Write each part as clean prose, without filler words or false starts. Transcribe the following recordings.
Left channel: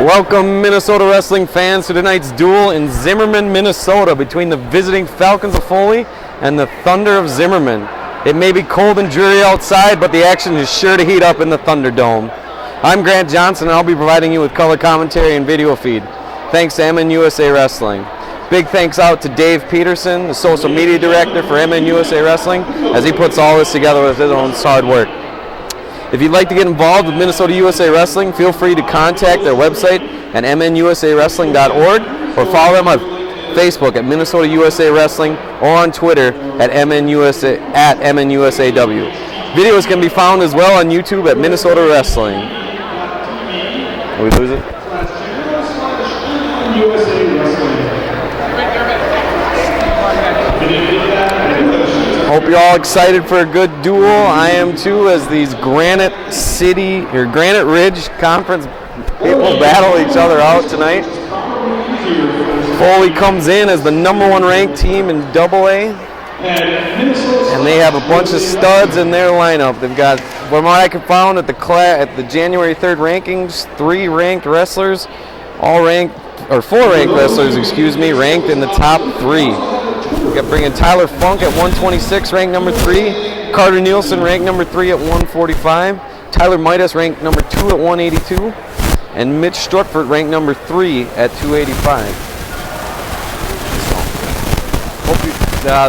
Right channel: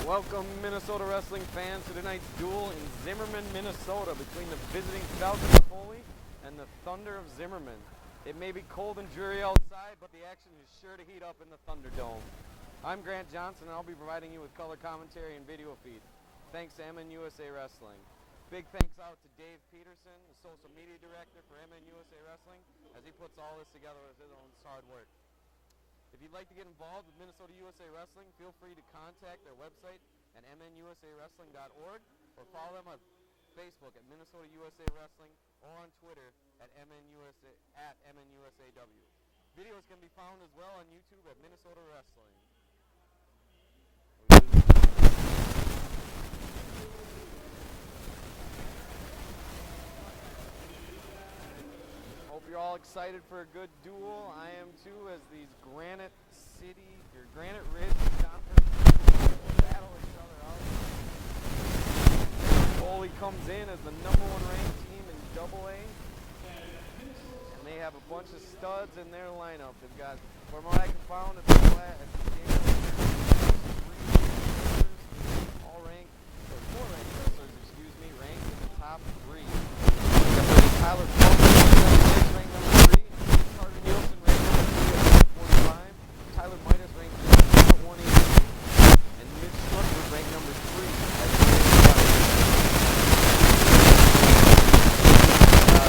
Welcome, Minnesota wrestling fans, to tonight's duel in Zimmerman, Minnesota, between the visiting Falcons of Foley and the Thunder of Zimmerman. It may be cold and dreary outside, but the action is sure to heat up in the Thunderdome. I'm Grant Johnson, and I'll be providing you with color commentary and video feed. Thanks to MN USA Wrestling. Big thanks out to Dave Peterson, the social media director for MN USA Wrestling, as he puts all this together with his own hard work. If you'd like to get involved with Minnesota USA Wrestling, feel free to contact their website at mnusawrestling.org or follow them on Facebook at Minnesota USA Wrestling or on Twitter at MNUSAW. Videos can be found as well on YouTube at Minnesota Wrestling. Did we lose it? Hope you're all excited for a good duel. I am too, as these Granite Ridge Conference people battle each other out tonight. Foley comes in as the #1 ranked team in AA, and they have a bunch of studs in their lineup. They've got, from what I could find at the January 3rd rankings, 4 ranked wrestlers, ranked in the top 3. We got bringing Tyler Funk at 126, ranked number 3. Carter Nielsen, ranked number 3 at 145. Tyler Midas, ranked number 2 at 182. And Mitch Struckford, ranked number 3 at 285.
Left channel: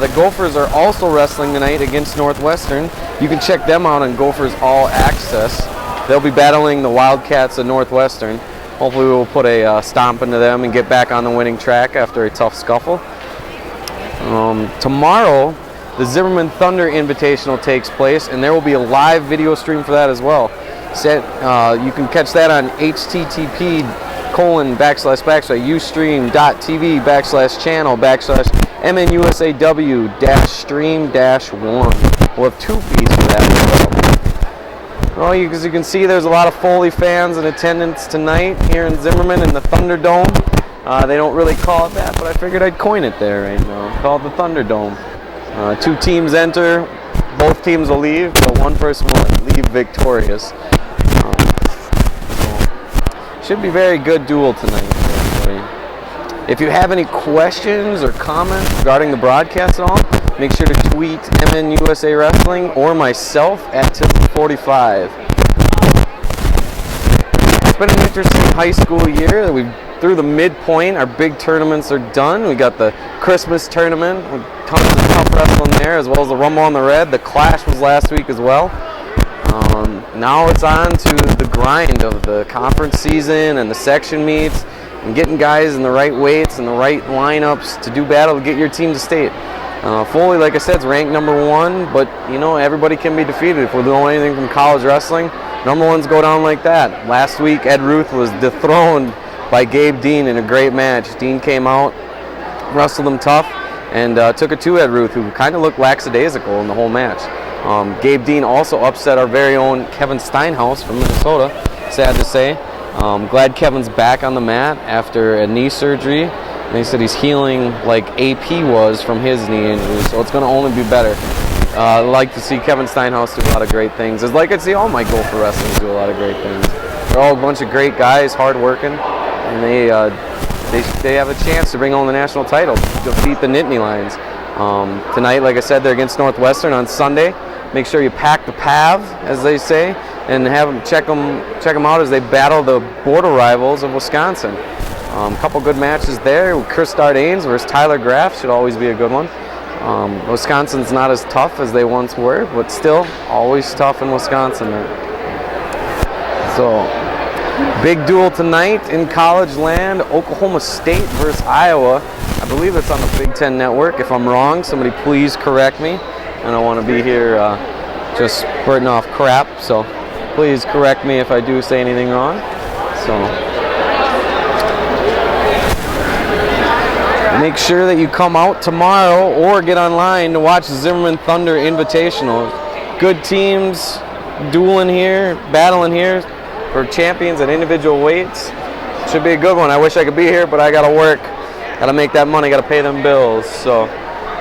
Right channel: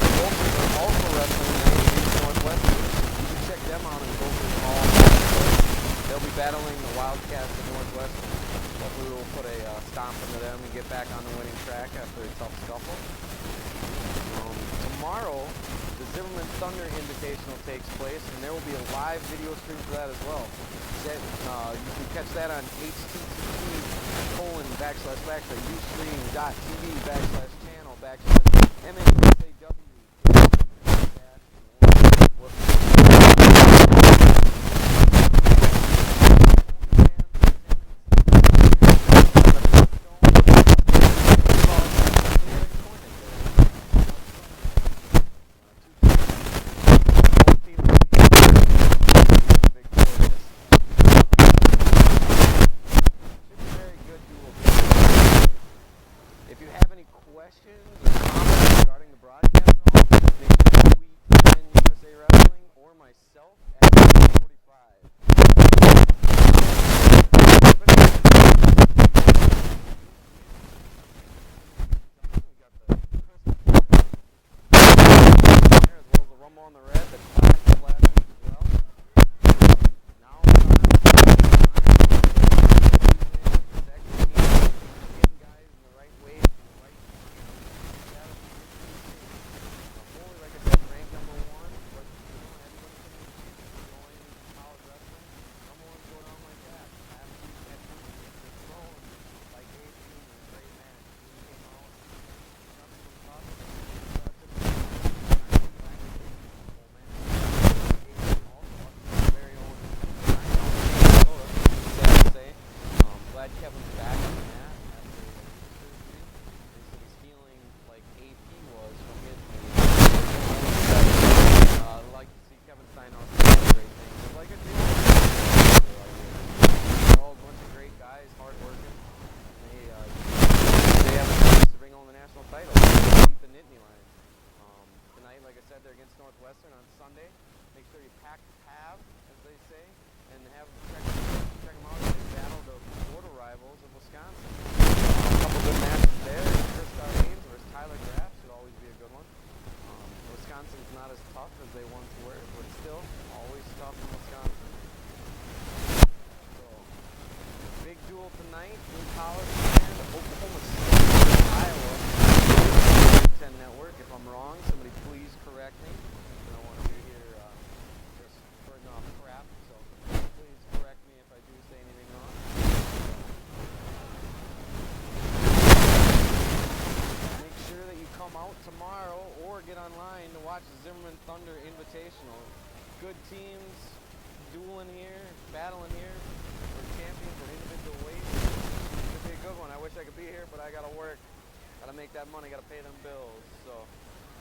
The Gophers are also wrestling tonight against Northwestern. You can check them out on Gophers All Access. They'll be battling the Wildcats of Northwestern. Hopefully we'll put a stomp into them and get back on the winning track after a tough scuffle. Tomorrow, the Zimmerman Thunder Invitational takes place, and there will be a live video stream for that as well. You can catch that on http://ustream.tv/channel/MNUSAW-stream-1. We'll have 2 feeds of that. Well, as you can see, there's a lot of Foley fans in attendance tonight here in Zimmerman in the Thunderdome. They don't really call it that, but I figured I'd coin it there right now. Call it the Thunderdome. 2 teams enter, both teams will leave, but one person will leave victorious. Should be a very good duel tonight. If you have any questions or comments regarding the broadcast at all, make sure to tweet MN USA Wrestling or myself at 45. It's been an interesting high school year. We've through the midpoint, our big tournaments are done. We got the Christmas tournament, tons of wrestling there, as well as the Rumble on the Red. The Clash was last week as well. Now it's on to the grind of the conference season and the section meets and getting guys in the right weights and the right lineups to do battle to get your team to state. Foley, like I said, is ranked #1, but everybody can be defeated. If we're doing anything from college wrestling, #1s go down like that. Last week, Ed Ruth was dethroned by Gabe Dean in a great match. Dean came out, wrestled him tough, and took it to Ed Ruth, who kind of looked lackadaisical in the whole match. Gabe Dean also upset our very own Kevin Steinhaus from Minnesota, sad to say. Glad Kevin's back on the mat after a knee surgery. And he said he's healing like AP was from his knee injury, so it's going to only be better. I'd like to see Kevin Steinhaus do a lot of great things. I'd like to see all my Gopher wrestlers do a lot of great things. They're all a bunch of great guys, hard-working, and they have a chance to bring home the national title, defeat the Nittany Lions. Tonight, like I said, they're against Northwestern on Sunday. Make sure you pack the pav, as they say, and have them check them out as they battle the border rivals of Wisconsin. A couple good matches there. Chris Dardanes versus Tyler Graff should always be a good one. Wisconsin's not as tough as they once were, but still always tough in Wisconsin. So, big duel tonight in college land. Oklahoma State versus Iowa. I believe it's on the Big Ten Network. If I'm wrong, somebody please correct me. I don't want to be here just spurting off crap, so please correct me if I do say anything wrong. So, make sure that you come out tomorrow or get online to watch the Zimmerman Thunder Invitational. Good teams dueling here, battling here for champions at individual weights. Should be a good one. I wish I could be here, but I got to work. Got to make that money, got to pay them bills. So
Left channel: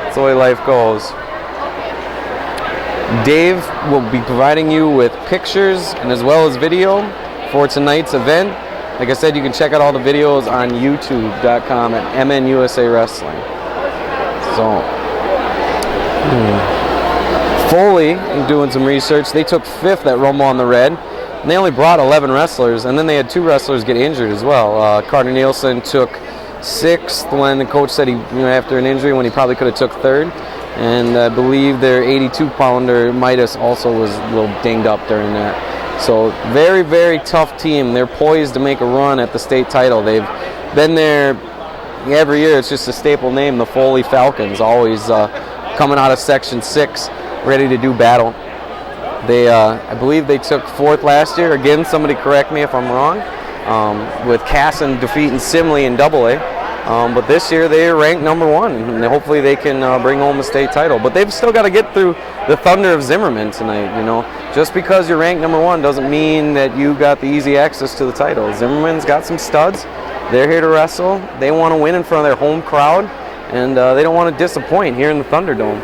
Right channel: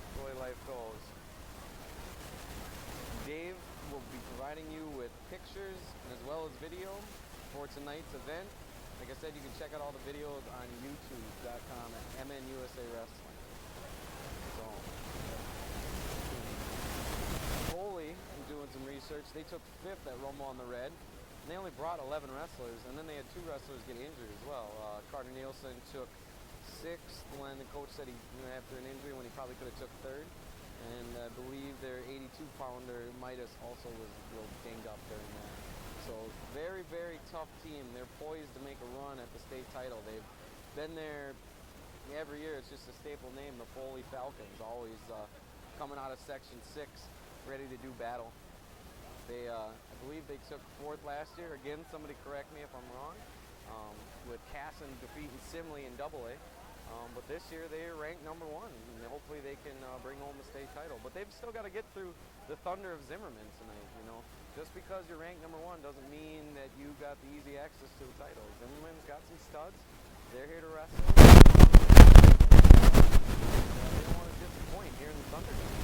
that's the way life goes. Dave will be providing you with pictures and as well as video for tonight's event. Like I said, you can check out all the videos on youtube.com at MNUSA Wrestling. So, Foley, doing some research, they took 5th at Rumble on the Red, and they only brought 11 wrestlers, and then they had 2 wrestlers get injured as well. Carter Nielsen took 6th when the coach said he, after an injury, when he probably could have took 3rd. And I believe their 82-pounder Midas also was a little dinged up during that. So very, very tough team. They're poised to make a run at the state title. They've been there every year. It's just a staple name, the Foley Falcons, always coming out of Section 6, ready to do battle. They, I believe they took 4th last year. Again, somebody correct me if I'm wrong, with Casson defeating Simley in AA. But this year they're ranked number 1, and hopefully they can bring home the state title. But they've still got to get through the Thunder of Zimmerman tonight. Just because you're ranked number 1 doesn't mean that you got the easy access to the title. Zimmerman's got some studs. They're here to wrestle. They want to win in front of their home crowd, and they don't want to disappoint here in the Thunderdome.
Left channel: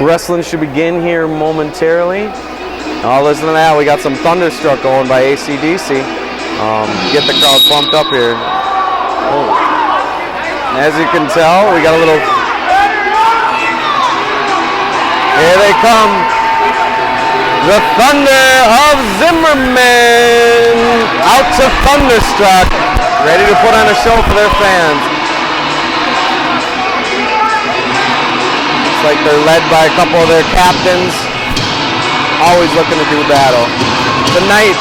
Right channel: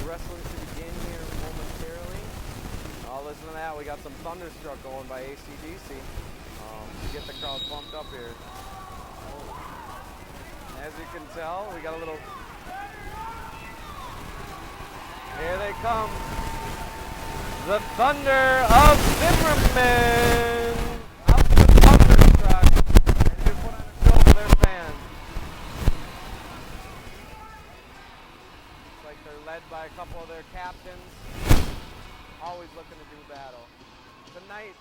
Wrestling should begin here momentarily. Oh, listen to that. We got some Thunderstruck going by AC/DC. Get the crowd pumped up here. Oh. As you can tell, we got a little... Here they come. The Thunder of Zimmerman. Out to Thunderstruck. Ready to put on a show for their fans. It's like they're led by a couple of their captains. Always looking to do battle. Tonight,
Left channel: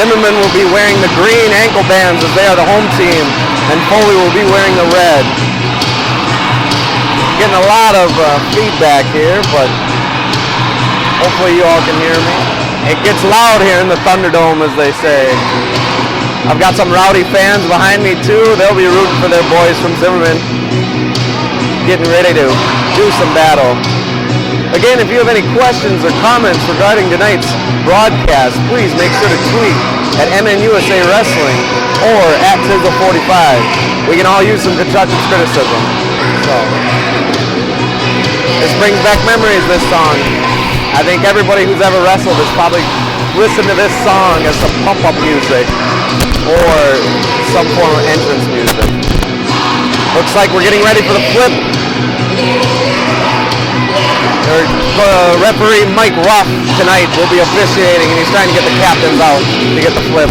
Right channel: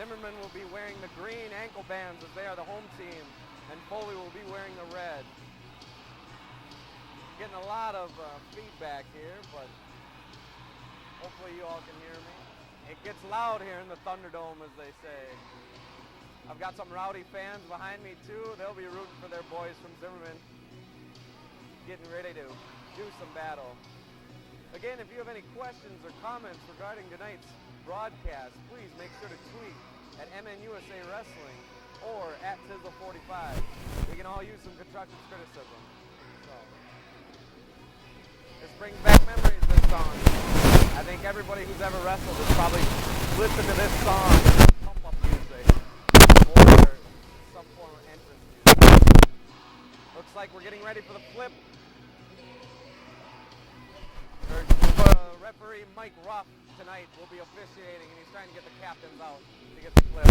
Zimmerman will be wearing the green ankle bands as they are the home team, and Foley will be wearing the red. Getting a lot of feedback here, but hopefully you all can hear me. It gets loud here in the Thunderdome, as they say. I've got some rowdy fans behind me too. They'll be rooting for their boys from Zimmerman, getting ready to do some battle. Again, if you have any questions or comments regarding tonight's broadcast, please make sure to tweet at MNUSA Wrestling or at Tizzle45. We can all use some constructive criticism. So, this brings back memories, this song. I think everybody who's ever wrestled has probably listened to this song as some pump-up music or some form of entrance music. Looks like we're getting ready for the flip. Referee Mike Ruff tonight will be officiating, and he's trying to get the captains out to get the flip.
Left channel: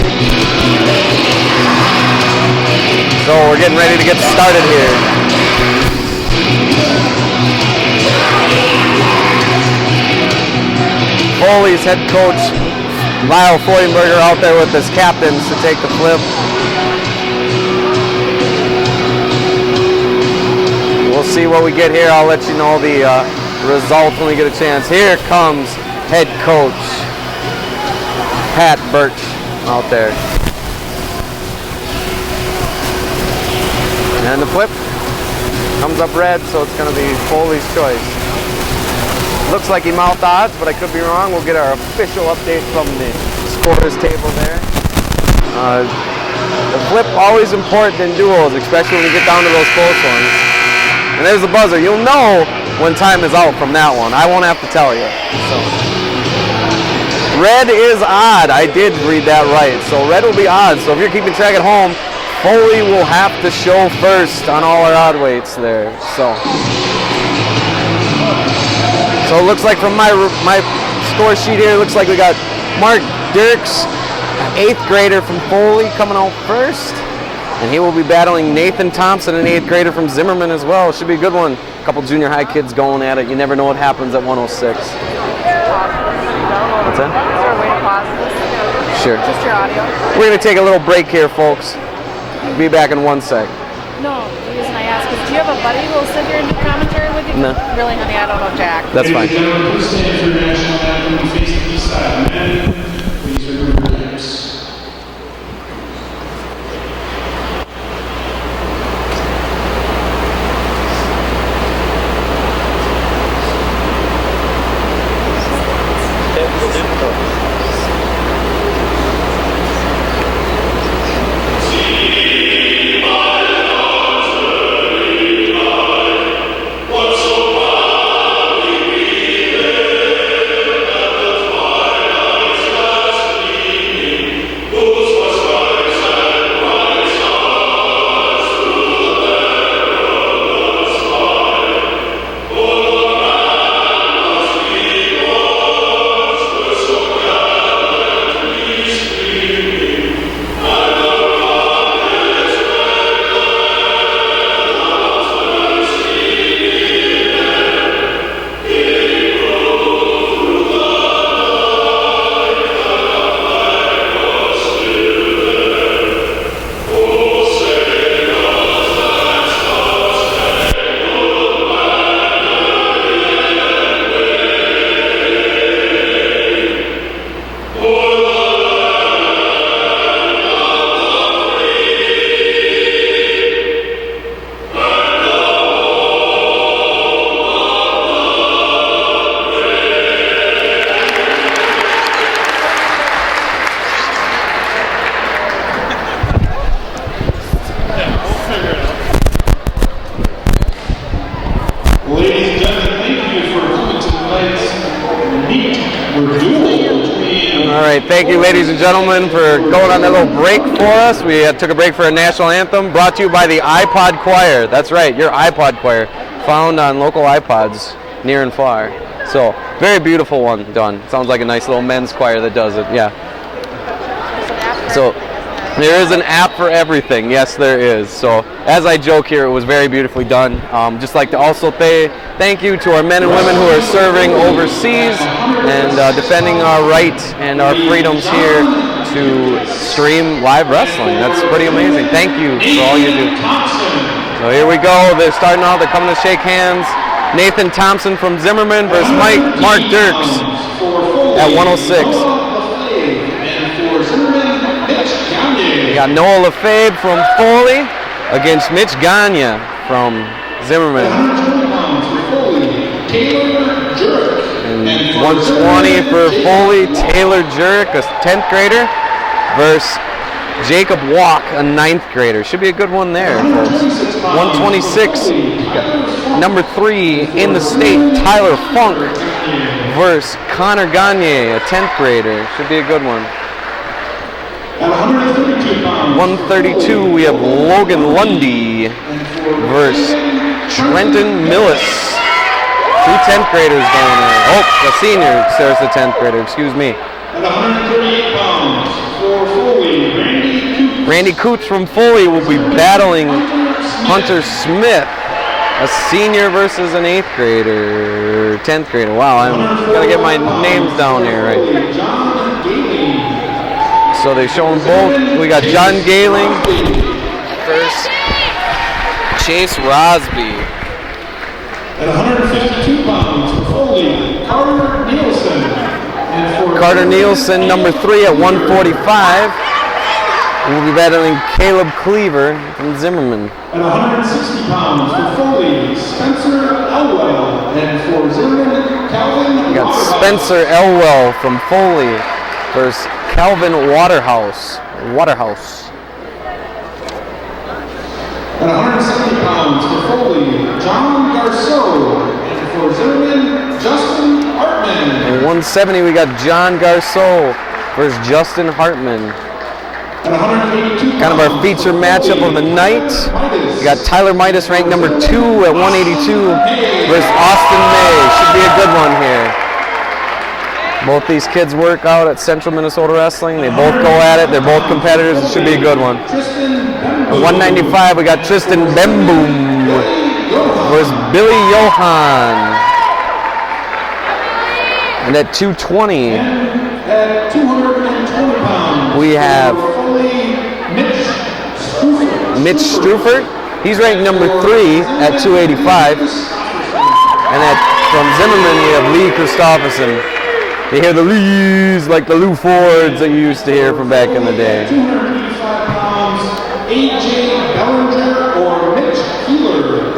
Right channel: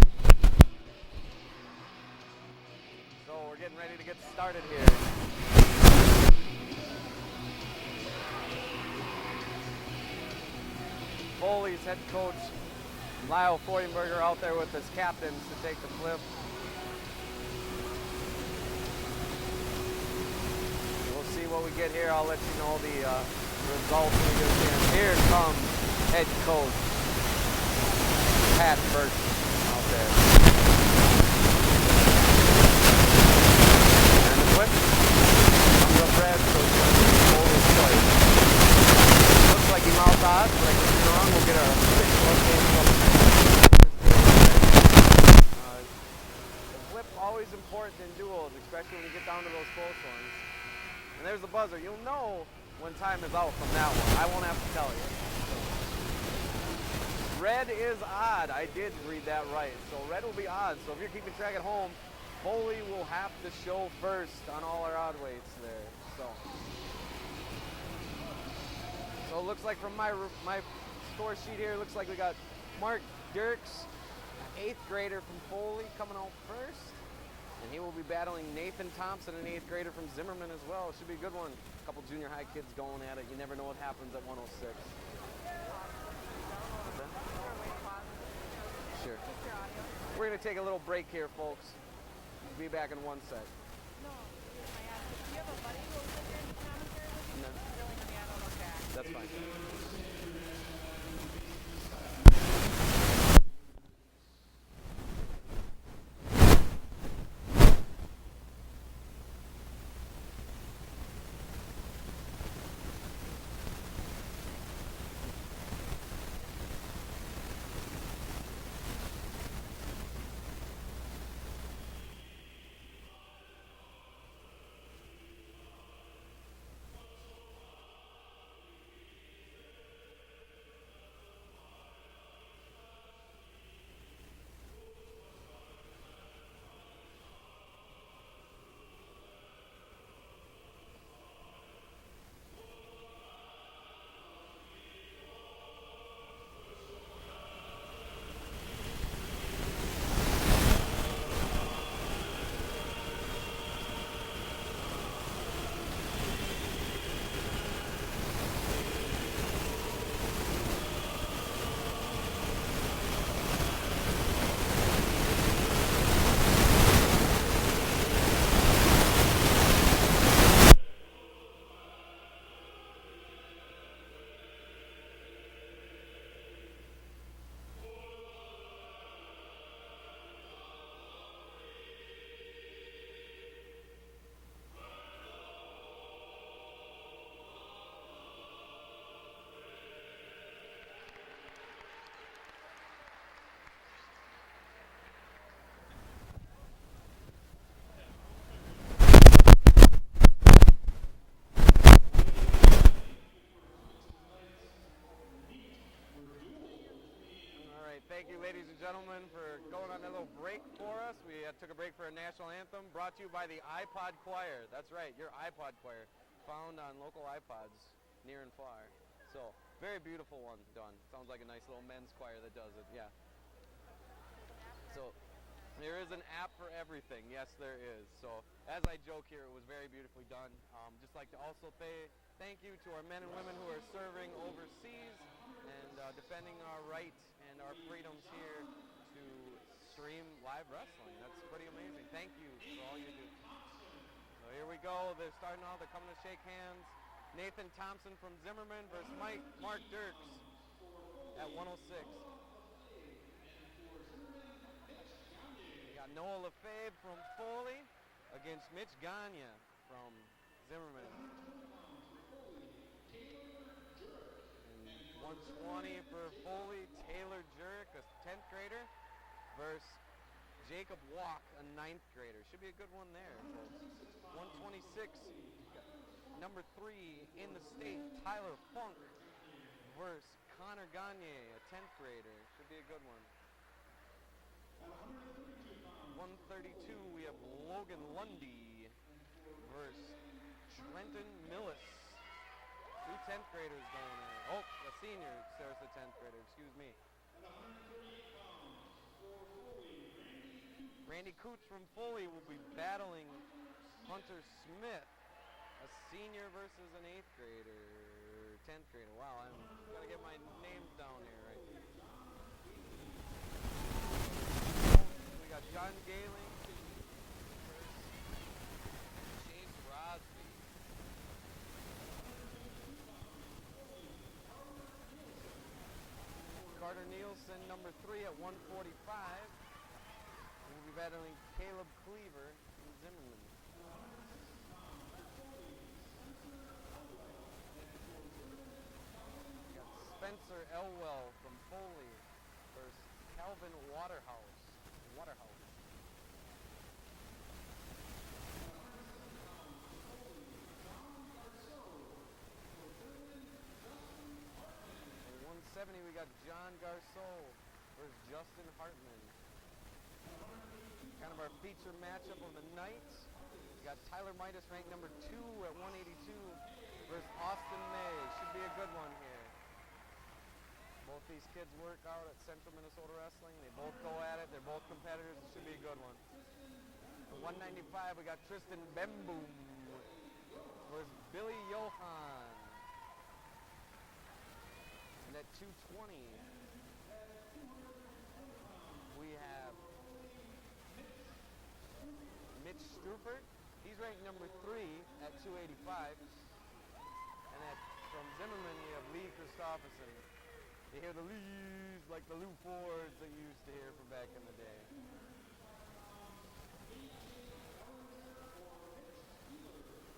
So we're getting ready to get started here. Foley's head coach Lyle Freudenberger out there with his captains to take the flip. We'll see what we get here. I'll let you know the results when we get a chance. Here comes head coach Pat Birch out there. And the flip comes up red, so it's going to be Foley's choice. Looks like he mouthed odds, but I could be wrong. We'll get our official update from the scorers table there. The flip always important in duels, especially when you get down to those close ones. And there's the buzzer. You'll know when time is out from that one. I won't have to tell you. So. Red is odd. I did read that right. So red will be odd. So if you're keeping track at home, Foley will have to show first on all our odd weights there. So it looks like from my score sheet here, it looks like we got Mark Dirks, 8th grader from Foley, coming out first. And he will be battling Nathan Thompson, an 8th grader from Zimmerman as well. Should be a good one. A couple junior high kids going at it. You never know what happens at 106. What's that? Is there a way to pause this? Sure. Just your audio? We're going to take a little break here, folks. Be back in 1 sec. No, the reason I ask is, do you have a buddy who will sit here and do commentary with you? No. Really, honey, I don't know Jack. That's fine. Thank you, ladies and gentlemen, for going on that little break for us. We took a break for a national anthem brought to you by the iPod Choir. That's right, your iPod Choir, found on local iPods near and far. So, very beautiful one done. Sounds like a nice little men's choir that does it, yeah. So, there is an app for everything. Yes, there is. So, as I joke here, it was very beautifully done. Just like to also say thank you to our men and women who are serving overseas and defending our rights and our freedoms here to stream live wrestling. That's pretty amazing. Thank you for all you do. So here we go. They're starting out. They're coming to shake hands. Nathan Thompson from Zimmerman versus Mark Dirks at 106. We got Noah LaFabe from Foley against Mitch Gagne from Zimmerman. And 120 for Foley, Taylor Jurek, a 10th grader, versus Jacob Walk, a 9th grader. Should be a good one there, folks. 126, number 3 in the state, Tyler Funk, versus Connor Gagne, a 10th grader. Should be a good one. 132, we have Logan Lundy versus Trenton Millis. 2 10th graders going there. Oh, the senior, there's the 10th grader, excuse me. At 138 pounds for Foley, Randy Coots from Foley will be battling Hunter Smith, a senior versus an 8th grader, 10th grader. Wow, I'm gotta get my names down here, right? So they show them both. We got John Galing versus Chase Rosby. At 152 pounds for Foley, Carter Nielsen. Carter Nielsen, number 3 at 145. We'll be battling Caleb Cleaver from Zimmerman. At 160 pounds for Foley, Spencer Elwell. And for Zimmerman, Calvin We got Waterhouse. Spencer Elwell from Foley versus Calvin Waterhouse. At 170 pounds for Foley, John Garceau. And for Zimmerman, Justin Hartman. At 170, we got John Garceau versus Justin Hartman. At 182 Kind of our feature matchup of the night. We got Tyler Midas ranked number 2 at 182 versus Austin May. Should be a good one here. Both these kids work out at Central Minnesota Wrestling. They both go at it. They're both competitors. It should be a good one. At 195, we got Tristan Bemboom versus Billy Johan. And at 220, At 220 pounds, we have Mitch Strufert. He's ranked number 3 at 285. And from Zimmerman, we have Lee Christopherson. You hear the Lees like the Lou Fords that you used to hear from back in the day. 285 pounds, AJ Bellinger or Mitch Keeler.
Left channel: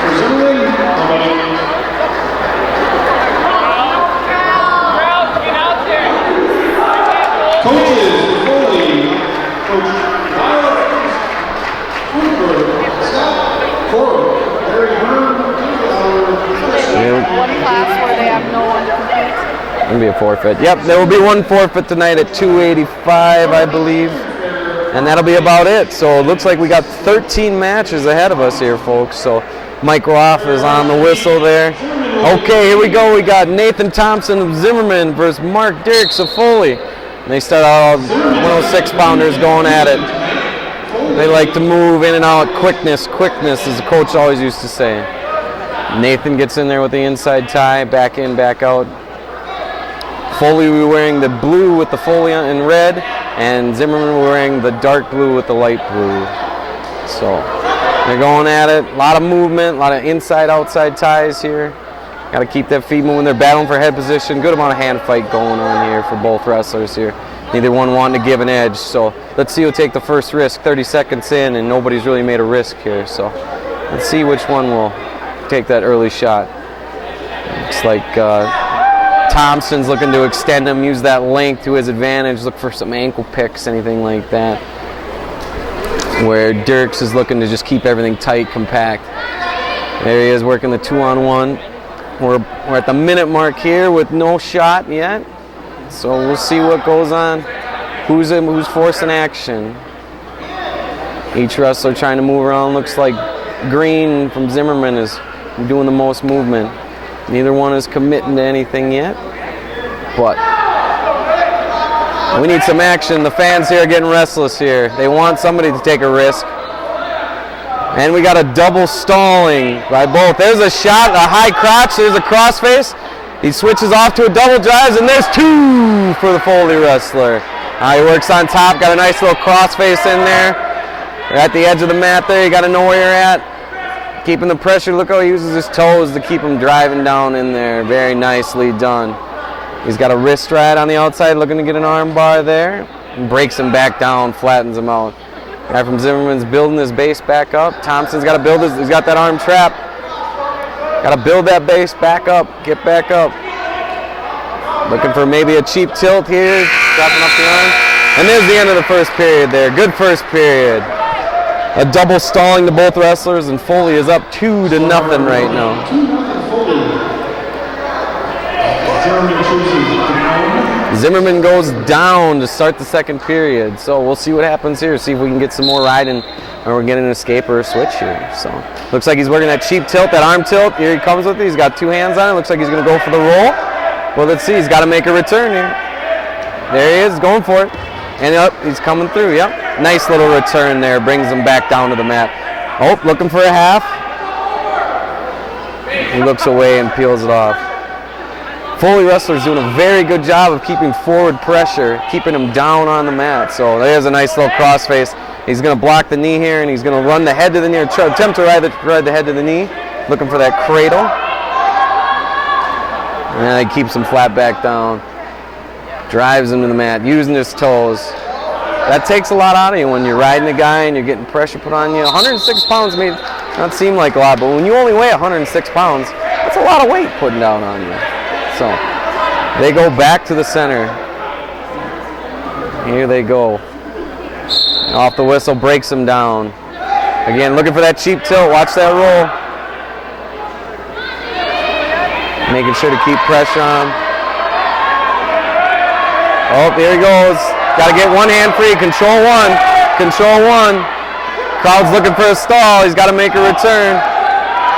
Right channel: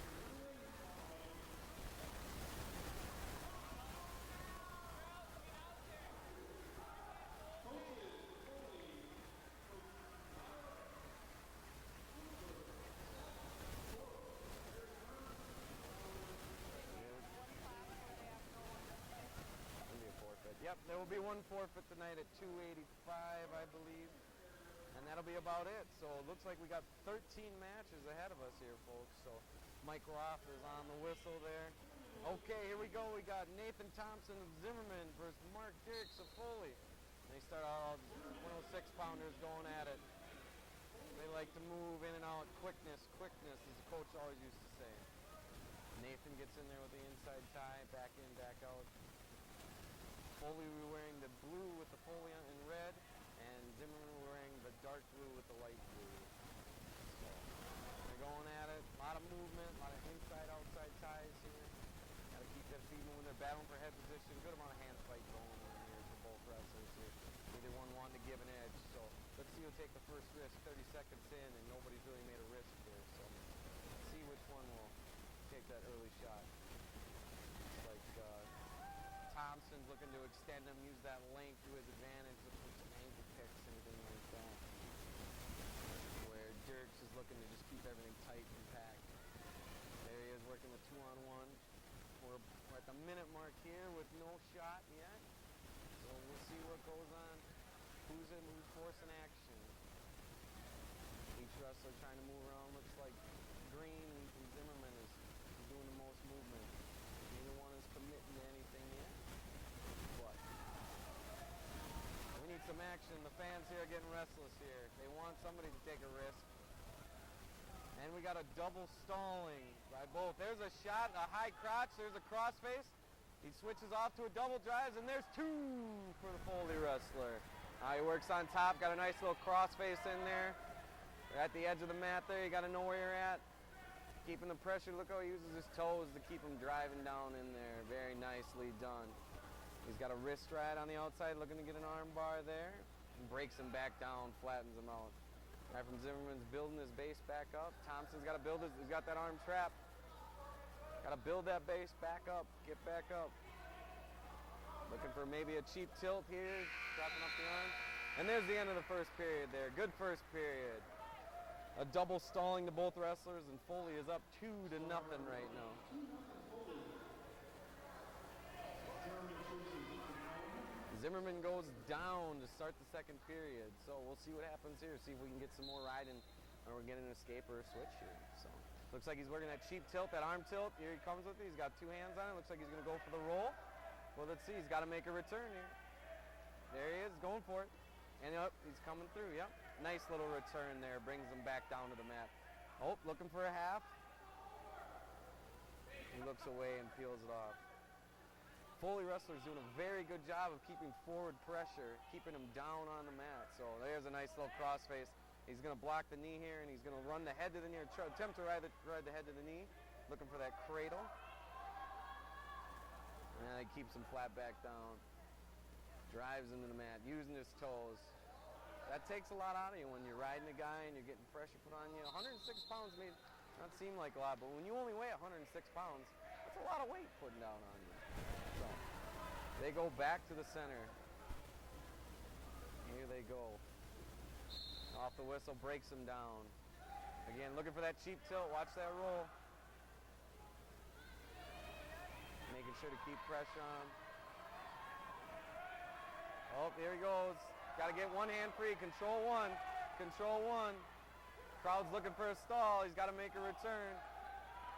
For Zimmerman, coaches, Foley, Coach Violet, Hoonberg, Scott Corbett, Larry Hearn, One class where they have no one to compete. Gonna be a forfeit. Yep, there will be one forfeit tonight at 285, I believe. And that'll be about it. So it looks like we got 13 matches ahead of us here, folks. So Mike Roth is on the whistle there. Okay, here we go. We got Nathan Thompson of Zimmerman versus Mark Dirks of Foley. And they start out 106 pounders going at it. They like to move in and out. Quickness, as the coach always used to say. Nathan gets in there with the inside tie, back in, back out. Foley will be wearing the blue with the Foley in red, and Zimmerman will be wearing the dark blue with the light blue. So they're going at it. A lot of movement, a lot of inside, outside ties here. Got to keep that feet moving. They're battling for head position. Good amount of hand fight going on here for both wrestlers here. Neither one wanting to give an edge. So let's see who'll take the first risk. 30 seconds in, and nobody's really made a risk here. So let's see which one will take that early shot. Looks like Thompson's looking to extend him, use that length to his advantage, look for some ankle picks, anything like that. Where Dirks is looking to just keep everything tight, compact. There he is working the 2-on-1. We're at the minute mark here with no shot yet. So we'll see what goes on. Who's forcing action? Each wrestler trying to move around. Looks like Green from Zimmerman is doing the most movement. Neither one is committing to anything yet. But we need some action. The fans here are getting restless here. They want somebody to take a risk. And we got a double stalling by both. There's a shot, a high crotch. There's a crossface. He switches off to a double drive, and there's 2 for the Foley wrestler. He works on top, got a nice little crossface in there. You're at the edge of the mat there. You got to know where you're at. Keeping the pressure. Look how he uses his toes to keep him driving down in there. Very nicely done. He's got a wrist ride on the outside, looking to get an arm bar there. And breaks him back down, flattens him out. Guy from Zimmerman's building his base back up. Thompson's got to build his, he's got that arm trap. Got to build that base back up, get back up. Looking for maybe a cheap tilt here, dropping up the arm. And there's the end of the first period there. Good first period. A double stalling to both wrestlers, and Foley is up 2-0 right now. Zimmerman goes down to start the second period, so we'll see what happens here. See if we can get some more riding, or we get an escape or a switch here. So looks like he's working that cheap tilt, that arm tilt. Here he comes with it. He's got 2 hands on it. Looks like he's going to go for the roll. Well, let's see. He's got to make a return here. There he is, going for it. And up, he's coming through. Yep, nice little return there. Brings him back down to the mat. Oh, looking for a half. He looks away and peels it off. Foley wrestler's doing a very good job of keeping forward pressure, keeping him down on the mat. So there's a nice little crossface. He's going to block the knee here, and he's going to run the head to the knee, or attempt to ride the head to the knee, looking for that cradle. And he keeps him flat back down. Drives him to the mat, using his toes. That takes a lot out of you when you're riding a guy and you're getting pressure put on you. 106 pounds may not seem like a lot, but when you only weigh 106 pounds, that's a lot of weight putting down on you. So they go back to the center. Here they go. Off the whistle, breaks him down. Again, looking for that cheap tilt. Watch that roll. Making sure to keep pressure on him. Oh, there he goes. Got to get one hand free. Control one. Control one. Crowd's looking for a stall. He's got to make a return.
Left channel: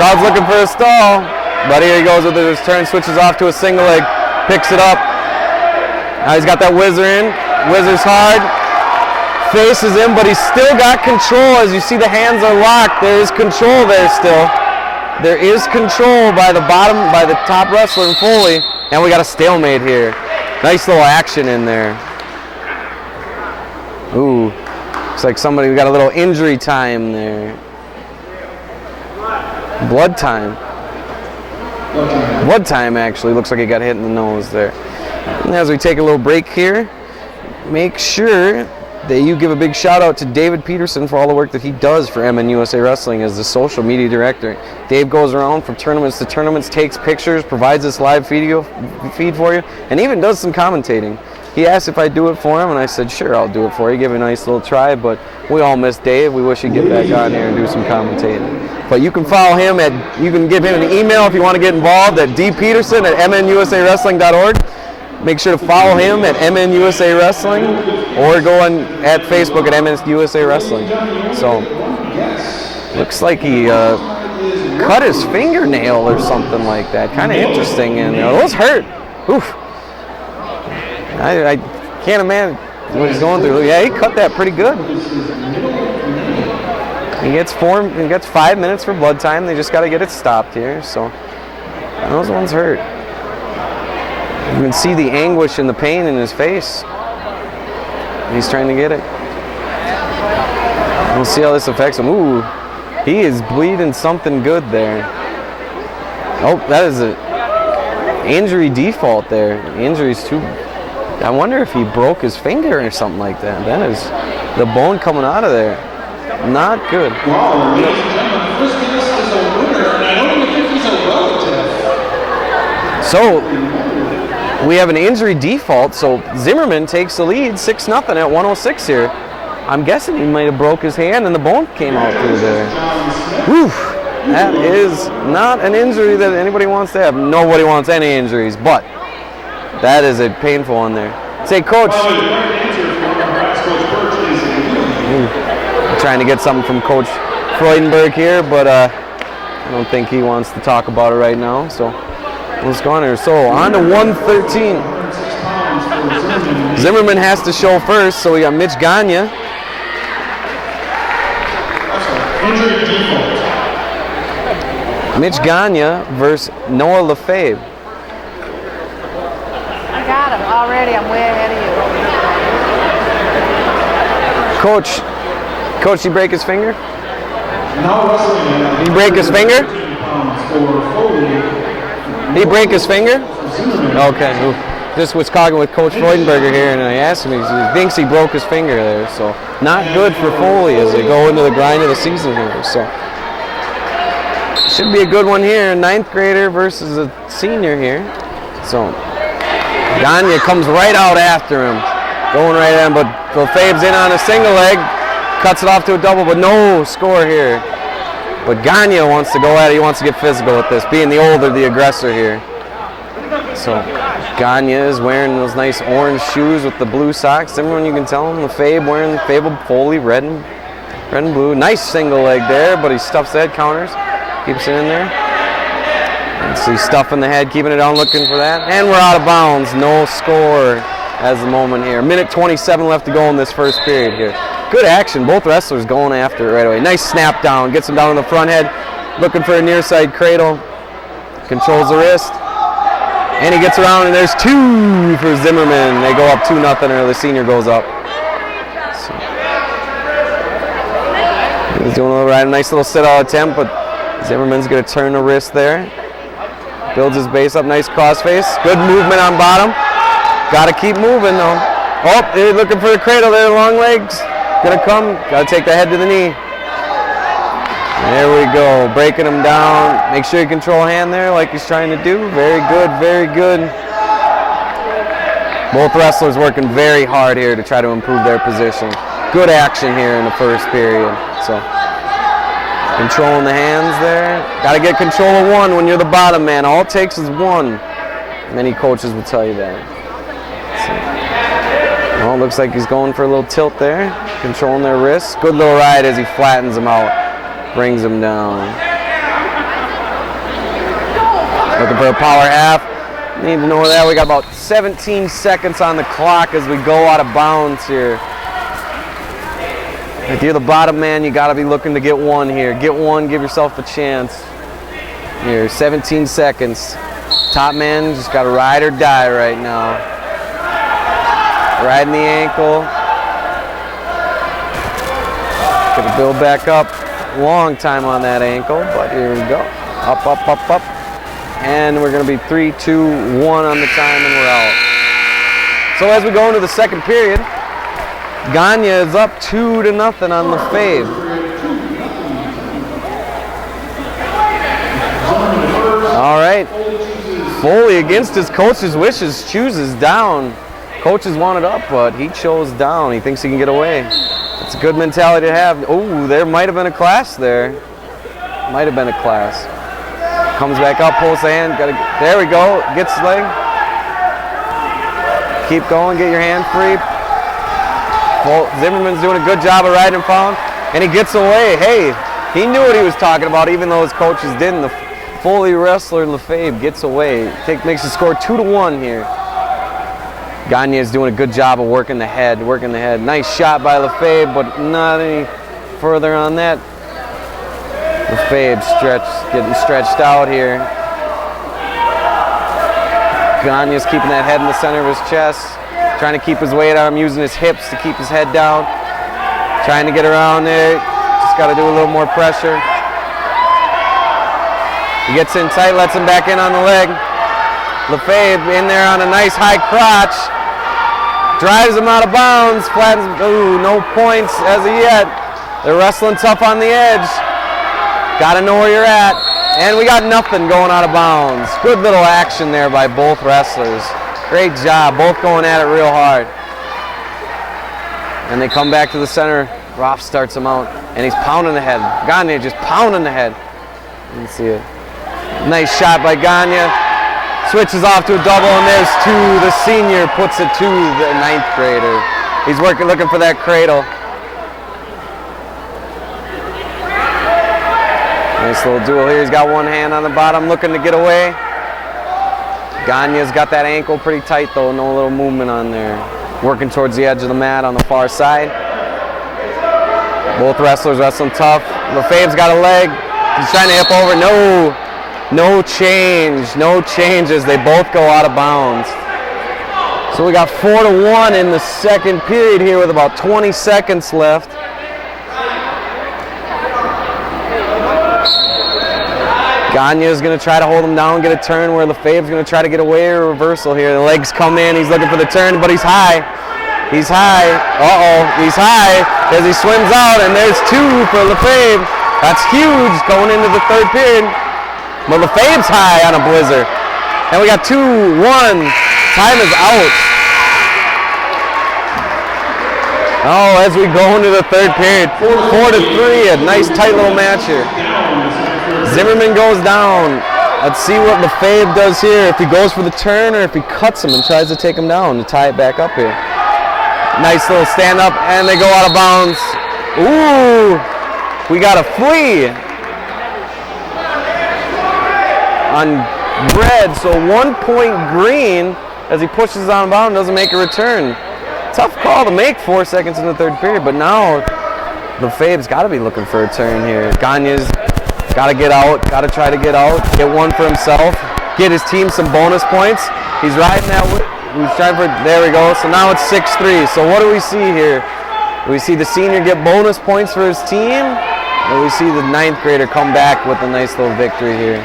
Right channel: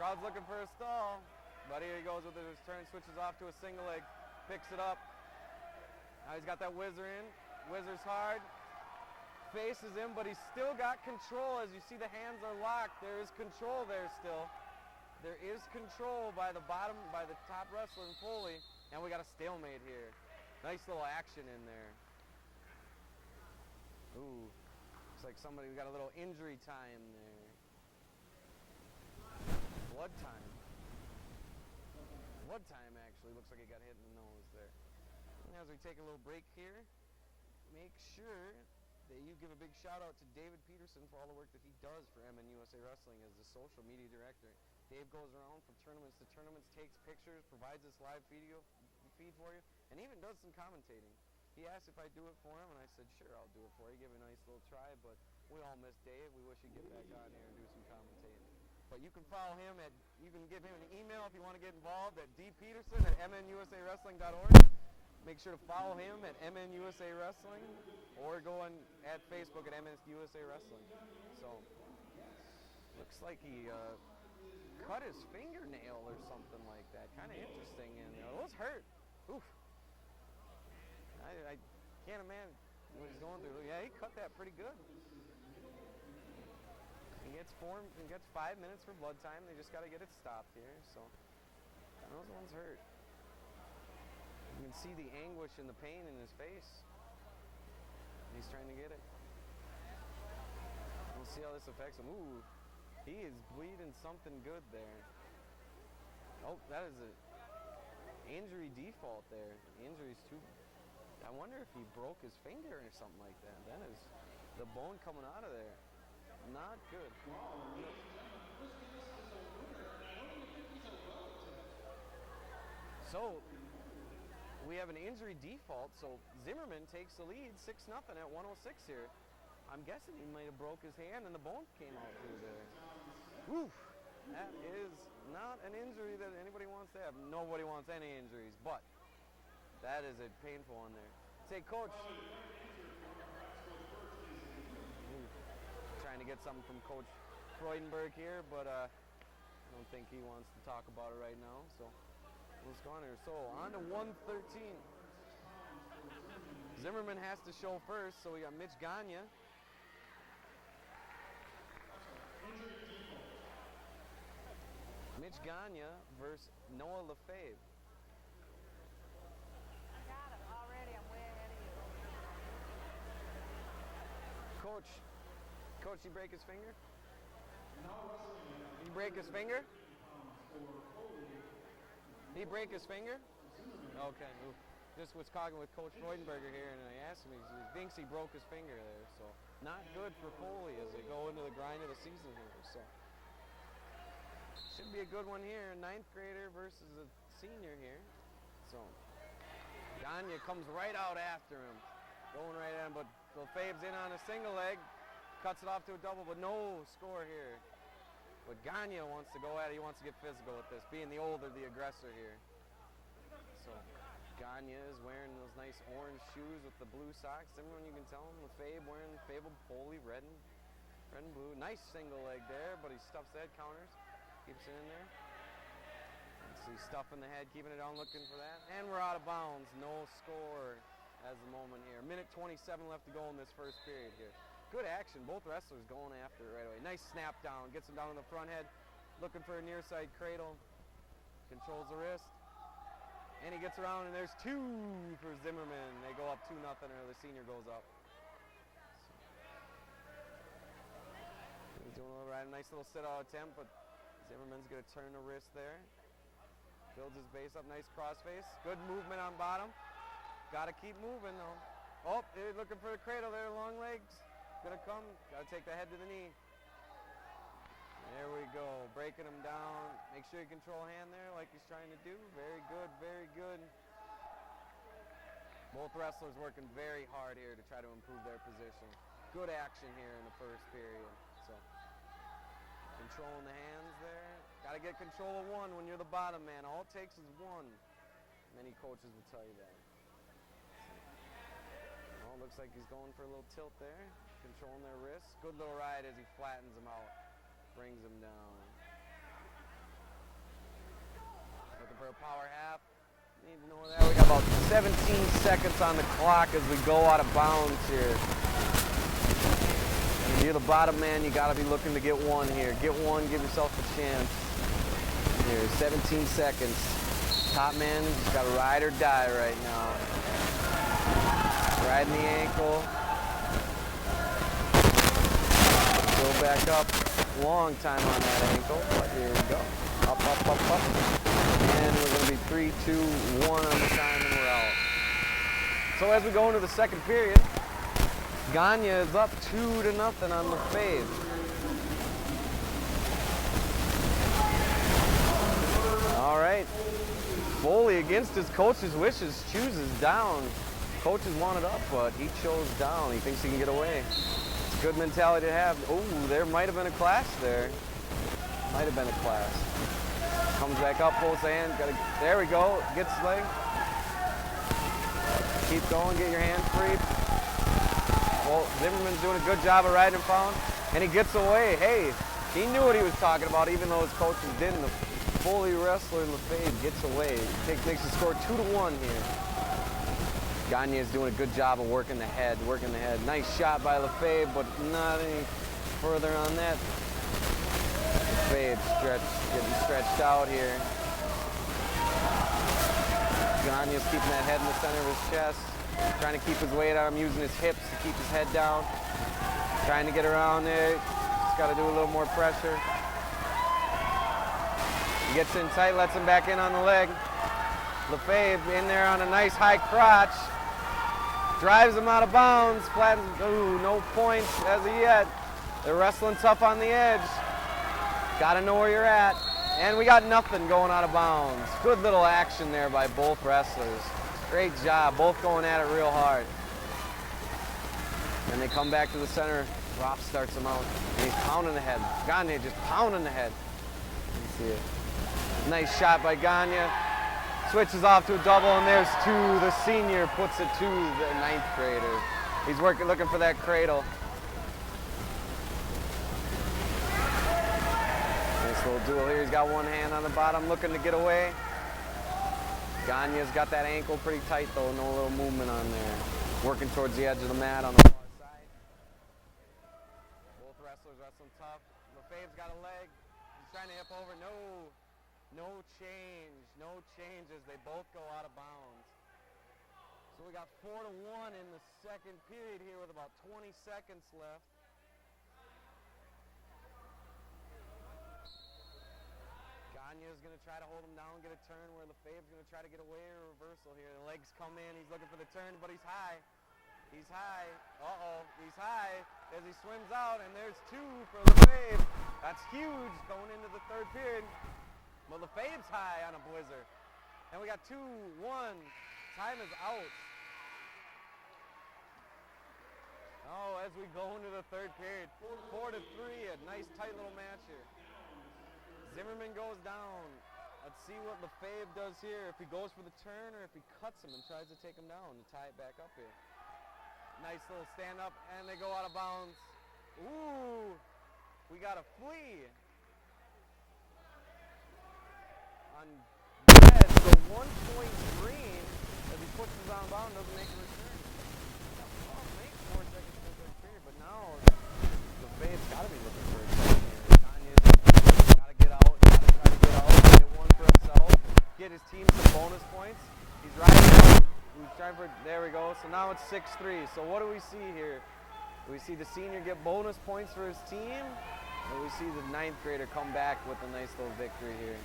Crowd's looking for a stall. But here he goes with his turn, switches off to a single leg, picks it up. Now he's got that whizzer in, whizzers hard, faces him, but he's still got control. As you see, the hands are locked. There is control there still. There is control by the bottom, by the top wrestler in Foley, and we got a stalemate here. Nice little action in there. Ooh, looks like we got a little injury time there. Blood time. Blood time, actually. Looks like he got hit in the nose there. And as we take a little break here, make sure that you give a big shout out to David Peterson for all the work that he does for MN USA Wrestling as the social media director. Dave goes around from tournaments to tournaments, takes pictures, provides this live feed for you, and even does some commentating. He asked if I'd do it for him, and I said, sure, I'll do it for you. Give it a nice little try, but we all miss Dave. We wish he'd get back on here and do some commentating. But you can follow him you can give him an email if you want to get involved at dpeterson@mnusawrestling.org. Make sure to follow him at MNUSA Wrestling, or go on at Facebook at MNUSA Wrestling. So, looks like he cut his fingernail or something like that. Kind of interesting, and those hurt. Oof. I can't imagine what he's going through. Yeah, he cut that pretty good. He gets 5 minutes for blood time. They just got to get it stopped here. So those ones hurt. You can see the anguish and the pain in his face. He's trying to get it. We'll see how this affects him. Ooh, he is bleeding something good there. Oh, that is Injury default there. Injury's too. I wonder if he broke his finger or something like that. Then is the bone coming out of there. Not good. Wow, ladies and gentlemen, first place is a winner, and I don't even think he's a relative. So we have an injury default, so Zimmerman takes the lead 6-0 at 106 here. I'm guessing he might have broke his hand and the bone came out through there. Whew. That is not an injury that anybody wants to have. Nobody wants any injuries, but that is a painful one there. Say, Coach. I'm trying to get something from Coach Freudenberg here, but I don't think he wants to talk about it right now. So let's go on here. So on to 113. Zimmerman has to show first, so we got Mitch Gagne. Mitch Gagne versus Noah Lefebvre. I got him already. I'm way ahead of you. Coach, he break his finger? Now wrestling. He break his finger? He break his finger? Okay. Just was talking with Coach Freudenberger here, and I asked him, he thinks he broke his finger there. So not good for Foley as they go into the grind of the season here. So should be a good one here. 9th grader versus a senior here. So Gagne comes right out after him, going right at him, but Lefebvre's in on a single leg, cuts it off to a double, but no score here. But Gagne wants to go at it. He wants to get physical with this, being the older, the aggressor here. So Gagne is wearing those nice orange shoes with the blue socks. Zimmerman, you can tell him, Lefebvre wearing Fable Foley, red and blue. Nice single leg there, but he stuffs the head counters, keeps it in there. And so he's stuffing the head, keeping it on, looking for that. And we're out of bounds. No score as the moment here. 1:27 left to go in this first period here. Good action. Both wrestlers going after it right away. Nice snap down. Gets him down on the front head. Looking for a near side cradle. Controls the wrist. And he gets around, and there's 2 for Zimmerman. They go up 2-0, or the senior goes up. So, he's doing a little right, a nice little sit-out attempt, but Zimmerman's going to turn the wrist there. Builds his base up, nice crossface. Good movement on bottom. Got to keep moving, though. Oh, they're looking for a cradle there, long legs. Gonna come, got to take the head to the knee. There we go, breaking him down. Make sure you control hand there like he's trying to do. Very good, very good. Both wrestlers working very hard here to try to improve their position. Good action here in the first period. So, controlling the hands there. Got to get control of one when you're the bottom man. All it takes is one. Many coaches will tell you that. So, well, looks like he's going for a little tilt there. Controlling their wrists. Good little ride as he flattens him out. Brings him down. Looking for a power half. Need to know that. We got about 17 seconds on the clock as we go out of bounds here. If you're the bottom man, you got to be looking to get one here. Get one, give yourself a chance. Here, 17 seconds. Top man just got to ride or die right now. Riding the ankle. Gonna build back up. Long time on that ankle, but here we go. Up, up, up, up. And we're gonna be 3, 2, 1 on the time, and we're out. So as we go into the second period, Gagne is up 2-0 on Lefebvre. All right. Foley, against his coach's wishes, chooses down. Coaches want it up, but he chose down. He thinks he can get away. It's a good mentality to have. Oh, there might have been a class there. Might have been a class. Comes back up, pulls the hand. There we go. Gets his leg. Keep going. Get your hand free. Well, Zimmerman's doing a good job of riding him found, and he gets away. Hey, he knew what he was talking about, even though his coaches didn't. The Foley wrestler Lefebvre gets away. Makes the score 2-1 here. Gagne is doing a good job of working the head, Nice shot by Lefebvre, but not any further on that. Lefebvre getting stretched out here. Gagne is keeping that head in the center of his chest, trying to keep his weight on him, using his hips to keep his head down. Trying to get around there, just got to do a little more pressure. He gets in tight, lets him back in on the leg. Lefebvre in there on a nice high crotch. Drives him out of bounds. Flattens. Ooh, no points as of yet. They're wrestling tough on the edge. Got to know where you're at. And we got nothing going out of bounds. Good little action there by both wrestlers. Great job. Both going at it real hard. And they come back to the center. Roth starts him out. And he's pounding the head. Gagne just pounding the head. You can see it. Nice shot by Gagne. Switches off to a double, and there's two. The senior puts it to the 9th grader. He's looking for that cradle. Nice little duel here. He's got one hand on the bottom, looking to get away. Gagne's got that ankle pretty tight, though. No little movement on there. Working towards the edge of the mat on the far side. Both wrestlers wrestling tough. Lefebvre's got a leg. He's trying to hip over. No changes. They both go out of bounds. So we got 4-1 in the second period here with about 20 seconds left. Gagne is going to try to hold him down, get a turn where Lefebvre's going to try to get away, a reversal here. The legs come in, he's looking for the turn, but he's high. He's high. He's high as he swims out, and there's two for Lefebvre. That's huge going into the third period. But Lefebvre's high on a blizzard. And we got 2-1. Time is out. Oh, as we go into the third period, 4-3, a nice tight little match here. Zimmerman goes down. Let's see what Lefebvre does here. If he goes for the turn or if he cuts him and tries to take him down to tie it back up here. Nice little stand up, and they go out of bounds. Ooh, we got a flea on red, so 1 point green as he pushes on bound, doesn't make a return. Tough call to make 4 seconds in the third period, but now Lefebvre's got to be looking for a turn here. Gagne's got to get out, got to try to get out, get one for himself, get his team some bonus points. He's riding that. He's trying for, there we go. So now it's 6-3. So what do we see here? We see the senior get bonus points for his team, and we see the 9th grader come back with a nice little victory here.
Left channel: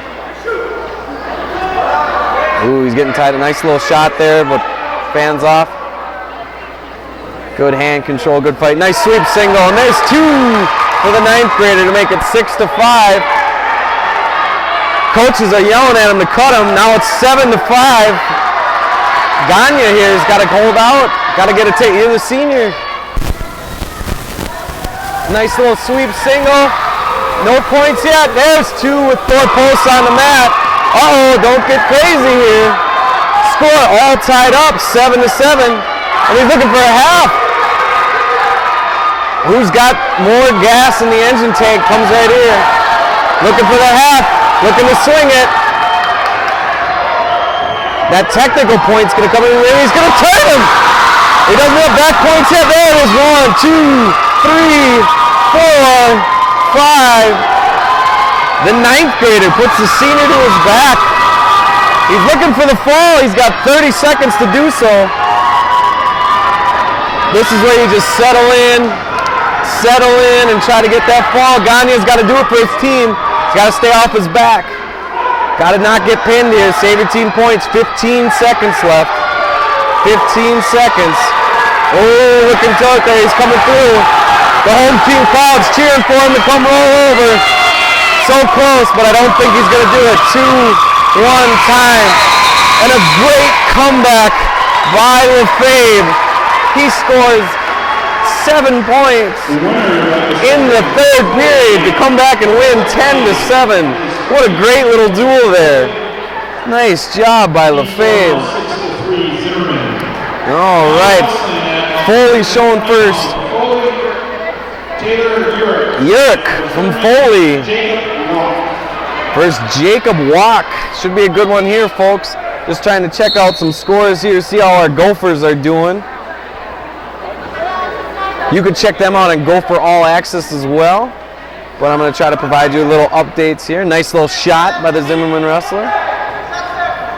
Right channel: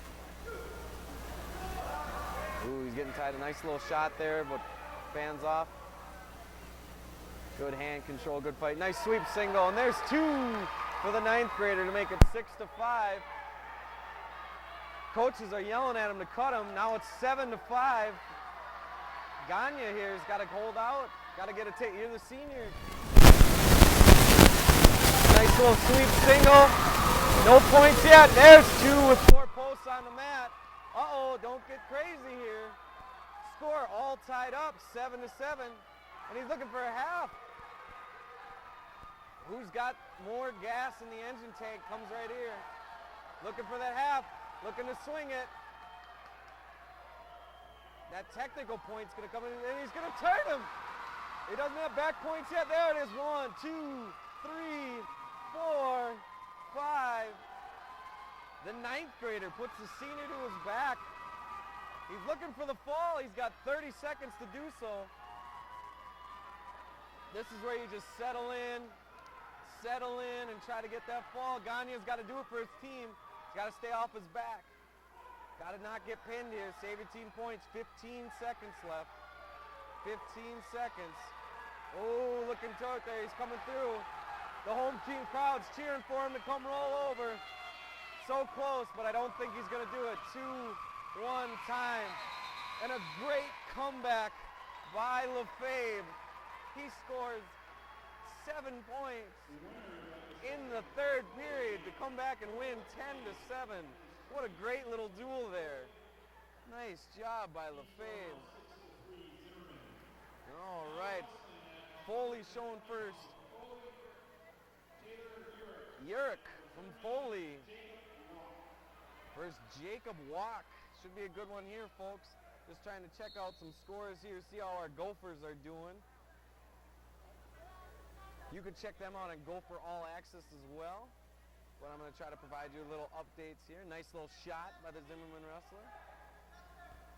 Ooh, he's getting tight. A nice little shot there, but fans off. Good hand control, good fight. Nice sweep single, and there's two for the 9th grader to make it 6-5. Coaches are yelling at him to cut him. Now it's 7-5. Gagne here has got to hold out. Got to get a take. You're the senior. Nice little sweep single. No points yet. There's two with 4 posts on the mat. Don't get crazy here. Score all tied up, 7-7. And he's looking for a half. Who's got more gas in the engine tank comes right here. Looking for the half. Looking to swing it. That technical point's going to come in there. He's going to turn him. He doesn't have back points yet. There it is. 1, 2, 3, 4, 5. The 9th grader puts the senior to his back. He's looking for the fall. He's got 30 seconds to do so. This is where you just settle in and try to get that fall. Gagne's got to do it for his team. He's got to stay off his back. Got to not get pinned here. Save your team points. 15 seconds left. 15 seconds. Oh, looking tough there. He's coming through. The home team crowd's cheering for him to come roll over. So close, but I don't think he's going to do it. 2-1 time. And a great comeback by Lefebvre. He scores 7 points in the third period to come back and win 10-7. What a great little duel there. Nice job by Lefebvre. All right. Foley showing first. Yerk from Foley. First Jacob Walk. Should be a good one here, folks. Just trying to check out some scores here, see how our Gophers are doing. You can check them out on Gopher All Access as well. But I'm going to try to provide you little updates here. Nice little shot by the Zimmerman wrestler.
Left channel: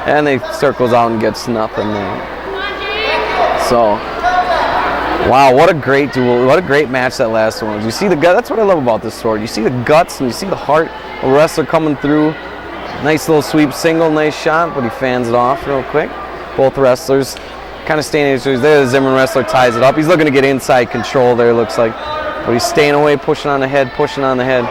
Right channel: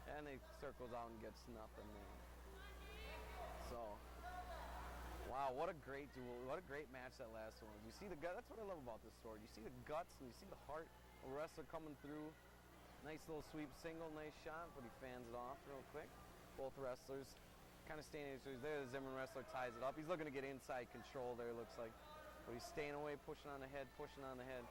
And he circles out and gets nothing there. So, wow, what a great duel. What a great match that last one was. You see the gut. That's what I love about this sport. You see the guts and you see the heart of a wrestler coming through. Nice little sweep single, nice shot, but he fans it off real quick. Both wrestlers kind of staying there. The Zimmerman wrestler ties it up. He's looking to get inside control there, looks like. But he's staying away, pushing on the head, pushing on the head.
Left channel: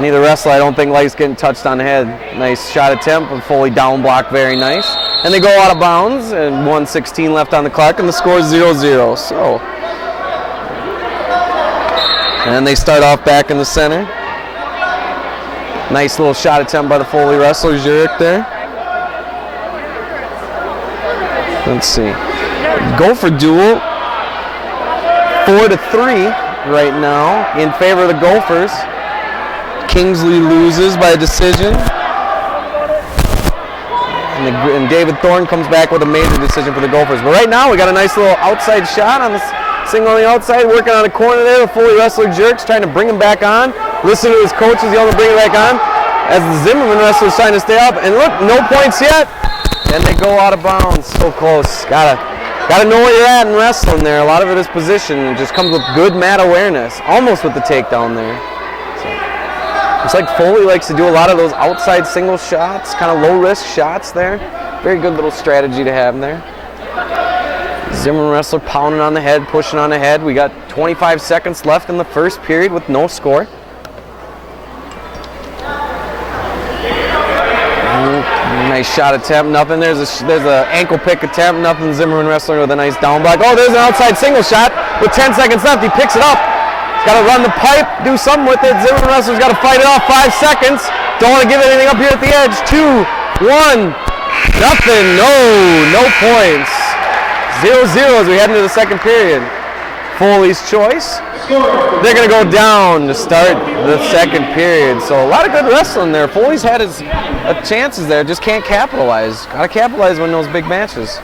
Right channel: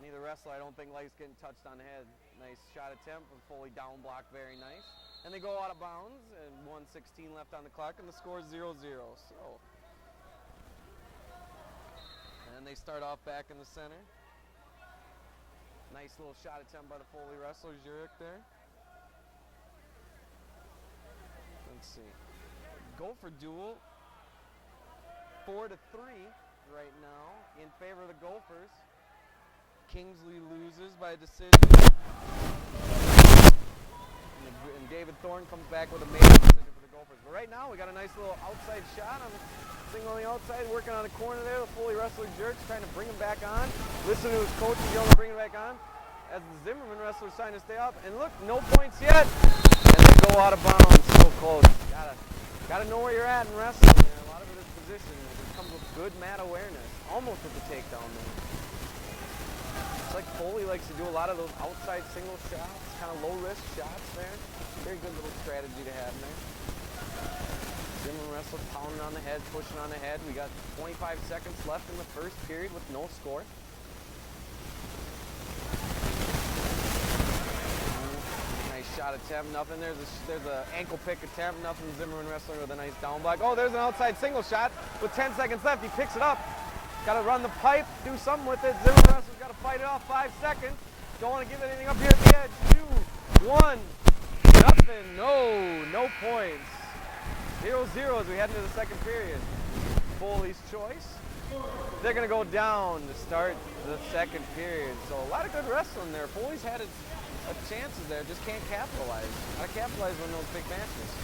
Neither wrestler, I don't think, likes getting touched on the head. Nice shot attempt, but Foley down block, very nice. And they go out of bounds, and 1:16 left on the clock, and the score is 0-0. So, and they start off back in the center. Nice little shot attempt by the Foley wrestler, Zurich there. Let's see. Gopher duel, 4-3 right now in favor of the Gophers. Kingsley loses by a decision. And David Thorne comes back with a major decision for the Gophers. But right now we got a nice little outside shot on the single on the outside, working on the corner there. The Foley wrestler Jerks trying to bring him back on. Listen to his coaches yelling to bring him back on. As the Zimmerman wrestler's trying to stay up. And look, no points yet. And they go out of bounds. So close. Gotta know where you're at in wrestling there. A lot of it is position. It just comes with good mat awareness. Almost with the takedown there. Looks like Foley likes to do a lot of those outside single shots, kind of low-risk shots there. Very good little strategy to have there. Zimmerman wrestler pounding on the head, pushing on the head. We got 25 seconds left in the first period with no score. Nice shot attempt, nothing. There's a ankle pick attempt, nothing. Zimmerman wrestler with a nice down block. Oh, there's an outside single shot with 10 seconds left. He picks it up. Got to run the pipe, do something with it. Zimmerman wrestler's got to fight it off. 5 seconds. Don't want to give anything up here at the edge. 2, 1, nothing. No points. 0-0 as we head into the second period. Foley's choice. They're going to go down to start the second period. So a lot of good wrestling there. Foley's had his chances there, just can't capitalize. Got to capitalize when those big matches.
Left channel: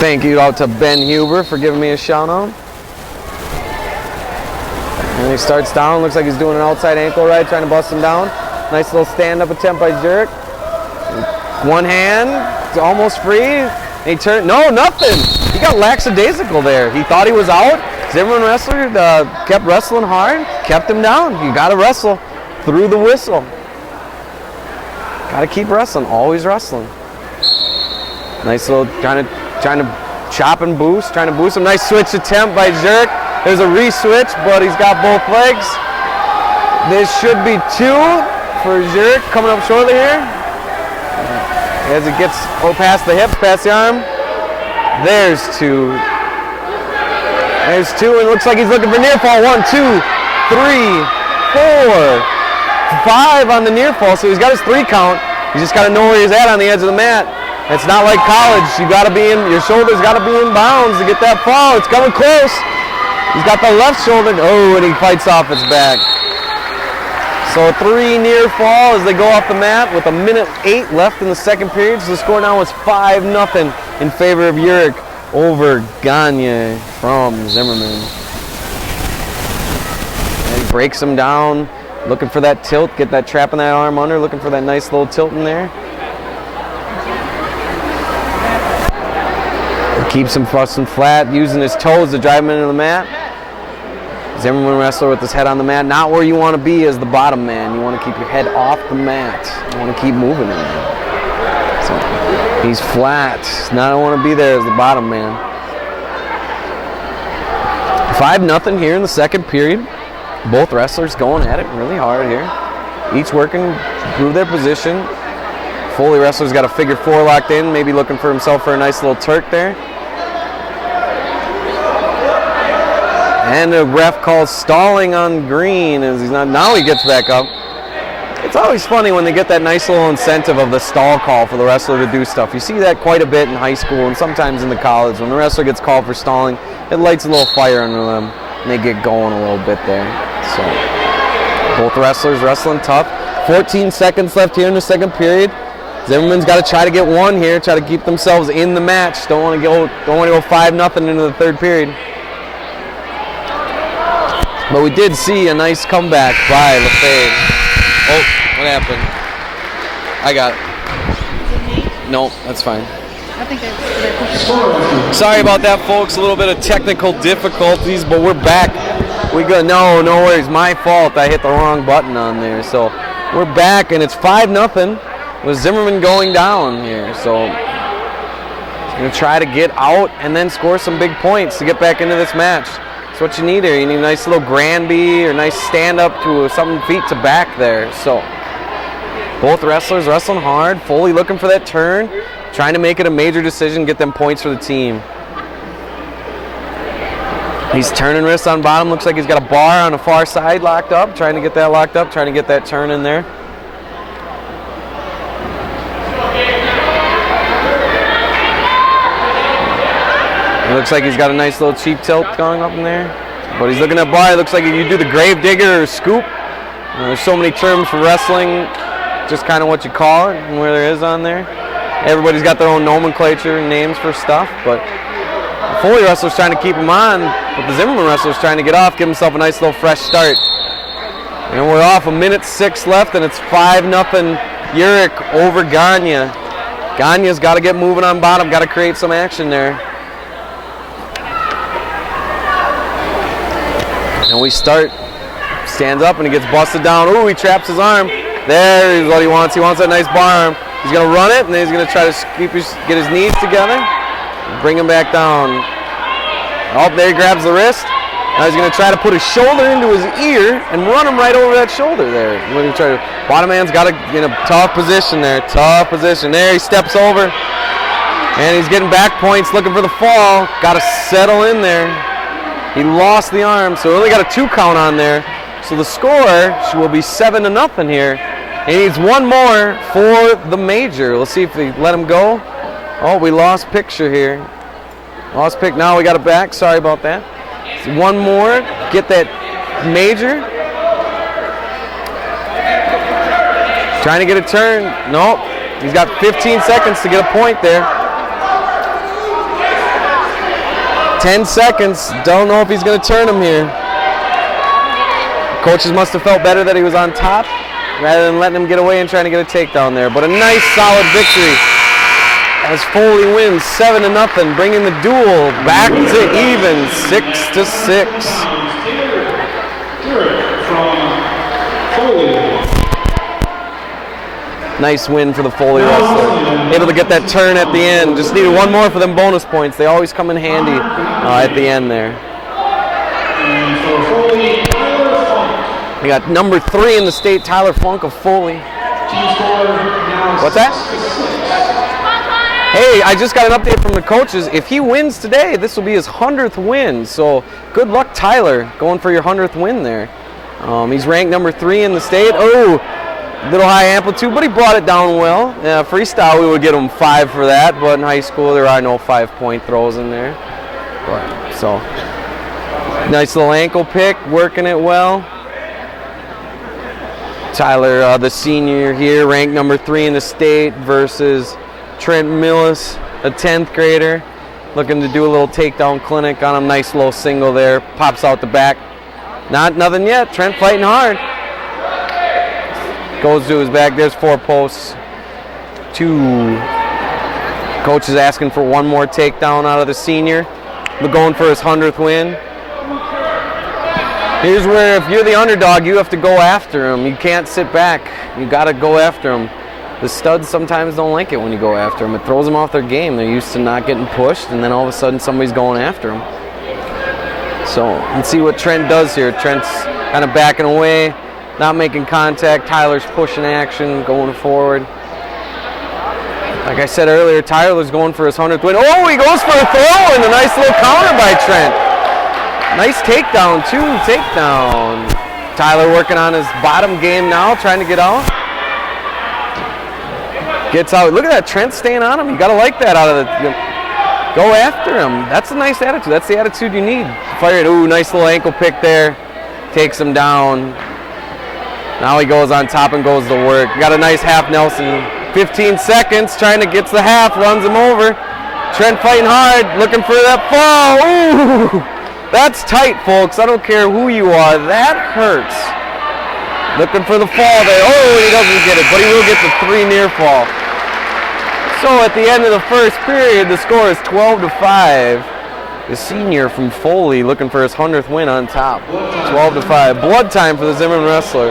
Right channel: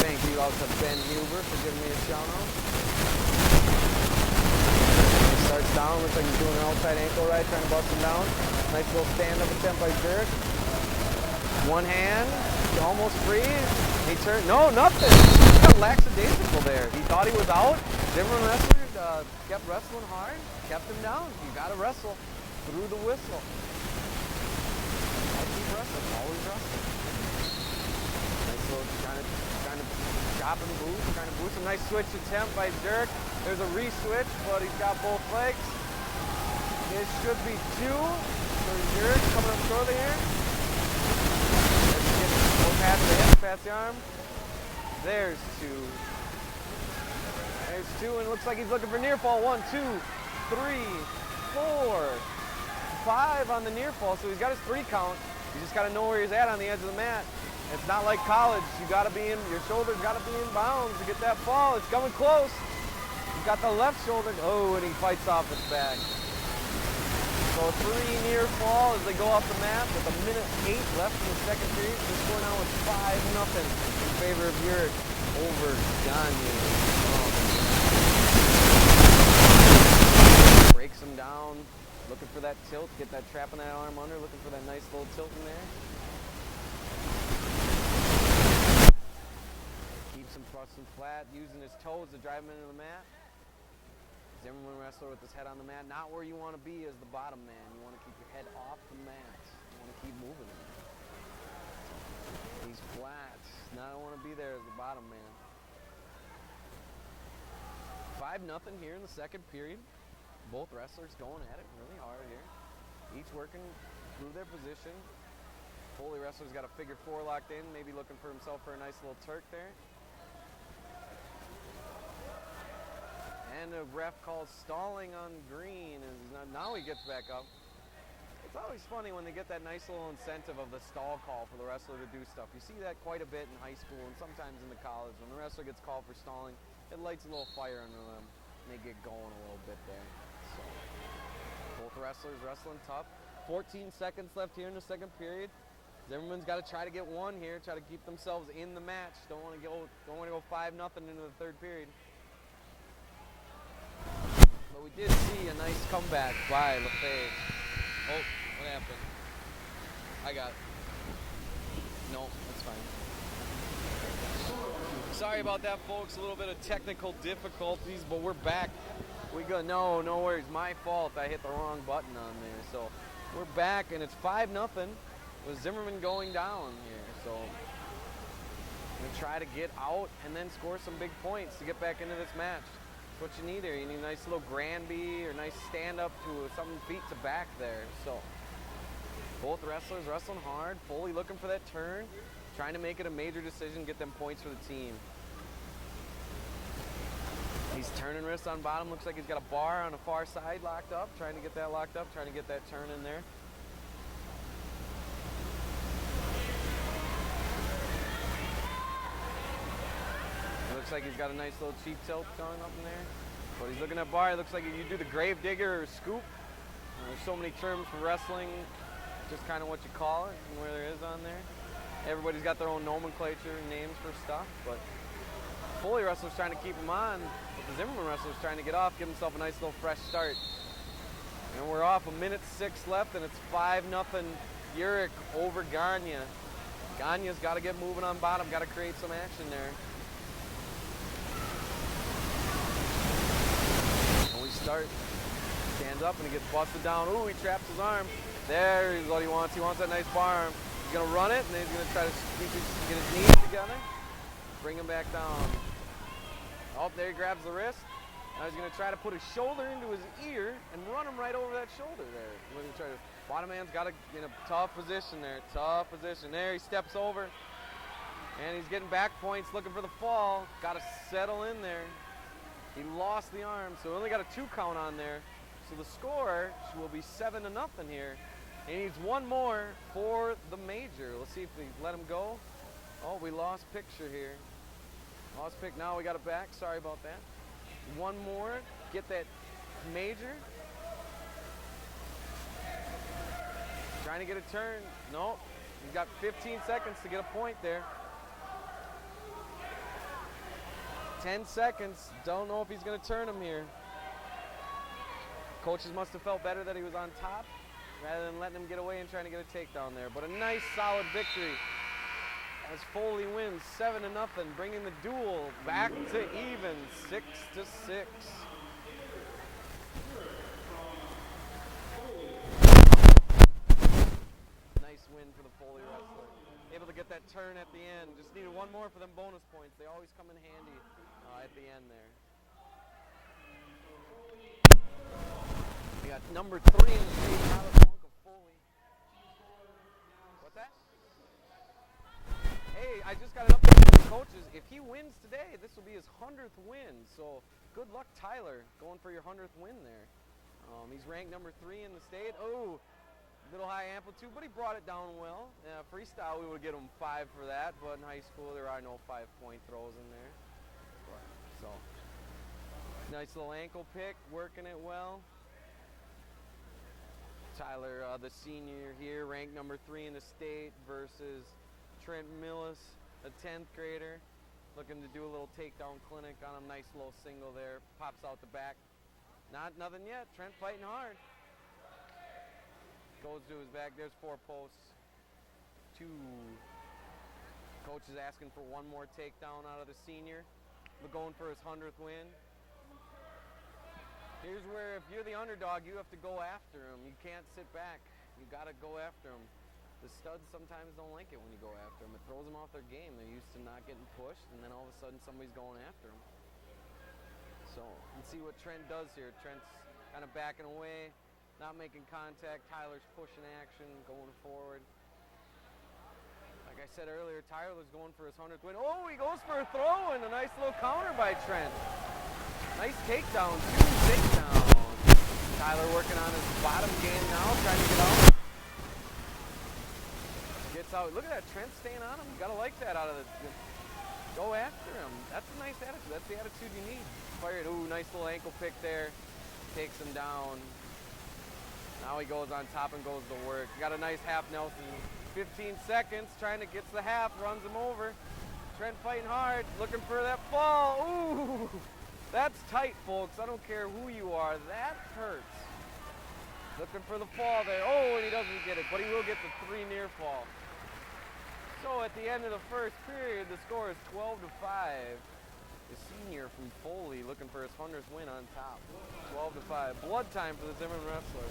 Thank you out to Ben Huber for giving me a shout out. And he starts down, looks like he's doing an outside ankle right, trying to bust him down. Nice little stand-up attempt by Jerk. One hand, almost free. He turned, no, nothing. He got lackadaisical there. He thought he was out. Zimmerman wrestler kept wrestling hard, kept him down. You gotta wrestle through the whistle. Gotta keep wrestling, always wrestling. Nice little trying to chop and boost, trying to boost him. Nice switch attempt by Jerk. There's a re-switch, but he's got both legs. This should be 2 for Jerk coming up shortly here. As it gets past the hip, past the arm. There's 2. There's 2, and it looks like he's looking for near fall. 1, 2, 3, 4, 5 on the near fall, so he's got his 3 count. He's just got to know where he's at on the edge of the mat. It's not like college. You got to be in, your shoulders got to be in bounds to get that fall. It's coming close. He's got the left shoulder. Oh, and he fights off his back. So 3 near fall as they go off the mat with 1:08 left in the second period. So the score now is 5-0 in favor of Uric over Gagne from Zimmerman. Breaks him down, looking for that tilt, get that trap in that arm under, looking for that nice little tilt in there. Keeps him busting flat, using his toes to drive him into the mat. Zimmerman wrestler with his head on the mat. Not where you want to be as the bottom man. You want to keep your head off the mat. You want to keep moving in there. So he's flat. Not want to be there as the bottom man. 5-0 here in the second period. Both wrestlers going at it really hard here. Each working through their position. Foley wrestler's got a figure 4 locked in, maybe looking for himself for a nice little Turk there. And the ref calls stalling on Green as he's not. Now he gets back up. It's always funny when they get that nice little incentive of the stall call for the wrestler to do stuff. You see that quite a bit in high school and sometimes in the college. When the wrestler gets called for stalling, it lights a little fire under them and they get going a little bit there. So both wrestlers wrestling tough. 14 seconds left here in the second period. Zimmerman's got to try to get 1 here, try to keep themselves in the match. Don't want to go 5-0 into the third period. But we did see a nice comeback by LaFave. Oh, what happened? I got it. No, that's fine. I think they Sorry about that, folks. A little bit of technical difficulties, but we're back We go. No worries. My fault. I hit the wrong button on there. So we're back, and it's 5-0 with Zimmerman going down here. So he's going to try to get out and then score some big points to get back into this match. That's what you need here. You need a nice little Granby or nice stand up to something feet to back there. So both wrestlers wrestling hard. Foley looking for that turn, trying to make it a major decision, get them points for the team. He's turning wrists on bottom. Looks like he's got a bar on the far side locked up. Trying to get that locked up. Trying to get that turn in there. It looks like he's got a nice little cheap tilt going up in there. But he's looking at bar. It looks like if you do the grave digger or scoop. There's so many terms for wrestling. Just kind of what you call it and where there is on there. Everybody's got their own nomenclature and names for stuff. But the Foley wrestler's trying to keep him on, but the Zimmerman wrestler's trying to get off, give himself a nice little fresh start. And we're off, 1:06 left, and it's 5-0 Urich over Gagne. Gagne's got to get moving on bottom, got to create some action there. And we start, stands up and he gets busted down. Ooh, he traps his arm. There is what he wants. He wants that nice bar arm. He's going to run it, and then he's going to try to get his knees together. Bring him back down. Oh, there he grabs the wrist. Now he's going to try to put his shoulder into his ear and run him right over that shoulder there. Bottom man's got to in a tough position there. Tough position. There he steps over. And he's getting back points, looking for the fall. Got to settle in there. He lost the arm, so he only got a 2 count on there. So the score will be 7-0 here. He needs one more for the major. Let's see if they let him go. Oh, we lost picture here. Lost pick. Now we got it back. Sorry about that. So one more. Get that major. Trying to get a turn. Nope. He's got 15 seconds to get a point there. 10 seconds. Don't know if he's going to turn him here. Coaches must have felt better that he was on top rather than letting him get away and trying to get a takedown there. But a nice, solid victory as Foley wins 7-0, bringing the duel back to even, 6-6. Nice win for the Foley wrestler. Able to get that turn at the end. Just needed one more for them bonus points. They always come in handy at the end there. We got number 3 in the state, Tyler Funk of Foley. What's that? Hey, I just got an update from the coaches. If he wins today, this will be his 100th win. So good luck, Tyler, going for your 100th win there. He's ranked number 3 in the state. Oh, little high amplitude, but he brought it down well. Freestyle, we would get him 5 for that, but in high school there are no 5-point throws in there. But, so, nice little ankle pick, working it well. Tyler, the senior here, ranked number 3 in the state versus Trent Millis, a 10th grader, looking to do a little takedown clinic on him. Nice little single there, pops out the back. Nothing yet. Trent fighting hard. Goes to his back. There's 4 posts. 2. Coach is asking for one more takedown out of the senior. We're going for his 100th win. Here's where if you're the underdog, you have to go after him. You can't sit back. You got to go after him. The studs sometimes don't like it when you go after them. It throws them off their game. They're used to not getting pushed, and then all of a sudden somebody's going after them. So let's see what Trent does here. Trent's kind of backing away, not making contact. Tyler's pushing action, going forward. Like I said earlier, Tyler's going for his 100th win. Oh, he goes for a throw, and a nice little counter by Trent. Nice takedown, too. Takedown. Tyler working on his bottom game now, trying to get out. Gets out. Look at that. Trent staying on him. You got to like that out of the. Go after him. That's a nice attitude. That's the attitude you need. Fire it. Ooh, nice little ankle pick there. Takes him down. Now he goes on top and goes to work. Got a nice half Nelson. 15 seconds. Trying to get the half. Runs him over. Trent fighting hard. Looking for that fall. Ooh. That's tight, folks. I don't care who you are. That hurts. Looking for the fall there. Oh, he doesn't get it, but he will get the 3 near fall. So at the end of the first period, the score is 12-5. the senior from Foley, looking for his 100th win on top. 12-5. Blood time for the Zimmerman wrestler.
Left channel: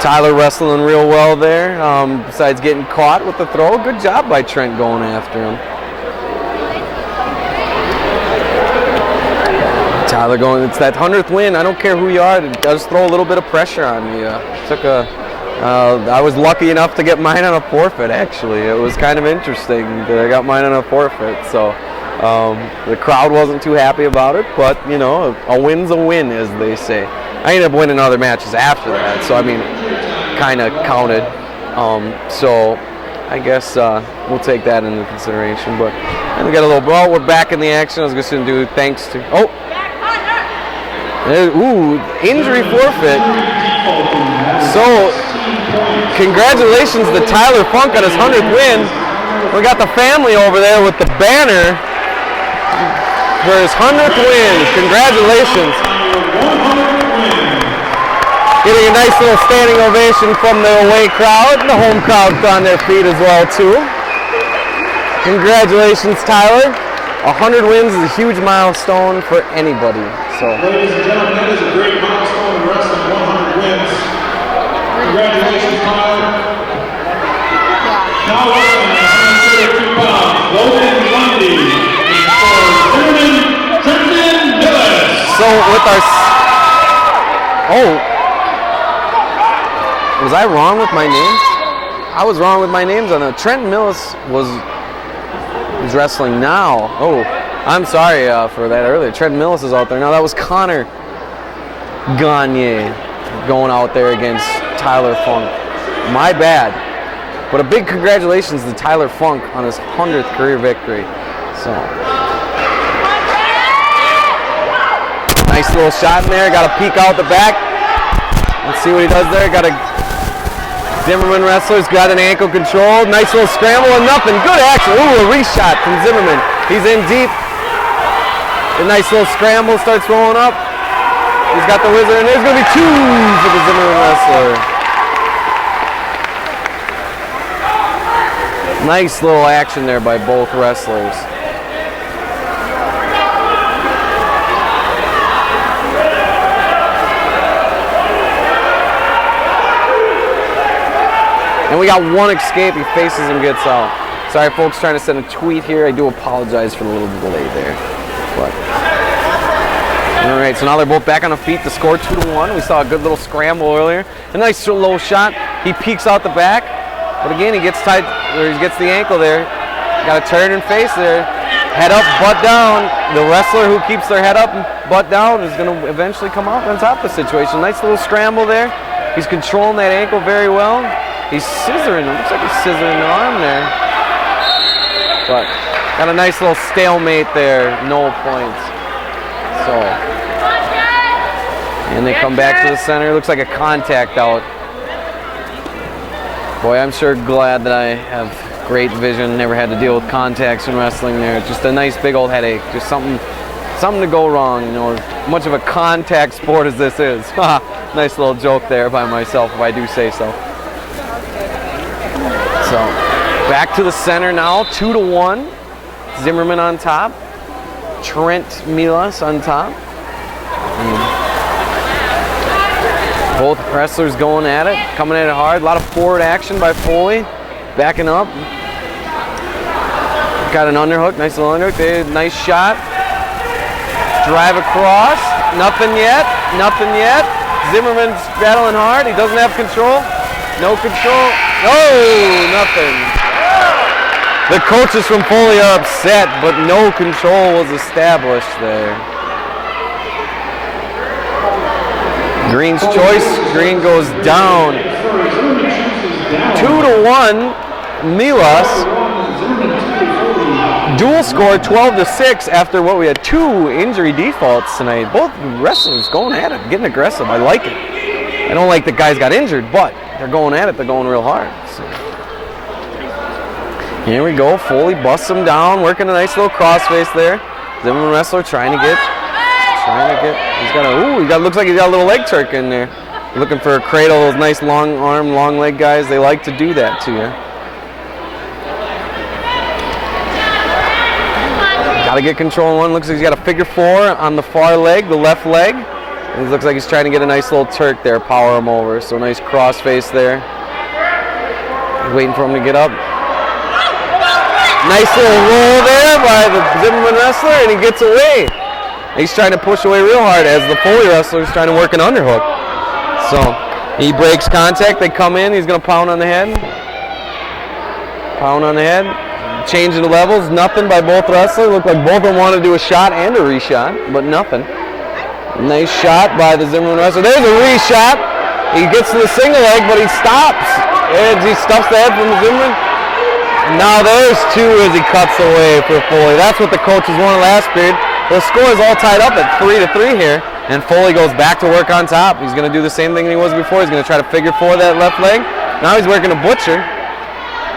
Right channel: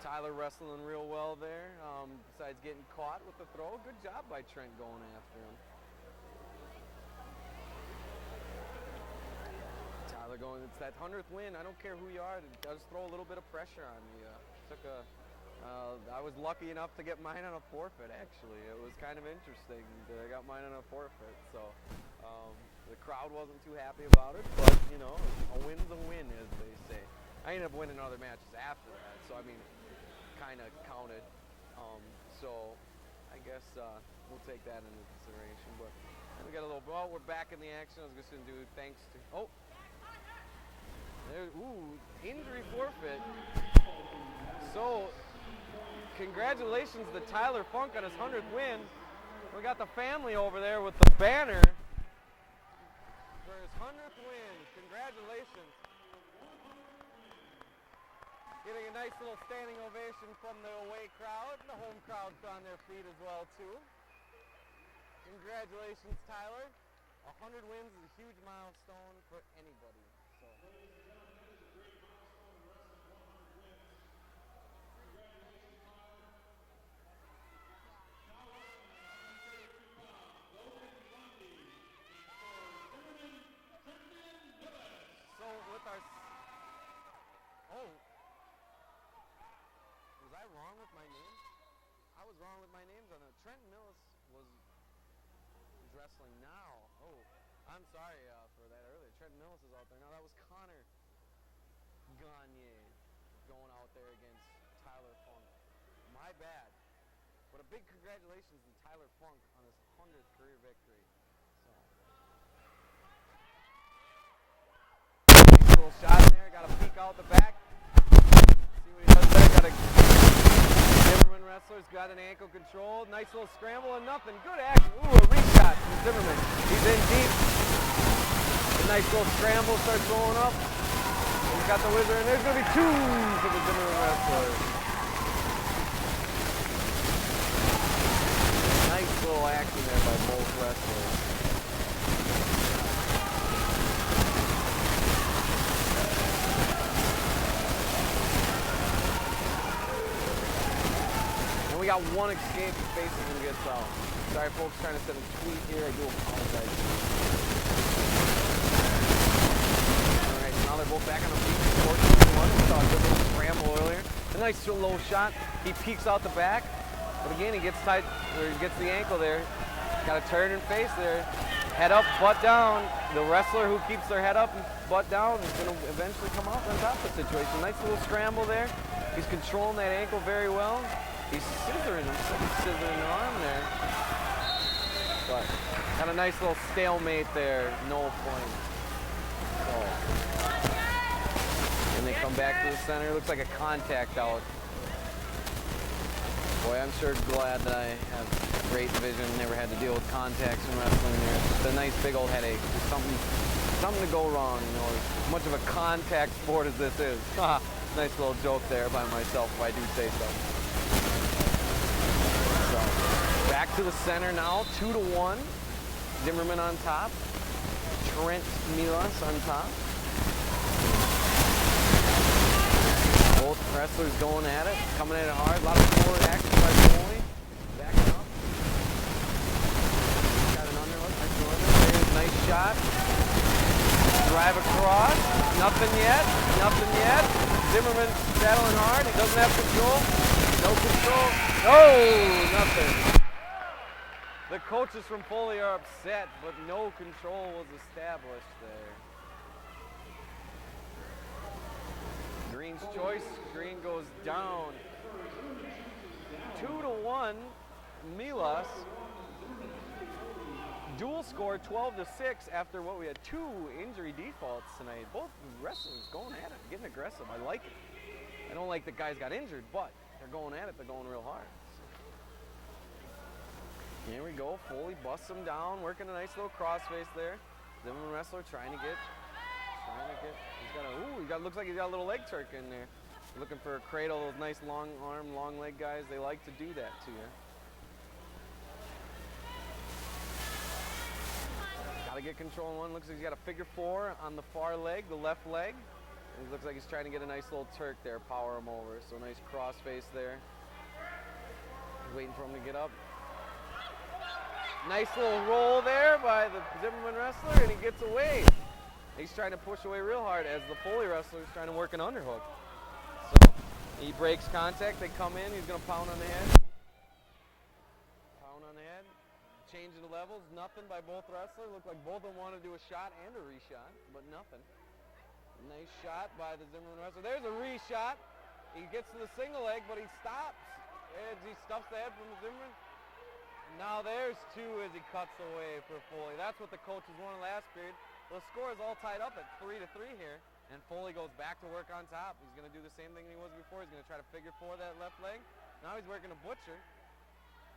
Tyler wrestling real well there, besides getting caught with the throw. Good job by Trent going after him. Tyler going, it's that 100th win. I don't care who you are, it does throw a little bit of pressure on you. I was lucky enough to get mine on a forfeit, actually. It was kind of interesting that I got mine on a forfeit. So the crowd wasn't too happy about it, but, you know, a win's a win, as they say. I ended up winning other matches after that, so, I mean, kind of counted. So I guess we'll take that into consideration. But and we got a little, well, we're back in the action. I was just going to do thanks to, injury forfeit. So, congratulations to Tyler Funk on his 100th win. We got the family over there with the banner for his 100th win. Congratulations. Getting a nice little standing ovation from the away crowd. The home crowd's on their feet as well, too. Congratulations, Tyler. 100 wins is a huge milestone for anybody. So, ladies and gentlemen, that is a great milestone in wrestling, 100 wins. Congratulations, Tyler. Now wrestling at 132 pounds, Logan Lundy for Zimmerman, Trenton Millis. So with our, was I wrong with my names? I was wrong with my names on that. Trenton Millis was wrestling now. Oh, I'm sorry for that earlier. Trenton Millis is out there now. That was Connor Gagne going out there against Tyler Funk. My bad. But a big congratulations to Tyler Funk on his 100th career victory. So, nice little shot in there. Got to peek out the back. Let's see what he does there. Got a Zimmerman wrestler's got an ankle control. Nice little scramble and nothing. Good action. Ooh, a reshot from Zimmerman. He's in deep. A nice little scramble starts rolling up. He's got the wizard, and there's going to be 2 for the Zimmerman wrestler. Nice little action there by both wrestlers. And we got one escape. He faces and gets out. Sorry, folks, trying to send a tweet here. I do apologize for the little delay there. But all right, so now they're both back on the feet to score 2-1. We saw a good little scramble earlier. A nice low shot. He peeks out the back, but again, he gets tied, or he gets the ankle there. Got to turn and face there. Head up, butt down. The wrestler who keeps their head up and butt down is going to eventually come out on top of the situation. Nice little scramble there. He's controlling that ankle very well. He's scissoring. It looks like he's scissoring the arm there. But got a nice little stalemate there. No points. So, and they come back to the center. Looks like a contact out. Boy, I'm sure glad that I have great vision. Never had to deal with contacts in wrestling there. Just a nice big old headache. Just something to go wrong. You know, as much of a contact sport as this is. Nice little joke there by myself, if I do say so. So, back to the center now, 2-1. Zimmerman on top. Trent Milas on top. Both wrestlers going at it, coming at it hard. A lot of forward action by Foley. Backing up. Got an underhook, nice little underhook. Nice shot. Drive across. Nothing yet. Nothing yet. Zimmerman's battling hard. He doesn't have control. No control. Oh, nothing. The coaches from Foley are upset, but no control was established there. Green's choice. Green goes down. 2-1. Milas. Dual score 12-6 after what we had 2 injury defaults tonight. Both wrestlers going at it, getting aggressive. I like it. I don't like the guys got injured, but they're going at it. They're going real hard. So. Here we go. Foley busts him down, working a nice little crossface there. Zimmerman wrestler trying to get. Looks like he's got a little leg turk in there. Looking for a cradle. Those nice long arm, long leg guys. They like to do that to you. Got to get control in one. Looks like he's got a figure 4 on the far leg, the left leg. And he looks like he's trying to get a nice little Turk there, power him over. So nice cross face there. Waiting for him to get up. Nice little roll there by the Zimmerman wrestler, and he gets away. He's trying to push away real hard as the Foley wrestler is trying to work an underhook. So he breaks contact. They come in. He's going to pound on the head. Pound on the head. Changing the levels. Nothing by both wrestlers. Looked like both of them want to do a shot and a reshot, but nothing. Nice shot by the Zimmerman wrestler. There's a reshot. He gets to the single leg, but he stops. And he stuffs the head from the Zimmerman. Now there's 2 as he cuts away for Foley. That's what the coaches wanted last period. The score is all tied up at 3-3 here, and Foley goes back to work on top. He's going to do the same thing he was before. He's going to try to figure 4 that left leg. Now he's working a butcher.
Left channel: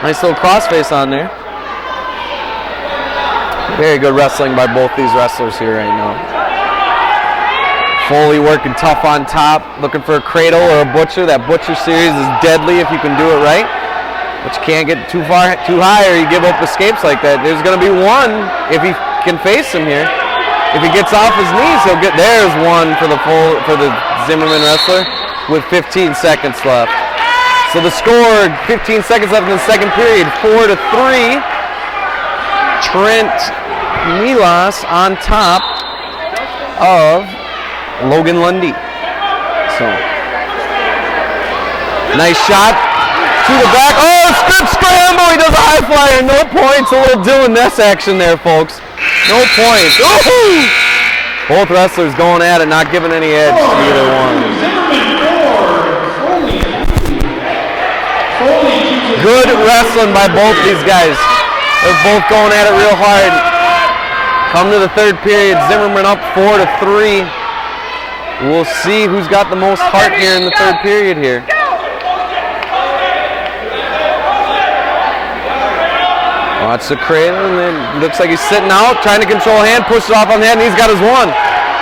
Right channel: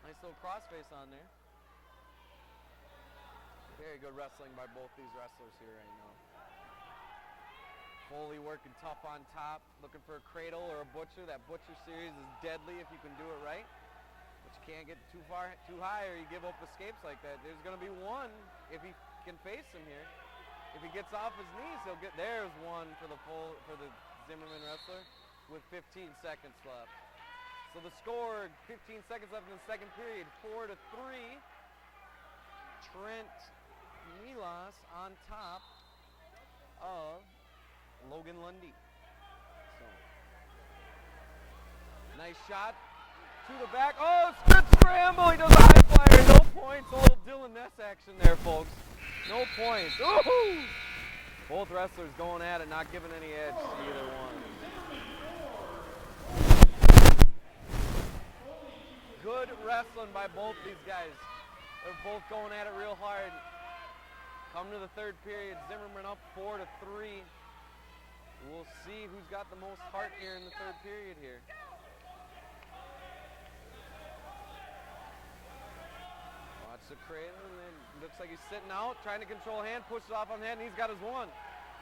Nice little crossface on there. Very good wrestling by both these wrestlers here right now. Foley working tough on top, looking for a cradle or a butcher. That butcher series is deadly if you can do it right. But you can't get too far, too high, or you give up escapes like that. There's going to be 1 if he can face him here. If he gets off his knees, he'll get. There's 1 for the Zimmerman wrestler with 15 seconds left. So the score, 15 seconds left in the second period, 4-3. Trent Milas on top of Logan Lundy. So nice shot. To the back. Oh, good scramble. He does a high flyer. No points. A little doing this action there, folks. No points. Ooh! Both wrestlers going at it, not giving any edge to either one. Good wrestling by both these guys. They're both going at it real hard. Come to the third period. Zimmerman up 4-3. We'll see who's got the most heart here in the third period here. Watch the cradle, and then looks like he's sitting out, trying to control hand, pushes off on the head, and he's got his 1.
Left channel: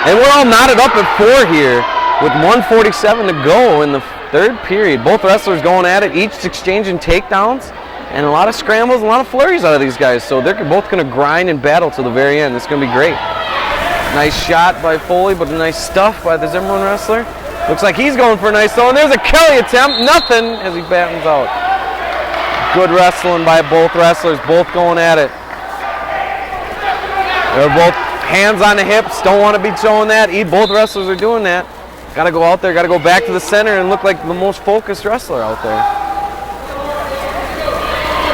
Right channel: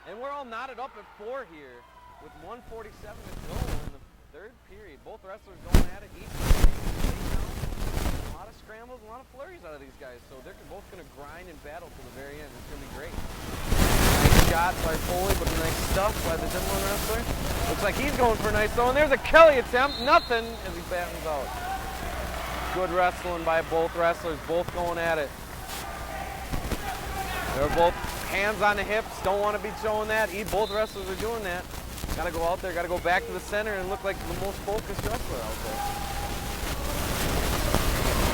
And we're all knotted up at 4 here with 1:47 to go in the third period. Both wrestlers going at it, each exchanging takedowns, and a lot of scrambles, a lot of flurries out of these guys. So they're both going to grind and battle to the very end. It's going to be great. Nice shot by Foley, but a nice stuff by the Zimmerman wrestler. Looks like he's going for a nice throw, and there's a Kelly attempt. Nothing as he battens out. Good wrestling by both wrestlers, both going at it. They're both hands on the hips, don't want to be showing that. Both wrestlers are doing that. Got to go out there, got to go back to the center and look like the most focused wrestler out there.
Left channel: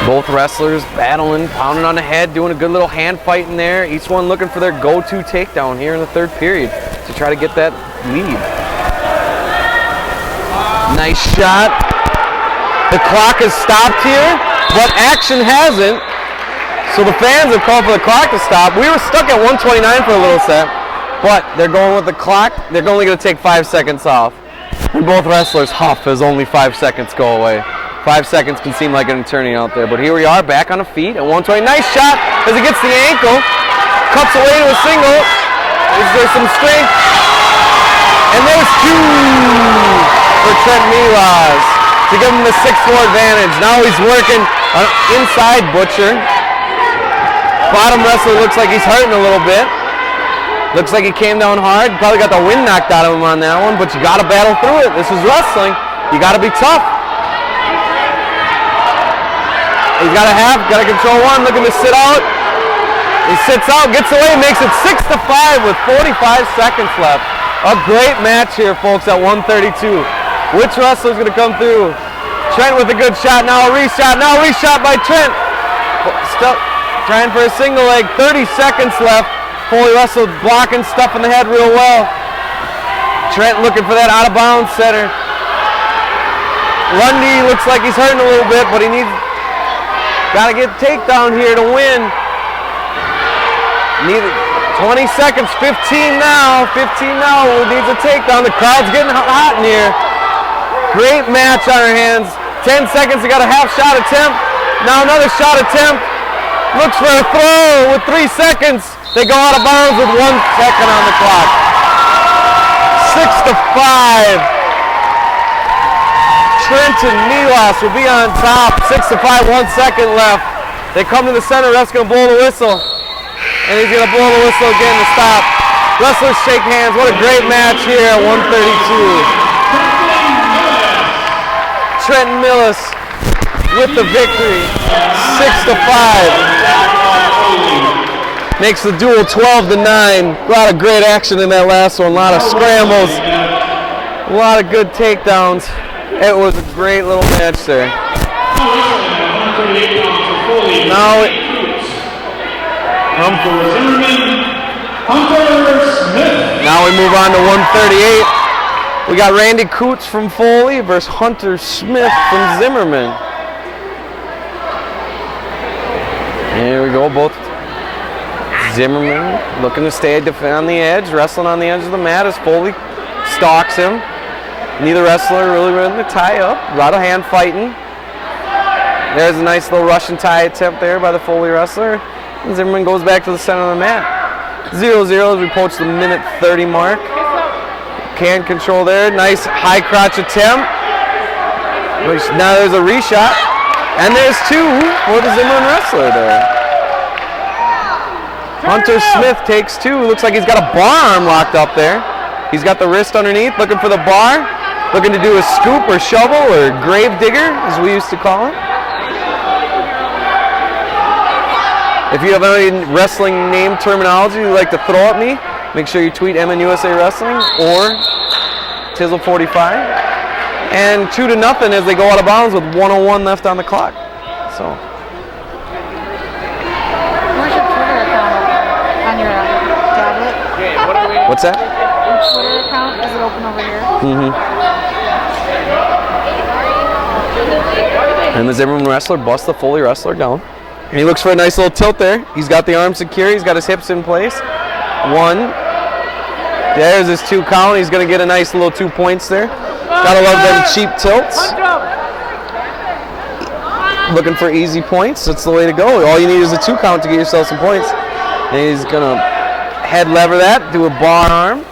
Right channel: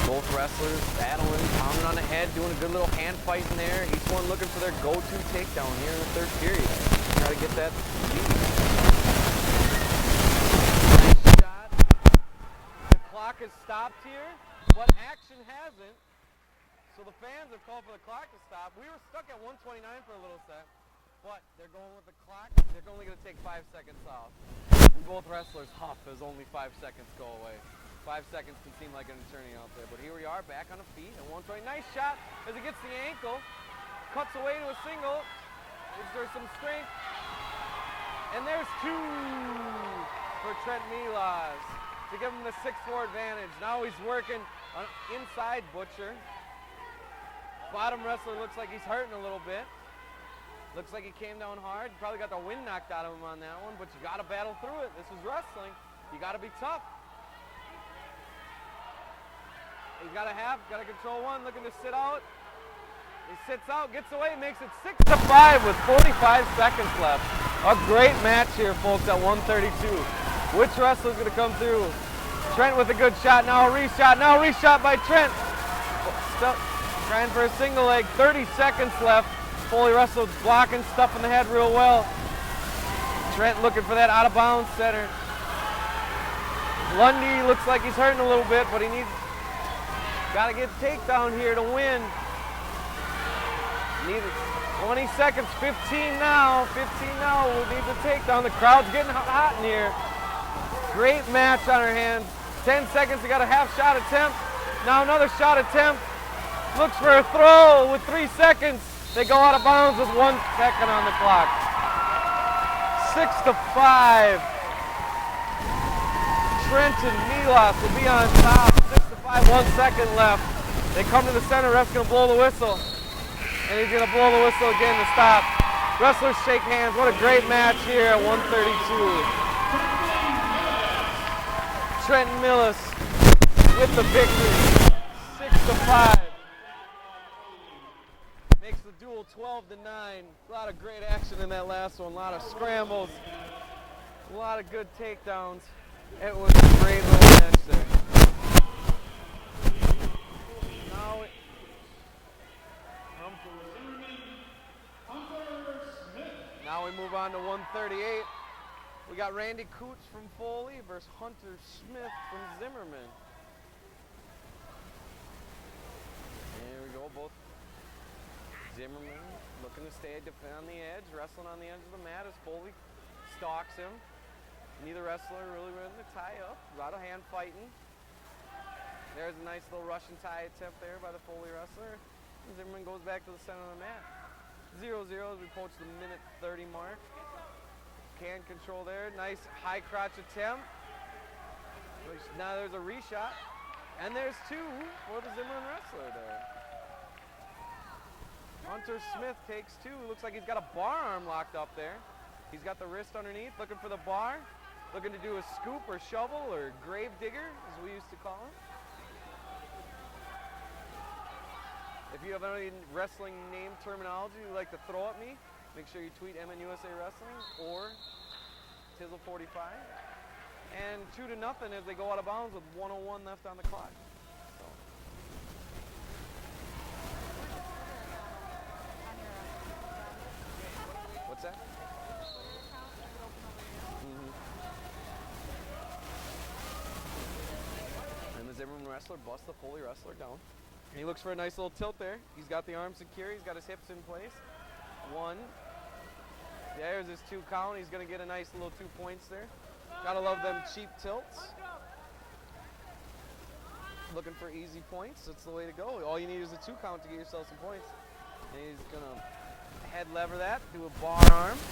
Both wrestlers battling, pounding on the head, doing a good little hand fight in there. Each one looking for their go-to takedown here in the third period to try to get that lead. Nice shot. The clock has stopped here, but action hasn't. So the fans have called for the clock to stop. We were stuck at 1:29 for a little set, but they're going with the clock. They're only going to take 5 seconds off. And both wrestlers huff as only 5 seconds go away. 5 seconds can seem like an eternity out there, but here we are back on the feet at 1:20. Nice shot as he gets the ankle, cuts away to a single. Is there some strength? And there's 2 for Trent Milas to give him the 6-4 advantage. Now he's working an inside butcher. Bottom wrestler looks like he's hurting a little bit. Looks like he came down hard. Probably got the wind knocked out of him on that one, but you got to battle through it. This is wrestling. You got to be tough. He's got to control 1, looking to sit out. He sits out, gets away, makes it 6-5 with 45 seconds left. A great match here, folks, at 132. Which wrestler's going to come through? Trent with a good shot, now a reshot by Trent. Still trying for a single leg, 30 seconds left. Foley wrestle blocking, stuffing the head real well. Trent looking for that out of bounds setter. Lundy looks like he's hurting a little bit, but he needs, got to get takedown here to win. Need 20 seconds, 15 now, needs a takedown. The crowd's getting hot in here. Great match on our hands. 10 seconds, he got a half shot attempt. Now another shot attempt. Looks for a throw with 3 seconds. They go out of bounds with 1 second on the clock. 6-5. Trenton Milas will be on top. 6-5, 1 second left. They come to the center, that's gonna blow the whistle. And he's going to blow the whistle again to stop. Wrestlers shake hands. What a great match here at 132. Trenton Millis with the victory, 6-5. Makes the duel 12-9. A lot of great action in that last one. A lot of scrambles. A lot of good takedowns. It was a great little match there. Now we move on to 138. We got Randy Coots from Foley versus Hunter Smith from Zimmerman. Here we go, both Zimmerman looking to stay on the edge, wrestling on the edge of the mat as Foley stalks him. Neither wrestler really ready to tie up. A lot of hand fighting. There's a nice little Russian tie attempt there by the Foley wrestler. And Zimmerman goes back to the center of the mat. 0-0 as we approach the minute 30 mark. Can control there. Nice high crotch attempt. Now there's a reshot. And there's two for the Zimmerman wrestler there. Hunter Smith takes two. Looks like he's got a bar arm locked up there. He's got the wrist underneath, looking for the bar. Looking to do a scoop or shovel or grave digger, as we used to call it. If you have any wrestling name terminology you'd like to throw at me, make sure you tweet MNUSA Wrestling or Tizzle45. And 2-0 as they go out of bounds with 1:01 left on the clock. So. Where's your Twitter account on your tablet? What's that? Your Twitter account, is it open over here? Mm-hmm. And the Zimmerman wrestler busts the Foley wrestler down. And he looks for a nice little tilt there. He's got the arms secure. He's got his hips in place. One. There's his 2 count. He's going to get a nice little 2 points there. Gotta love them cheap tilts. Looking for easy points. That's the way to go. All you need is a 2 count to get yourself some points. And he's going to head lever that, do a bar arm.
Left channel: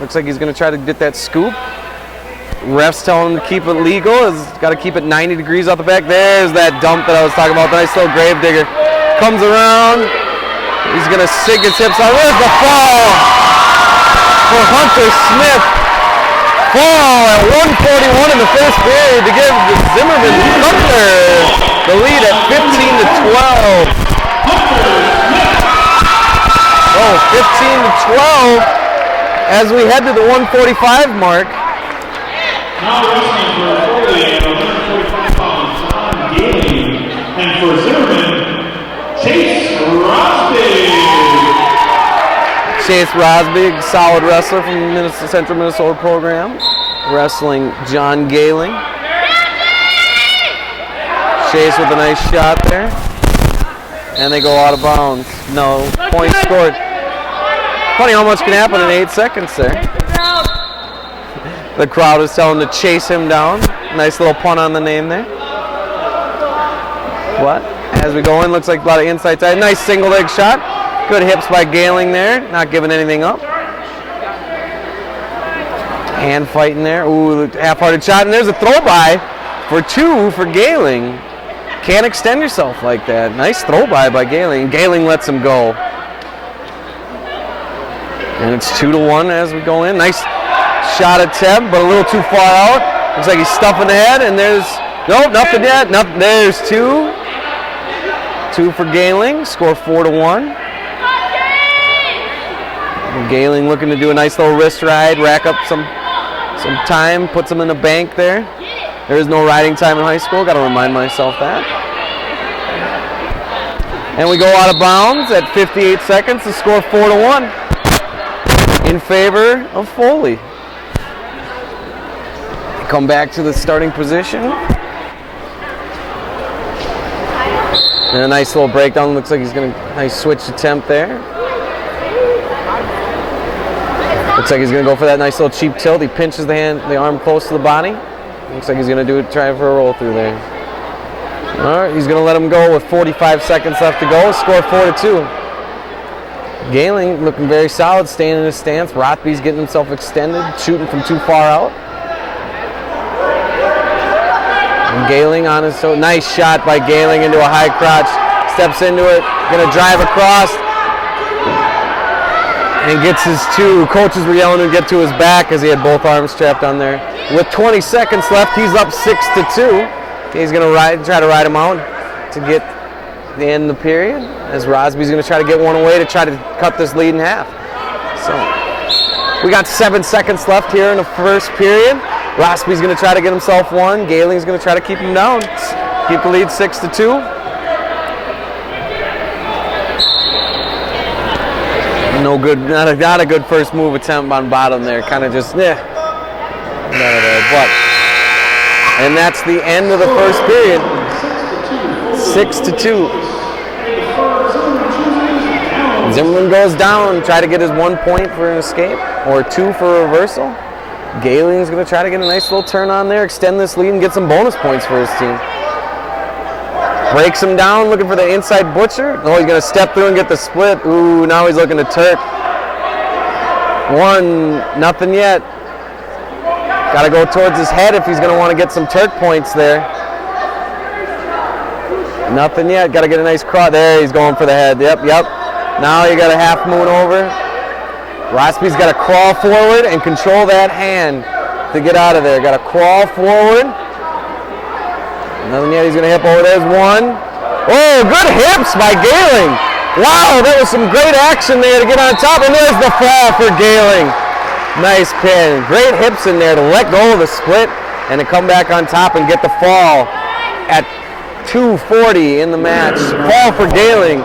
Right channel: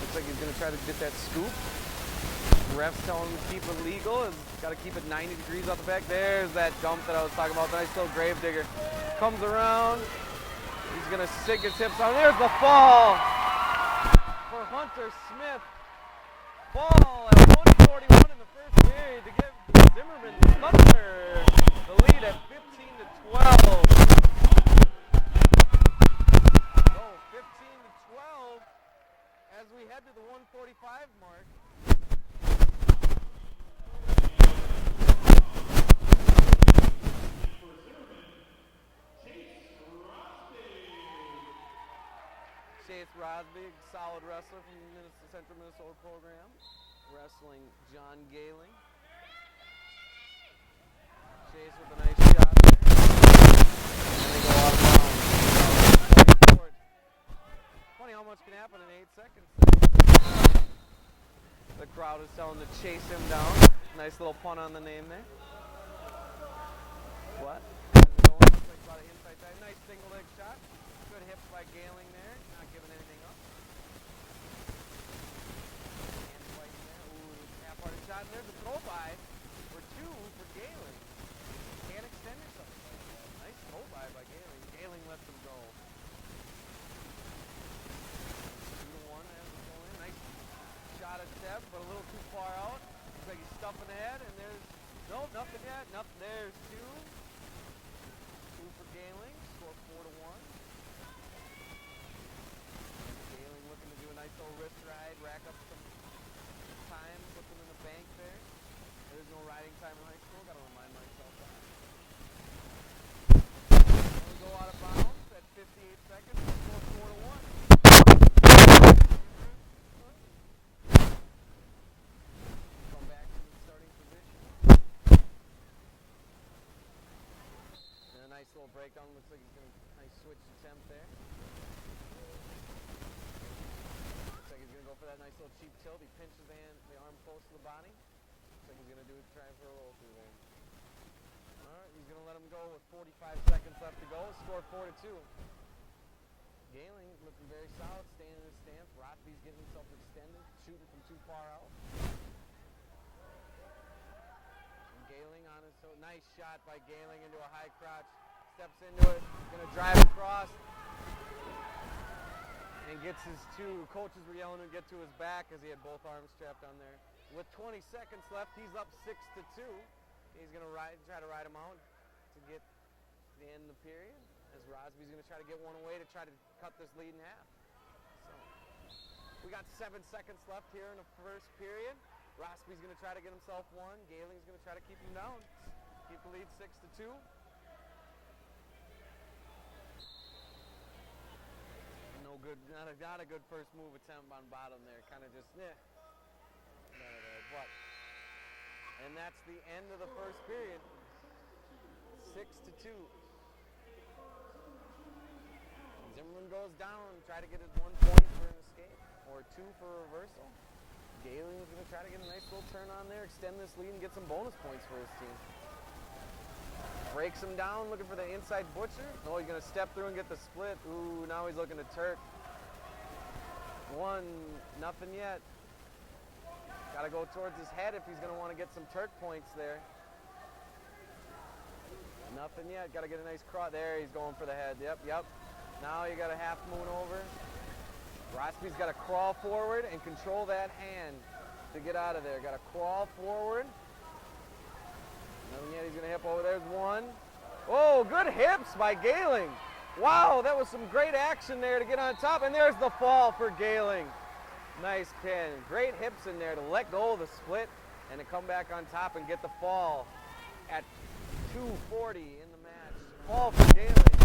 Looks like he's going to try to get that scoop. Refs telling him to keep it legal. He's got to keep it 90 degrees off the back. There's that dump that I was talking about. The nice little grave digger. Comes around. He's going to sink his hips out. There's the fall for Hunter Smith. Fall at 1:41 in the first period to give the Zimmerman Thunder the lead at 15-12. Oh, 15-12 as we head to the 145 mark. Now wrestling for Foley at 145 pounds, John Gailey. And for Zimmerman, Chase Rosbig. Chase Rosbig, solid wrestler from the Central Minnesota program, wrestling John Galing. Chase with a nice shot there. And they go out of bounds. No, point scored. Funny how much can happen in 8 seconds there. The crowd is telling him to chase him down. Nice little pun on the name there. What? As we go in, looks like a lot of inside side. Nice single leg shot. Good hips by Galing there, not giving anything up. Hand fighting there. Ooh, half-hearted shot, and there's a throw by for 2 for Galing. Can't extend yourself like that. Nice throw by Galing. Galing lets him go. And it's 2-1 as we go in. Nice shot attempt, but a little too far out. Looks like he's stuffing the head, and there's, nope, nothing yet. Nothing. There's 2. 2 for Galing. Score 4-1. Galing looking to do a nice little wrist ride, rack up some time, puts him in the bank there. There is no riding time in high school, got to remind myself that. And we go out of bounds at 58 seconds to score 4-1 in favor of Foley. Come back to the starting position. And a nice little breakdown, looks like he's going to, nice switch attempt there. Looks like he's going to go for that nice little cheap tilt. He pinches the arm close to the body. Looks like he's going to try for a roll through there. All right, he's going to let him go with 45 seconds left to go. Score 4-2. Galing looking very solid, staying in his stance. Rothby's getting himself extended, shooting from too far out. And Galing on his toe. Nice shot by Galing into a high crotch. Steps into it, going to drive across. And gets his two. Coaches were yelling to get to his back as he had both arms strapped on there. With 20 seconds left, he's up 6-2. He's going to try to ride him out to get the end of the period, as Rosby's going to try to get one away to try to cut this lead in half. So we got 7 seconds left here in the first period. Rosby's going to try to get himself one. Gailing's going to try to keep him down. Keep the lead 6-2. No good, not a good first move attempt on bottom there. Kind of just, there. But, and that's the end of the first period. 6-2. Zimmerman goes down, try to get his 1 point for an escape, or 2 for a reversal. Gailing's going to try to get a nice little turn on there, extend this lead, and get some bonus points for his team. Breaks him down, looking for the inside butcher. Oh, he's going to step through and get the split. Ooh, now he's looking to Turk. 1-0 yet. Got to go towards his head if he's going to want to get some Turk points there. Nothing yet. Got to get a nice cross. There, he's going for the head. Yep. Now you got a half moon over. Rosby's got to crawl forward and control that hand to get out of there. Got to crawl forward. Nothing yet. He's going to hip over. There's one. Oh, good hips by Gailing. Wow, that was some great action there to get on top. And there's the fall for Gailing. Nice pin. Great hips in there to let go of the split and to come back on top and get the fall at 2:40 in the match. Fall for Gailing.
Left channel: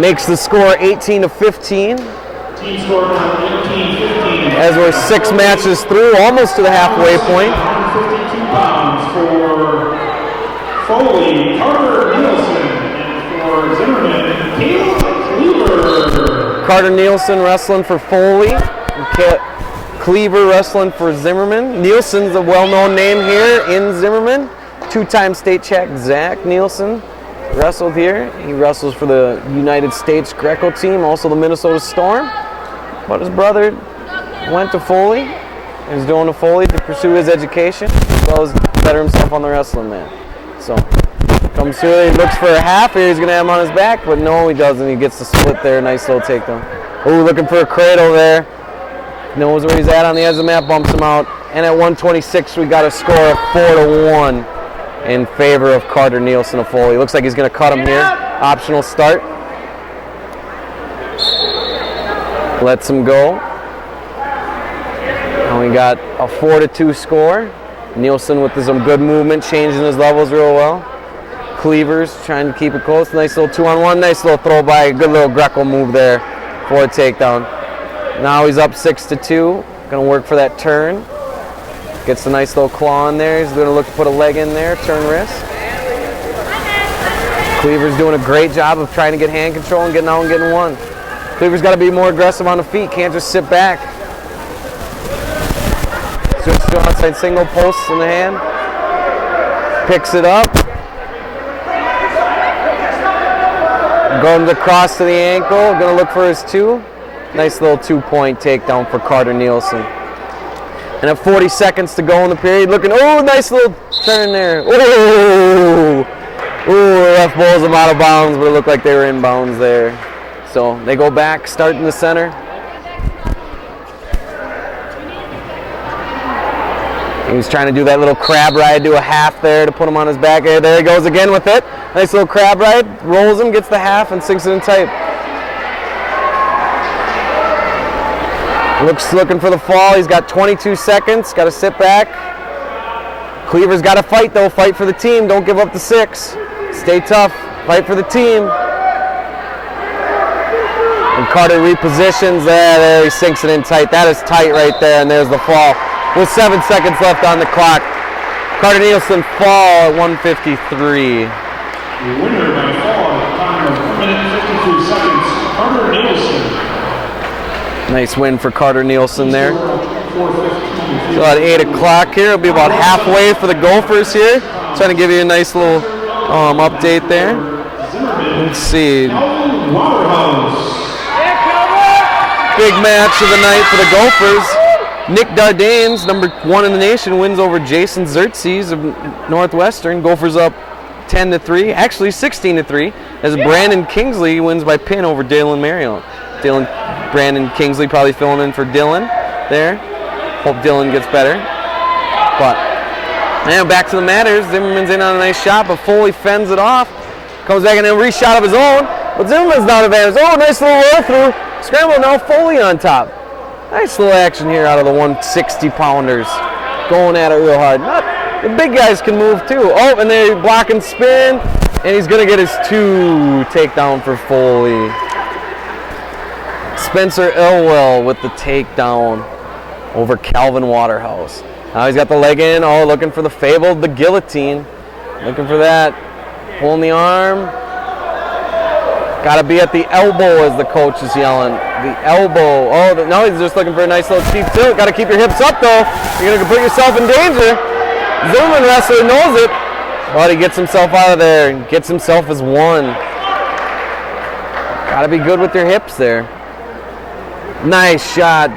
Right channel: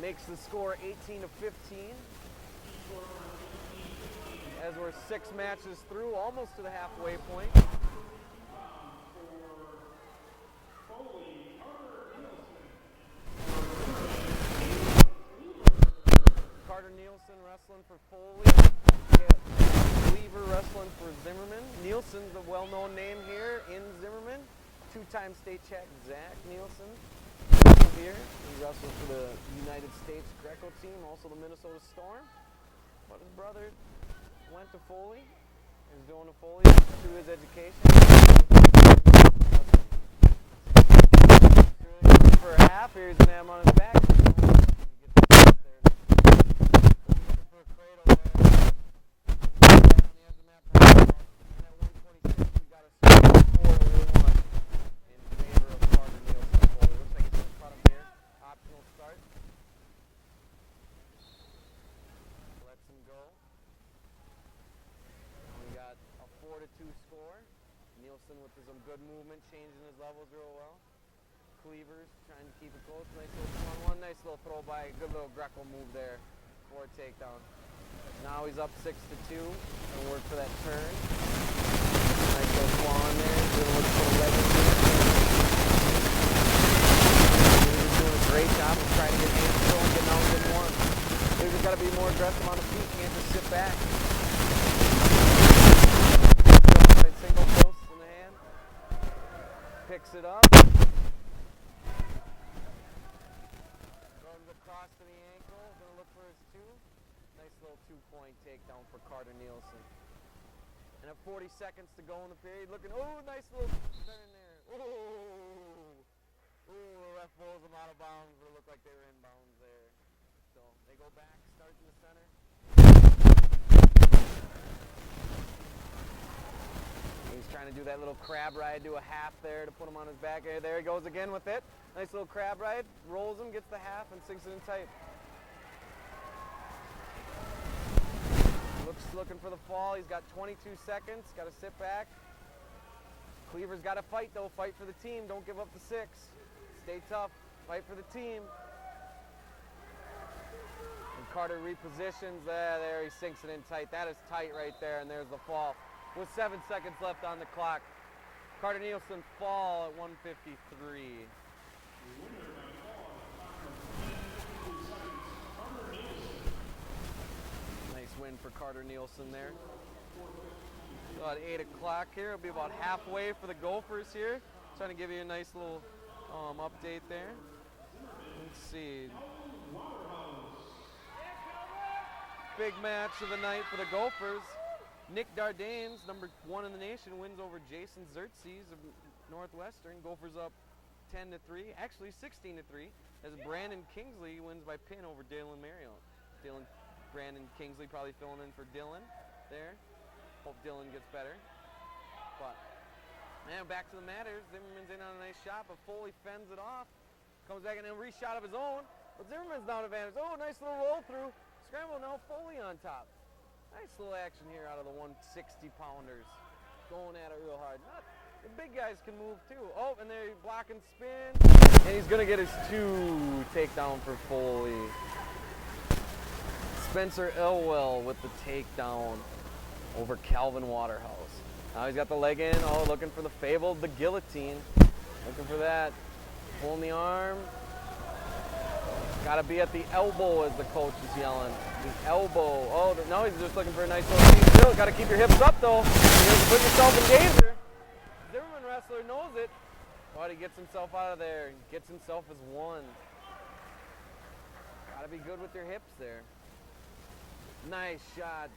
Makes the score 18-15. Team score 18-15. As we're 6 matches through, almost to the halfway point. 52 pounds for Foley, Carter Nielsen, and for Zimmerman, Cleaver. Carter Nielsen wrestling for Foley. Cleaver wrestling for Zimmerman. Nielsen's a well-known name here in Zimmerman. 2-time state champ Zach Nielsen wrestled here. He wrestles for the United States Greco team, also the Minnesota Storm. But his brother went to Foley. He's doing to Foley to pursue his education, as well as better himself on the wrestling mat. So comes through, he looks for a half here. He's going to have him on his back, but no, he doesn't. He gets the split there. Nice little takedown. Oh, looking for a cradle there. Knows where he's at on the edge of the mat, bumps him out. And at 126, we got a score of 4-1 in favor of Carter Nielsen of Foley. Looks like he's going to cut him here. Optional start. Lets him go. And we got a 4-2 score. Nielsen with some good movement, changing his levels real well. Cleavers trying to keep it close. Nice little 2-on-1. Nice little throw by. Good little Greco move there for a takedown. Now he's up 6-2. Going to work for that turn. Gets a nice little claw in there. He's going to look to put a leg in there, turn wrist. Cleaver's doing a great job of trying to get hand control and getting out and getting one. Cleaver's got to be more aggressive on the feet. Can't just sit back. Switch to outside single posts in the hand. Picks it up. Going across to the ankle. Going to look for his 2. Nice little 2-point takedown for Carter Nielsen. And at 40 seconds to go in the period, looking, oh, nice little turn there. Oh, the ref bowls them out of bounds, but it looked like they were in bounds there. So they go back, start in the center. He's trying to do that little crab ride, do a half there to put him on his back. There he goes again with it. Nice little crab ride, rolls him, gets the half, and sinks it in tight. Looking for the fall. He's got 22 seconds. Got to sit back. Cleaver's got to fight, though. Fight for the team. Don't give up the 6. Stay tough. Fight for the team. And Carter repositions. There he sinks it in tight. That is tight right there, and there's the fall. With 7 seconds left on the clock. Carter Nielsen fall at 153. The winner by fall at a time of 1 minute 52 seconds, Carter Nielsen. Nice win for Carter Nielsen there. So at 8 o'clock here, it'll be about halfway for the Gophers here. Trying to give you a nice little update there. Let's see. Big match of the night for the Gophers. Nick Dardanes, number 1 in the nation, wins over Jason Xerxes of Northwestern. Gophers up 10-3, actually 16-3, as Brandon Kingsley wins by pin over Dylan Marriott. Brandon Kingsley probably filling in for Dylan there. Hope Dylan gets better. But now back to the matters. Zimmerman's in on a nice shot, but Foley fends it off. Comes back and a reshot of his own, but Zimmerman's down advantage. Oh, nice little roll through. Scramble, now Foley on top. Nice little action here out of the 160-pounders. Going at it real hard. The big guys can move too. Oh, and they block and spin, and he's going to get his 2 takedown for Foley. Spencer Elwell with the takedown over Calvin Waterhouse. Now he's got the leg in. Oh, looking for the fabled, the guillotine. Looking for that. Pulling the arm. Got to be at the elbow, as the coach is yelling. The elbow. Oh, no, he's just looking for a nice little cheap tilt. Got to keep your hips up, though. You're going to put yourself in danger. Zimmerman wrestler knows it, but he gets himself out of there and gets himself his 1. Got to be good with your hips there. Nice shot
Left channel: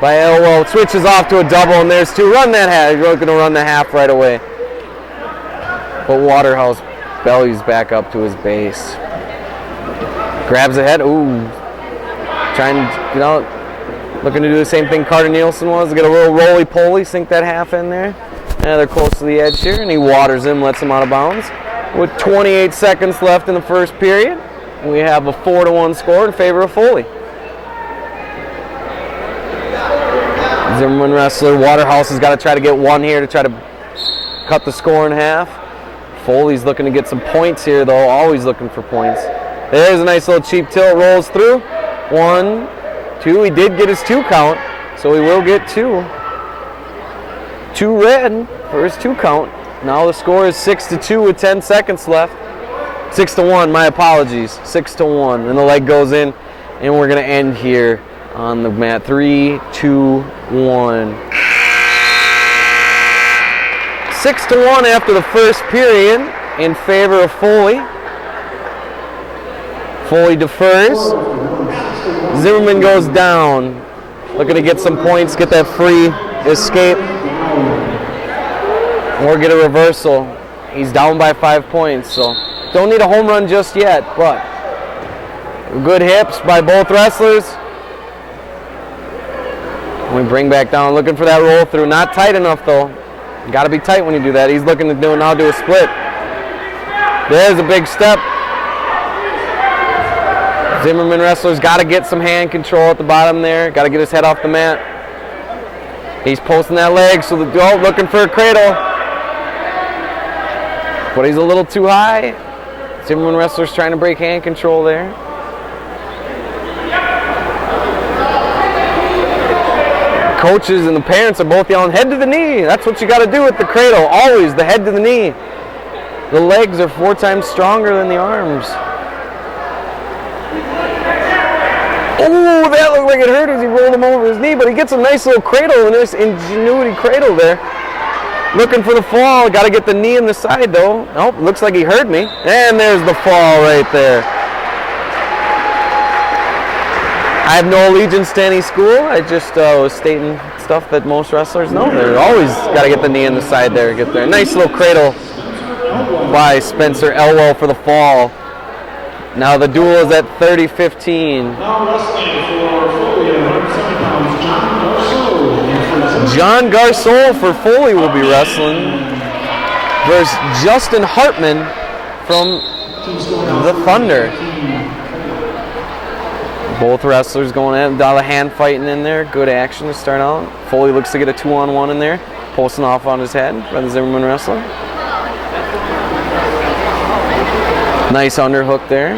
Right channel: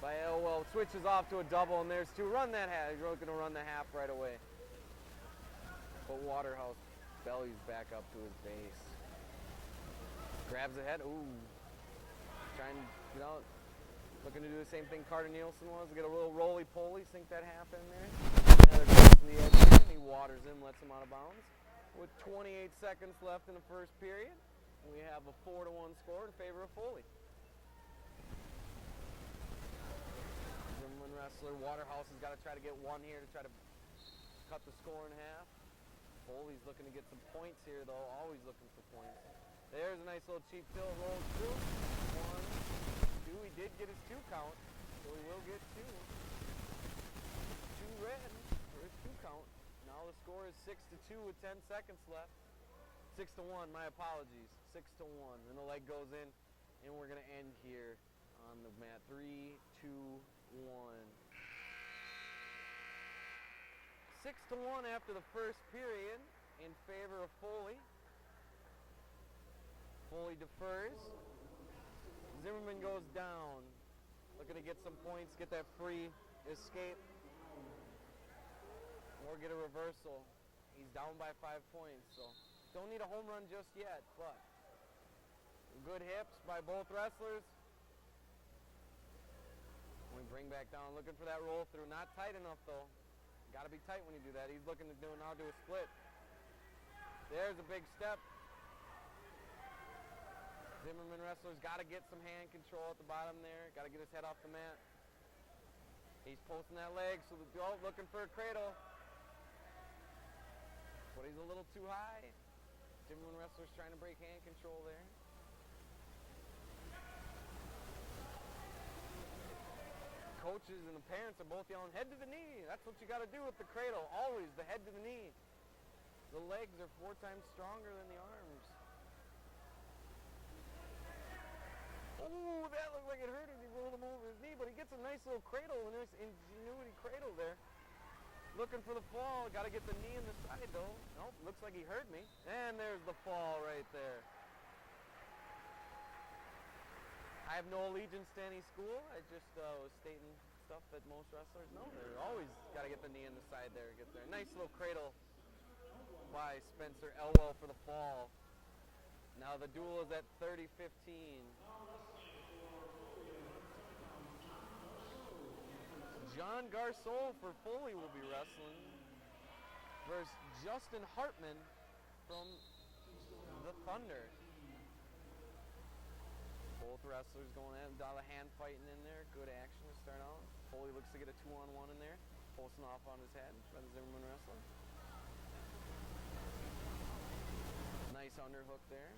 by Elwell. Switches off to a double, and there's 2. Run that half. You're going to run the half right away. But Waterhouse bellies back up to his base. Grabs the head. Ooh. Trying to get out. Looking to do the same thing Carter Nielsen was. Get a little roly-poly. Sink that half in there. Now they're close to the edge here, and he waters him, lets him out of bounds. With 28 seconds left in the first period, we have a 4-1 score in favor of Foley. Zimmerman wrestler Waterhouse has got to try to get 1 here to try to cut the score in half. Foley's looking to get some points here, though. Always looking for points. There's a nice little cheap tilt. Rolls through. 1, 2. He did get his 2 count, so he will get 2. 2 red for his 2 count. Now the score is 6-2 with 10 seconds left. 6-1, my apologies. 6-1. And the leg goes in, and we're going to end here on the mat. 3, 2, 1. 6-1 after the first period in favor of Foley. Foley defers. Zimmerman goes down. Looking to get some points, get that free escape, or get a reversal. He's down by 5 points, so don't need a home run just yet, but good hips by both wrestlers. We bring back down, looking for that roll through. Not tight enough, though. Got to be tight when you do that. He's looking to do a split. There's a big step. Zimmerman wrestler's got to get some hand control at the bottom there. Got to get his head off the mat. He's posting that leg, so looking for a cradle. But he's a little too high. Zimmerman wrestler's trying to break hand control there. Coaches and the parents are both yelling, head to the knee. That's what you got to do with the cradle. Always the head to the knee. The legs are 4 times stronger than the arms. Oh, that looked like it hurt as he rolled him over his knee, but he gets a nice little cradle, a nice ingenuity cradle there. Looking for the fall. Got to get the knee in the side, though. Nope, looks like he heard me. And there's the fall right there. I have no allegiance to any school. I just was stating stuff that most wrestlers know. They're always got to get the knee in the side there. Get there. Nice little cradle by Spencer Elwell for the fall. Now the duel is at 30-15. Now wrestling for Foley at 170 pounds, John Garceau for Foley will be wrestling versus Justin Hartman from the Thunder. Both wrestlers going at it. A lot of hand fighting in there. Good action to start out. Foley looks to get a 2-on-1 in there. Posting off on his head by the Zimmerman wrestler. Nice underhook there.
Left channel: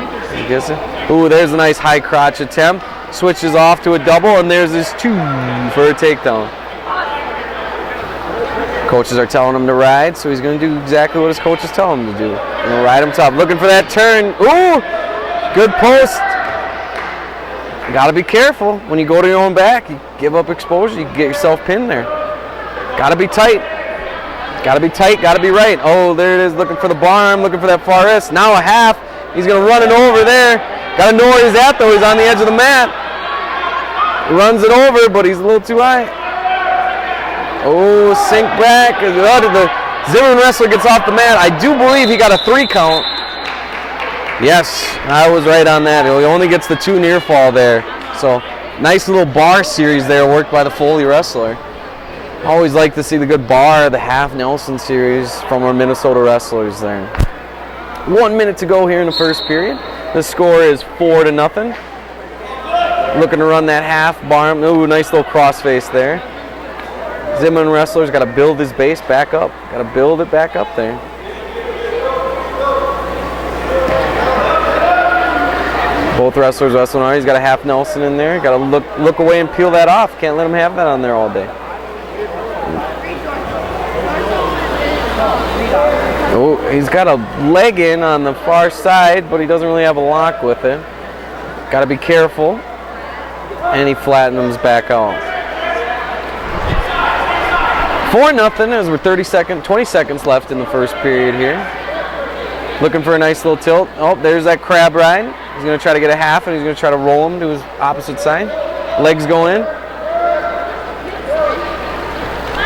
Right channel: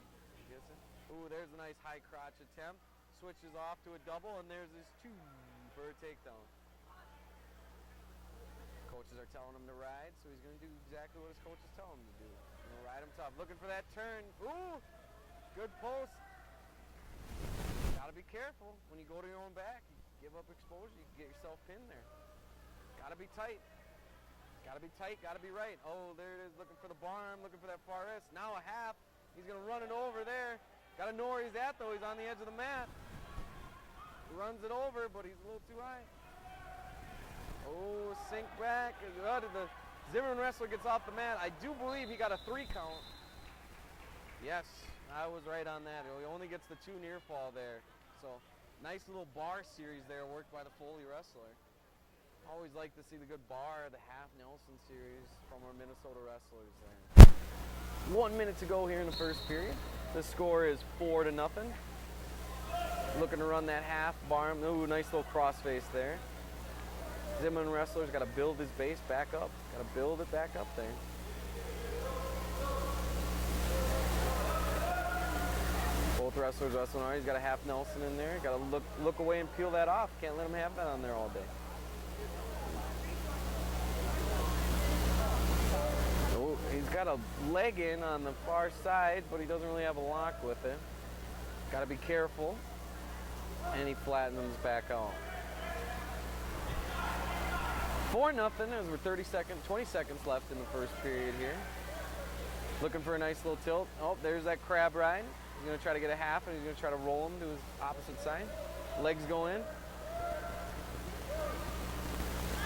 Ooh, there's a nice high crotch attempt. Switches off to a double, and there's his 2 for a takedown. Coaches are telling him to ride, so he's going to do exactly what his coaches tell him to do. Going to ride him top. Looking for that turn. Ooh, good post. Got to be careful. When you go to your own back, you give up exposure, you get yourself pinned there. Got to be tight. Got to be tight, got to be right. Oh, there it is, looking for the bar arm, looking for that far wrist. Now a half. He's going to run it over there. Got to know where he's at, though. He's on the edge of the mat. Runs it over, but he's a little too high. Oh, sink back. Zimmerman wrestler gets off the mat. I do believe he got a 3 count. Yes, I was right on that. He only gets the 2 near fall there. So nice little bar series there worked by the Foley wrestler. Always like to see the good bar, the half Nelson series from our Minnesota wrestlers there. 1 minute to go here in the first period. The score is 4-0. Looking to run that half bar. Ooh, nice little crossface there. Zimmerman wrestler's got to build his base back up. Got to build it back up there. Both wrestlers wrestling hard. He's got a half Nelson in there. Got to look away and peel that off. Can't let him have that on there all day. Oh, he's got a leg in on the far side, but he doesn't really have a lock with it. Got to be careful. And he flattens back out. 4-0 as we're 20 seconds left in the first period here. Looking for a nice little tilt. Oh, there's that crab ride. He's going to try to get a half, and he's going to try to roll him to his opposite side. Legs going in.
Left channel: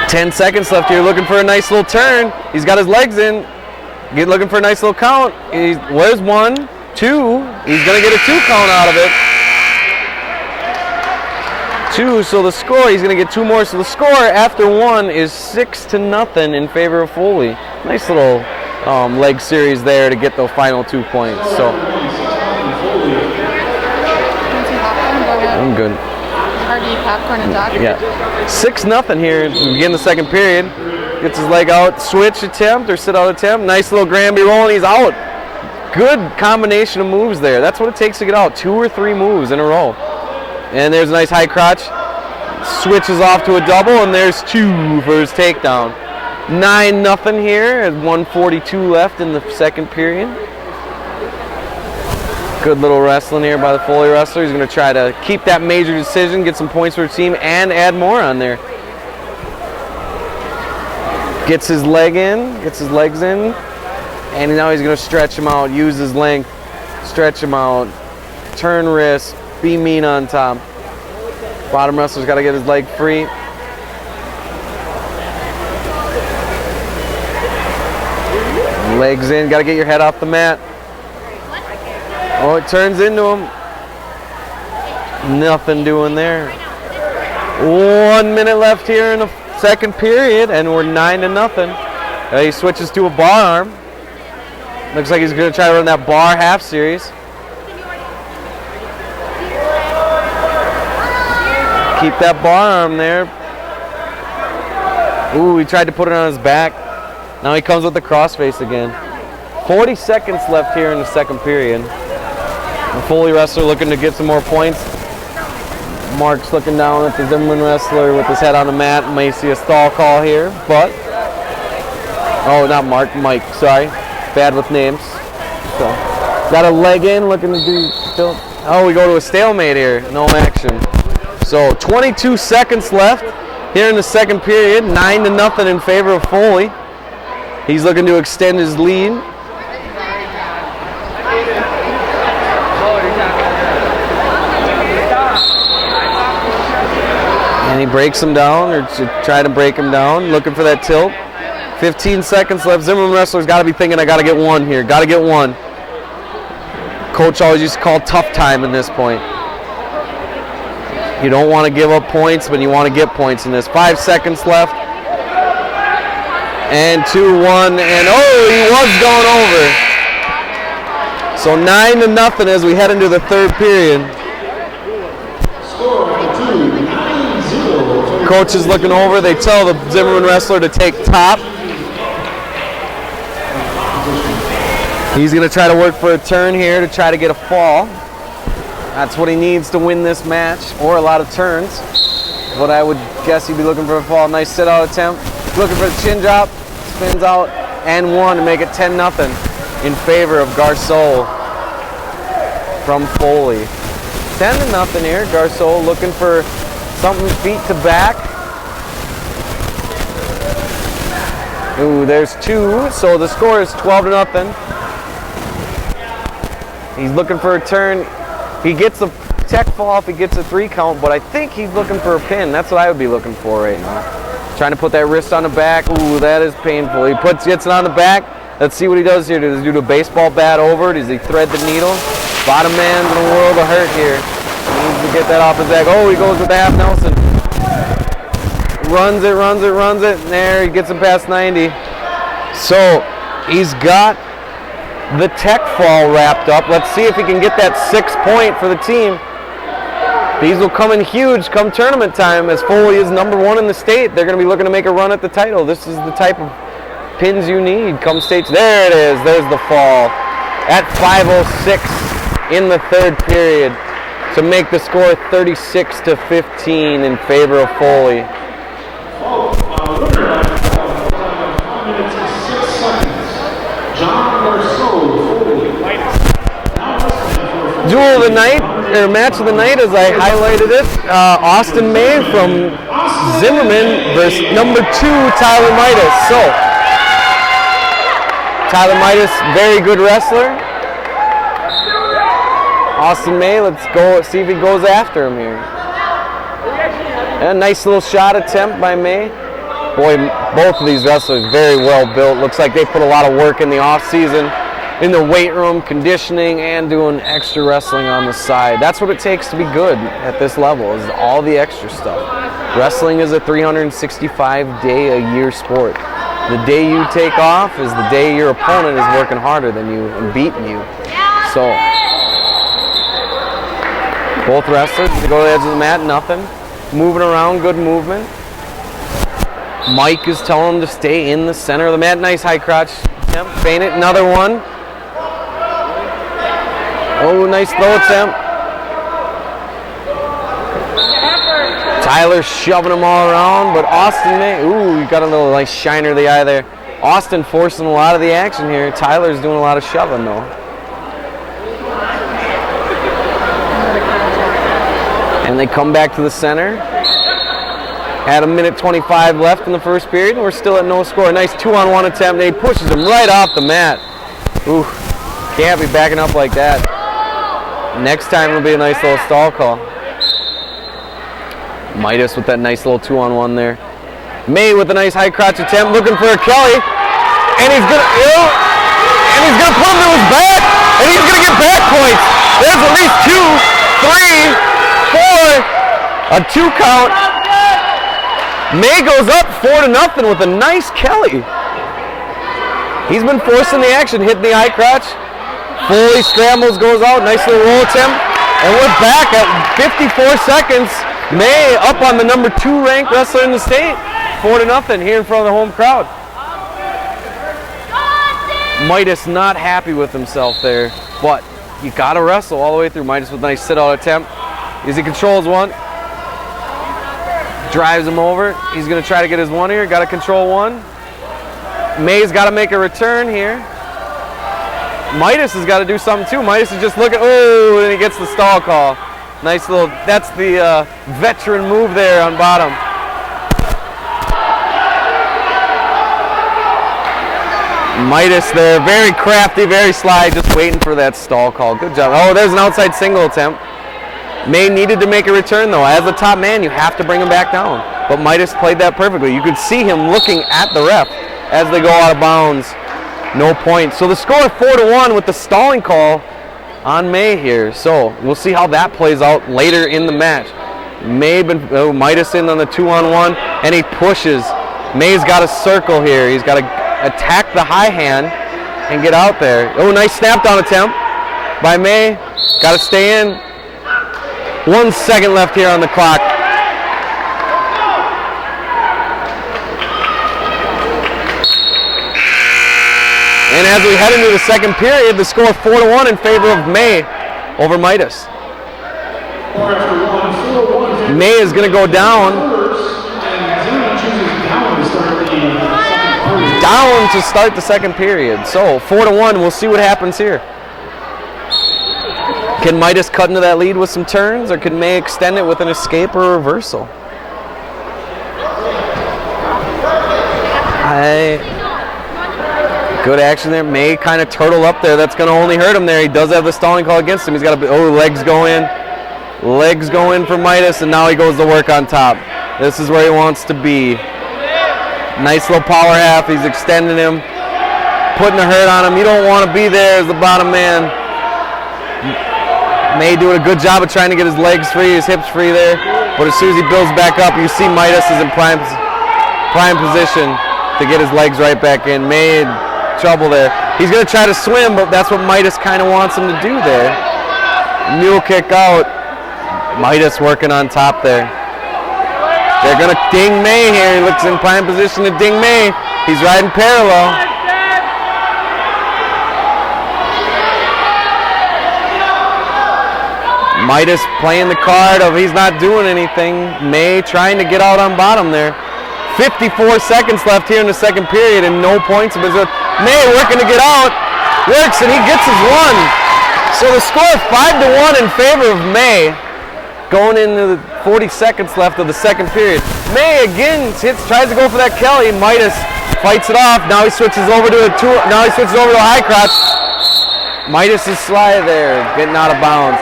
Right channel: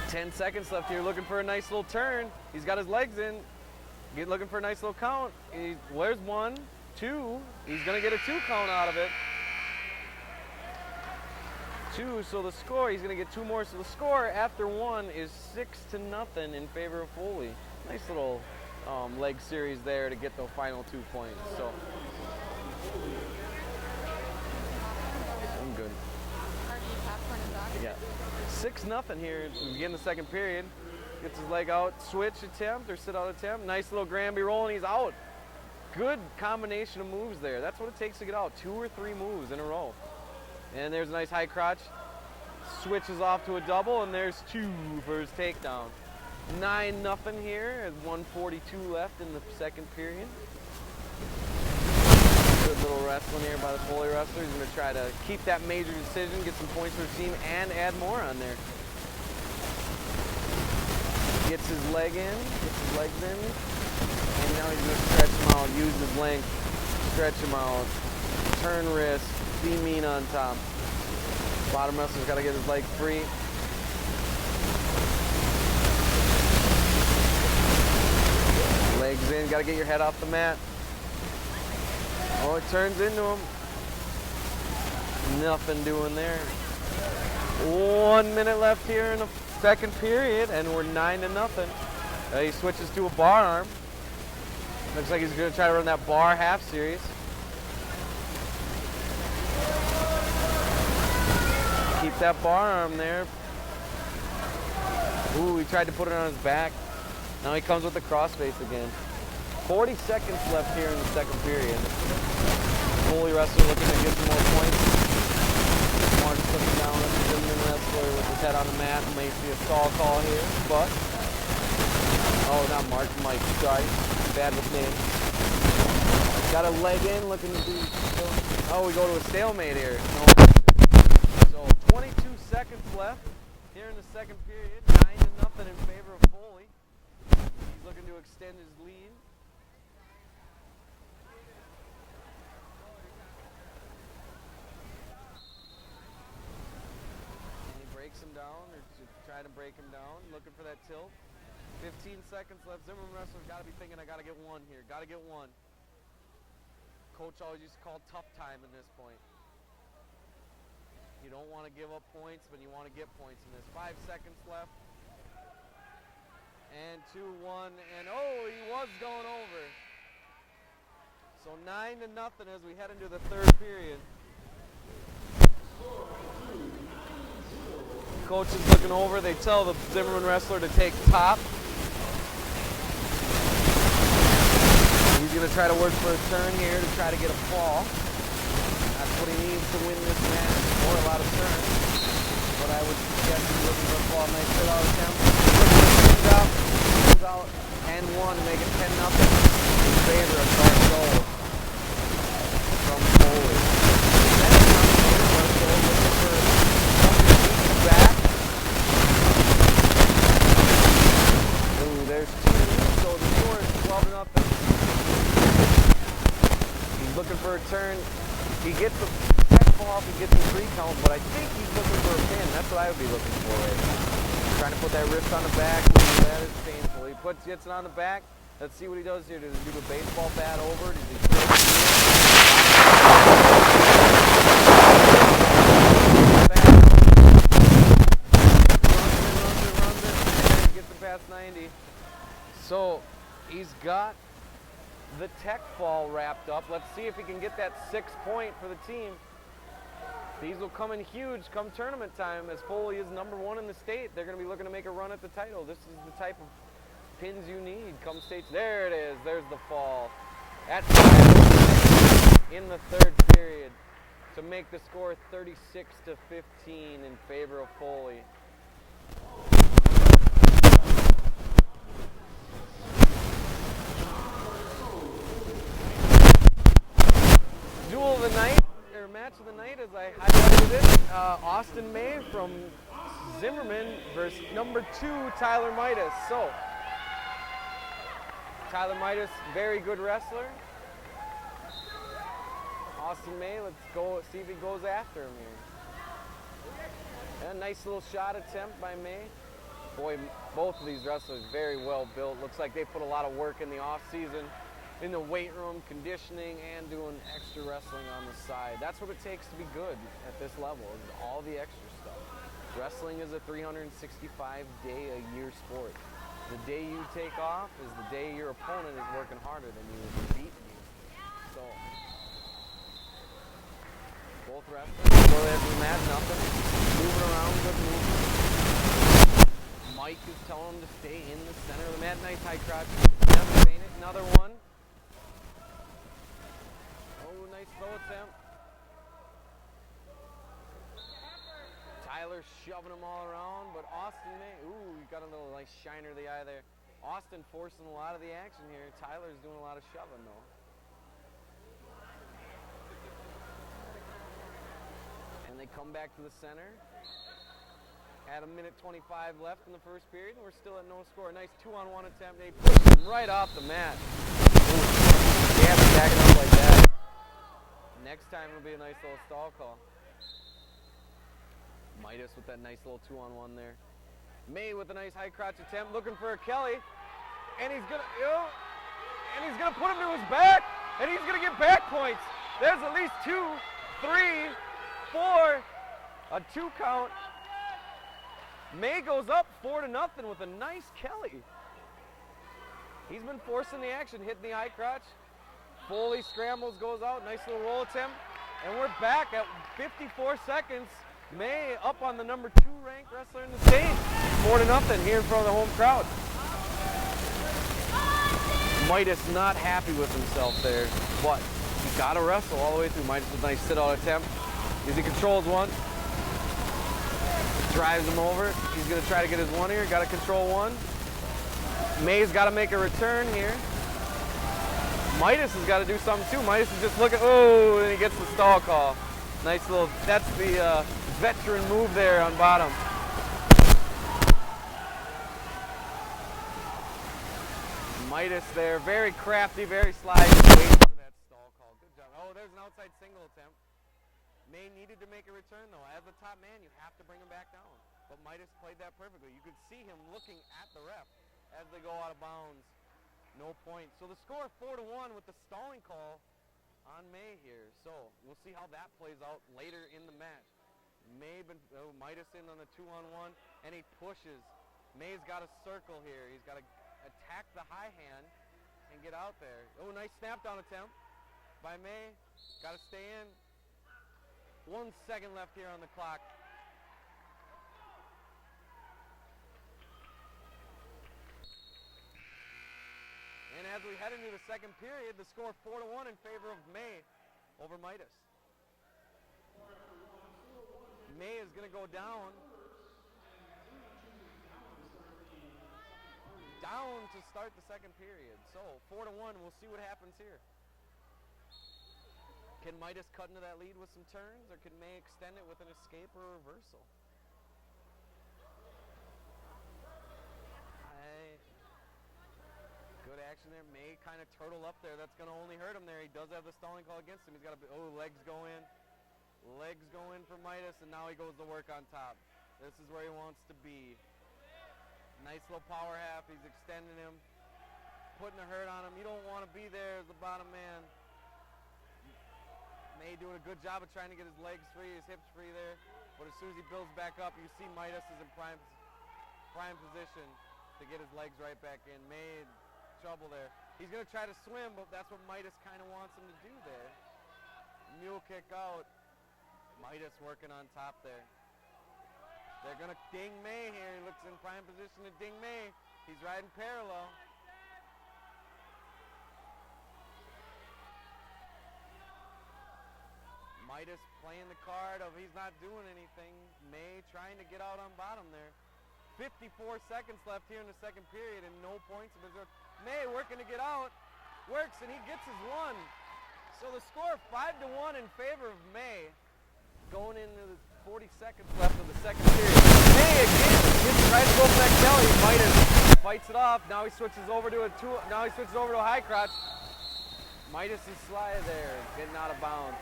10 seconds left here. Looking for a nice little turn. He's got his legs in. Looking for a nice little count. Where's 1, 2? He's going to get a 2 count out of it. 2, so the score, he's going to get 2 more. So the score after 1 is 6-0 in favor of Foley. Nice little leg series there to get the final 2 points. So I'm good. Hard to eat popcorn and talk. Yeah. 6-0 here. We begin the second period. Gets his leg out, switch attempt or sit out attempt. Nice little Granby roll, and he's out. Good combination of moves there. That's what it takes to get out. 2 or 3 moves in a row. And there's a nice high crotch. Switches off to a double, and there's 2 for his takedown. 9-0 here at 1:42 left in the second period. Good little wrestling here by the Foley wrestler. He's going to try to keep that major decision, get some points for his team, and add more on there. Gets his leg in, gets his legs in, and now he's going to stretch him out, use his length, stretch him out, turn wrist, be mean on top. Bottom wrestler's got to get his leg free. Legs in, got to get your head off the mat. Oh, it turns into him. Nothing doing there. 1 minute left here in the second period, and we're 9-0. He switches to a bar arm. Looks like he's going to try to run that bar half series. Keep that bar arm there. Ooh, he tried to put it on his back. Now he comes with the crossface again. 40 seconds left here in the second period. The Foley wrestler looking to get some more points. Mark's looking down at the Zimmerman wrestler with his head on the mat. May see a stall call here, but... Oh, not Mark, Mike, sorry. Bad with names. So, got a leg in, looking to do still. Oh, we go to a stalemate here. No action. So 22 seconds left here in the second period. 9-0 in favor of Foley. He's looking to extend his lead. And he breaks him down, or try to break him down, looking for that tilt. 15 seconds left. Zimmerman wrestler's got to be thinking, I got to get 1 here. Got to get 1. Coach always used to call tough time in this point. You don't want to give up points, but you want to get points in this. 5 seconds left. And 2-1, and oh, he was going over. So 9-0 as we head into the third period. Coach is looking over. They tell the Zimmerman wrestler to take top. He's going to try to work for a turn here to try to get a fall. That's what he needs to win this match, or a lot of turns. But I would guess he'd be looking for a fall. Nice sit-out attempt. Looking for a chin drop. Spins out and 1 to make it 10-0 in favor of Garceau from Foley. 10-0 here. Garceau looking for something feet to back. Ooh, there's 2, so the score is 12-0. He's looking for a turn. He gets the tech fall off, he gets a 3 count, but I think he's looking for a pin. That's what I would be looking for right now. Trying to put that wrist on the back. Ooh, that is painful. He gets it on the back. Let's see what he does here. Does he do a baseball bat over? Does he thread the needle? Bottom man in the world of hurt here. Get that off his back. Oh, he goes with the half Nelson. Runs it. There, he gets him past 90. So, he's got the tech fall wrapped up. Let's see if he can get that 6 point for the team. These will come in huge come tournament time, as Foley is #1 in the state. They're going to be looking to make a run at the title. This is the type of pins you need come states. There it is. There's the fall at 5:06 in the third period to make the score 36-15 in favor of Foley. Duel of the night, or match of the night, as I highlighted it. Austin May from Zimmerman versus #2 Tyler Midas. So, Tyler Midas, very good wrestler. Austin May, let's go see if he goes after him here. And a nice little shot attempt by May. Boy, both of these wrestlers very well built. Looks like they put a lot of work in the off season, in the weight room, conditioning, and doing extra wrestling on the side. That's what it takes to be good at this level, is all the extra stuff. Wrestling is a 365-day-a-year sport. The day you take off is the day your opponent is working harder than you and beating you. So, both wrestlers go to the edge of the mat, nothing. Moving around, good movement. Mike is telling him to stay in the center of the mat. Nice high crotch. Yep, feint it, another one. Oh, nice throw attempt. Tyler shoving them all around, but Austin May, ooh, you got a little nice shiner of the eye there. Austin forcing a lot of the action here. Tyler's doing a lot of shoving though. And they come back to the center. Had a minute 25 left in the first period, and we're still at no score. Nice 2-on-1 attempt, and he pushes him right off the mat. Ooh, can't be backing up like that. Next time it'll be a nice little stall call. Midas with that nice little 2-on-1 there. May with a nice high crotch attempt, looking for a Kelly, and he's gonna put him to his back, and he's gonna get back points. There's at least 2, 3, 4, a 2 count. May goes up 4-0 with a nice Kelly. He's been forcing the action, hitting the high crotch. Foley scrambles, goes out, nice little roll attempt. And we're back at 54 seconds. May up on the #2 ranked wrestler in the state. 4-0 here in front of the home crowd. Midas not happy with himself there, but you gotta wrestle all the way through. Midas with a nice sit-out attempt. As he controls one. Drives him over. He's going to try to get his one here. Got to control one. May's got to make a return here. Midas has got to do something too. Midas is just looking. Oh, and he gets the stall call. Nice little. That's the veteran move there on bottom. Midas there, very crafty, very sly, just waiting for that stall call. Good job. Oh, there's an outside single attempt. May needed to make a return though. As the top man, you have to bring him back down. But Midas played that perfectly. You could see him looking at the ref as they go out of bounds. No points. So the score 4-1 with the stalling call on May here. So we'll see how that plays out later in the match. Midas in on the 2-on-1, and he pushes. May's got a circle here. He's got to attack the high hand and get out there. Oh, nice snap down attempt by May. Got to stay in. 1 second left here on the clock. And as we head into the second period, the score 4-1 in favor of May over Midas. May is going to go down. Down to start the second period. So 4-1, we'll see what happens here. Can Midas cut into that lead with some turns, or can May extend it with an escape or a reversal? Good action there. May kind of turtle up there. That's going to only hurt him there. He does have the stalling call against him. He's got legs go in. Legs go in for Midas, and now he goes to work on top. This is where he wants to be. Nice little power half. He's extending him, putting the hurt on him. You don't want to be there as the bottom man. May doing a good job of trying to get his legs free, his hips free there. But as soon as he builds back up, you see Midas is in prime position to get his legs right back in. May in trouble there. He's going to try to swim, but that's what Midas kind of wants him to do there. Mule kick out. Midas working on top there. They're going to ding May here. He looks in prime position to ding May. He's riding parallel. Midas playing the card of he's not doing anything. May trying to get out on bottom there. 54 seconds left here in the second period and no points of his own. May working to get out. Works and he gets his one. So the score is 5-1 in favor of May. Going into the 40 seconds left of the second period. May again tries to go for that Kelly. Midas fights it off. Now he switches over to a high crotch. Midas is slide there, getting out of bounds.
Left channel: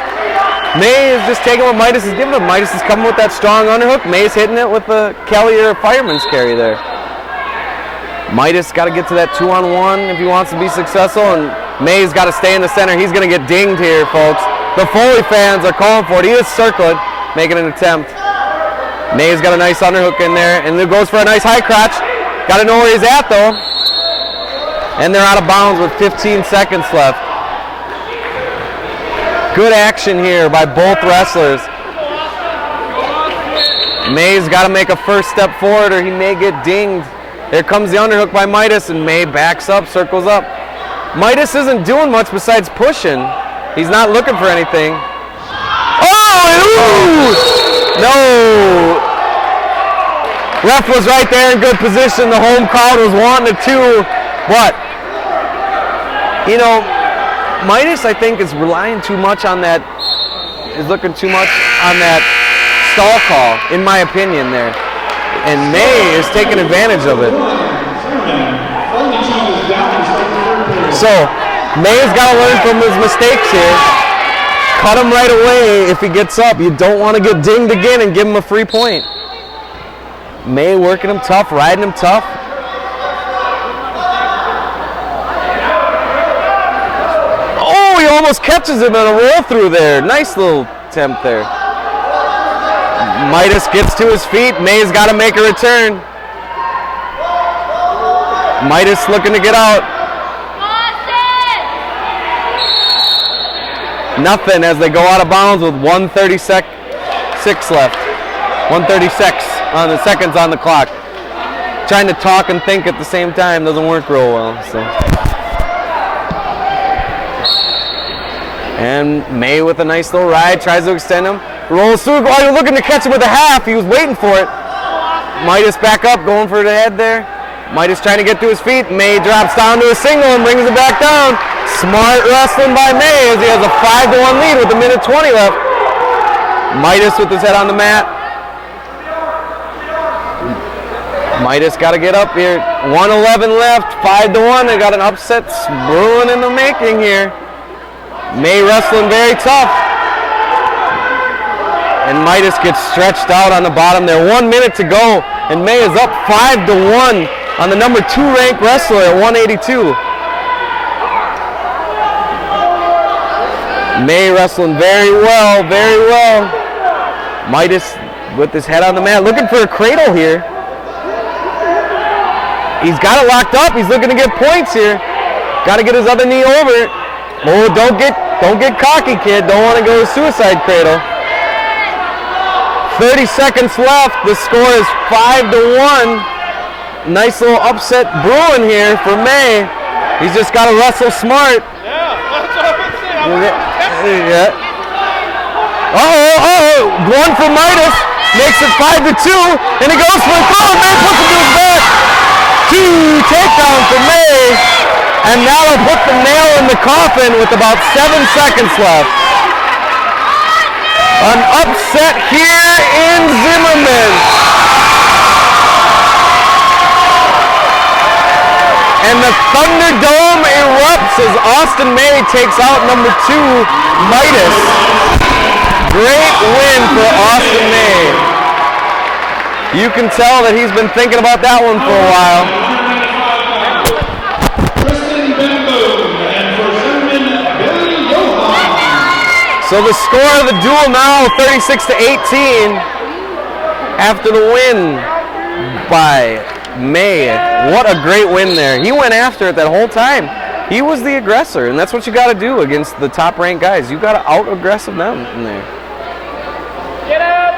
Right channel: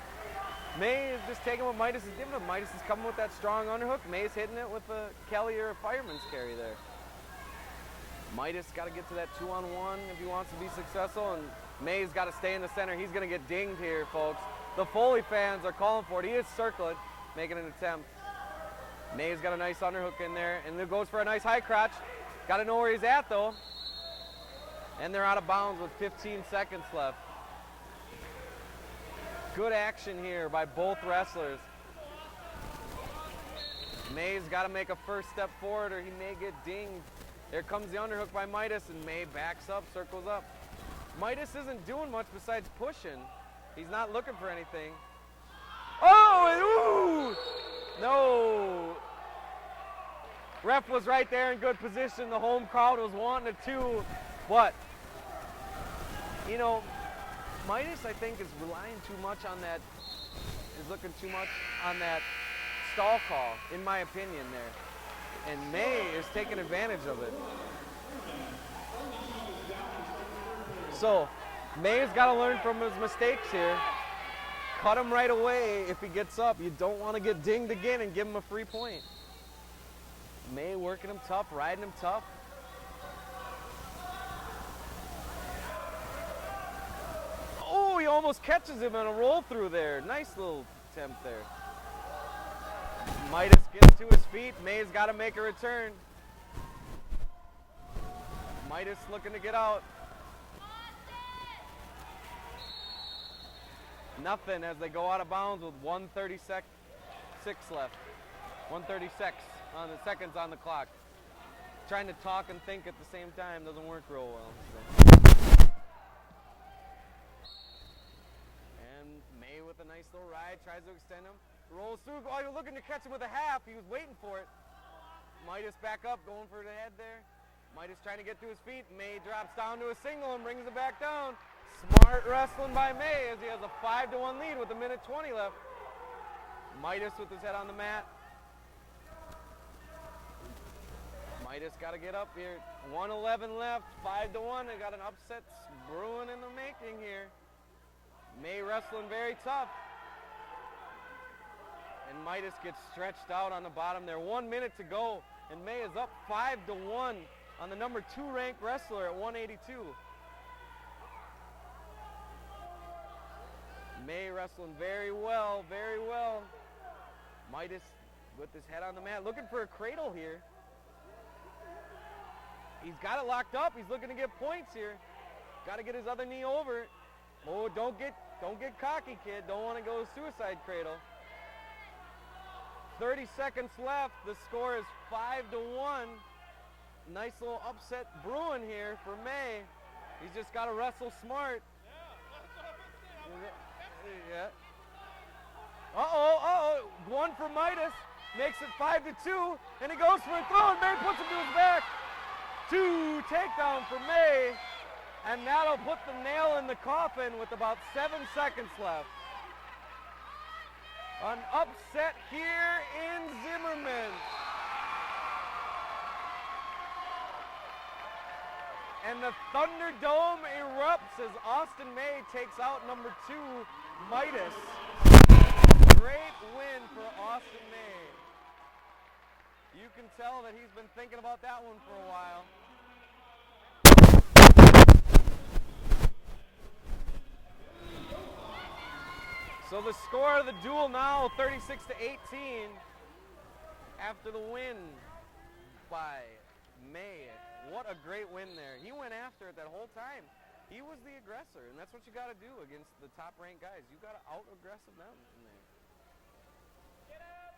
May is just taking what Midas is giving him. Midas is coming with that strong underhook. May's hitting it with a Kelly or a fireman's carry there. Midas got to get to that 2-on-1 if he wants to be successful, and May's got to stay in the center. He's going to get dinged here, folks. The Foley fans are calling for it. He is circling, making an attempt. May's got a nice underhook in there, and it goes for a nice high crotch. Got to know where he's at, though. And they're out of bounds with 15 seconds left. Good action here by both wrestlers. May's got to make a first step forward or he may get dinged. Here comes the underhook by Midas and May backs up, circles up. Midas isn't doing much besides pushing. He's not looking for anything. Oh! No! Ref was right there in good position. The home crowd was wanting it too. But, you know, Midas, I think, is relying too much on that, is looking too much on that stall call, in my opinion there. And May is taking advantage of it. So, May's got to learn from his mistakes here. Cut him right away if he gets up. You don't want to get dinged again and give him a free point. May working him tough, riding him tough. He almost catches him in a roll through there. Nice little attempt there. Midas gets to his feet. May's got to make a return. Midas looking to get out. Nothing as they go out of bounds with 1:36 left. 1:36 on the seconds on the clock. Trying to talk and think at the same time doesn't work real well. So. And May with a nice little ride, tries to extend him. Rolls through, while you're looking to catch him with a half, he was waiting for it. Midas back up, going for the head there. Midas trying to get to his feet. May drops down to a single and brings it back down. Smart wrestling by May as he has a 5-1 lead with 1:20 left. Midas with his head on the mat. Midas got to get up here. 1:11 left, 5-1. They got an upset brewing in the making here. May wrestling very tough. And Midas gets stretched out on the bottom there. 1 minute to go. And May is up 5-1 on the number 2 ranked wrestler at 182. May wrestling very well, very well. Midas with his head on the mat, looking for a cradle here. He's got it locked up. He's looking to get points here. Got to get his other knee over it. Oh, don't get cocky, kid. Don't want to go to suicide cradle. 30 seconds left. The score is 5-1. Nice little upset brewing here for May. He's just got to wrestle smart. Yeah, that's what I'm saying. Yeah. One for Midas. Makes it 5-2. And he goes for a throw. May puts him to his back. 2 takedown for May. And now they'll put the nail in the coffin with about 7 seconds left. An upset here in Zimmerman. And the Thunderdome erupts as Austin May takes out number 2, Midas. Great win for Austin May. You can tell that he's been thinking about that one for a while. So the score of the duel now, 36-18, after the win by May. What a great win there. He went after it that whole time. He was the aggressor, and that's what you got to do against the top-ranked guys. You got to out-aggressive them in there. Get up!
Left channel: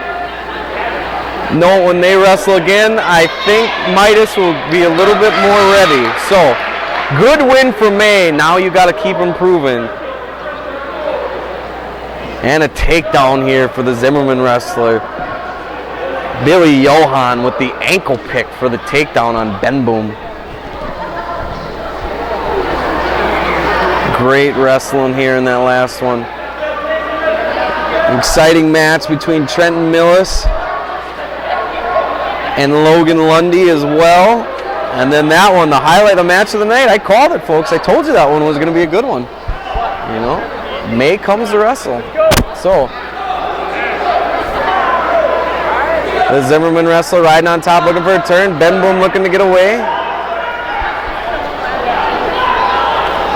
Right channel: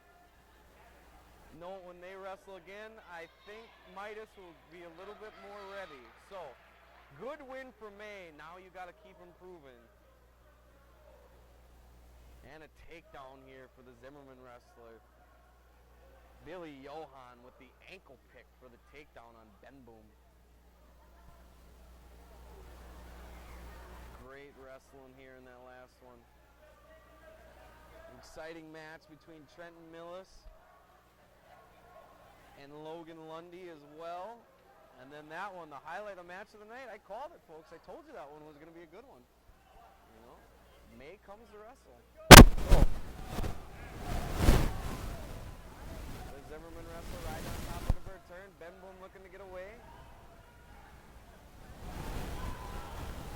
No, when they wrestle again, I think Midas will be a little bit more ready. So, good win for May. Now you got to keep improving. And a takedown here for the Zimmerman wrestler. Billy Johan with the ankle pick for the takedown on Ben Boom. Great wrestling here in that last one. Exciting match between Trenton Millis and Logan Lundy as well. And then that one, the highlight of match of the night. I called it, folks. I told you that one was going to be a good one. You know, May comes to wrestle. So, the Zimmerman wrestler riding on top looking for a turn. Ben Boom looking to get away.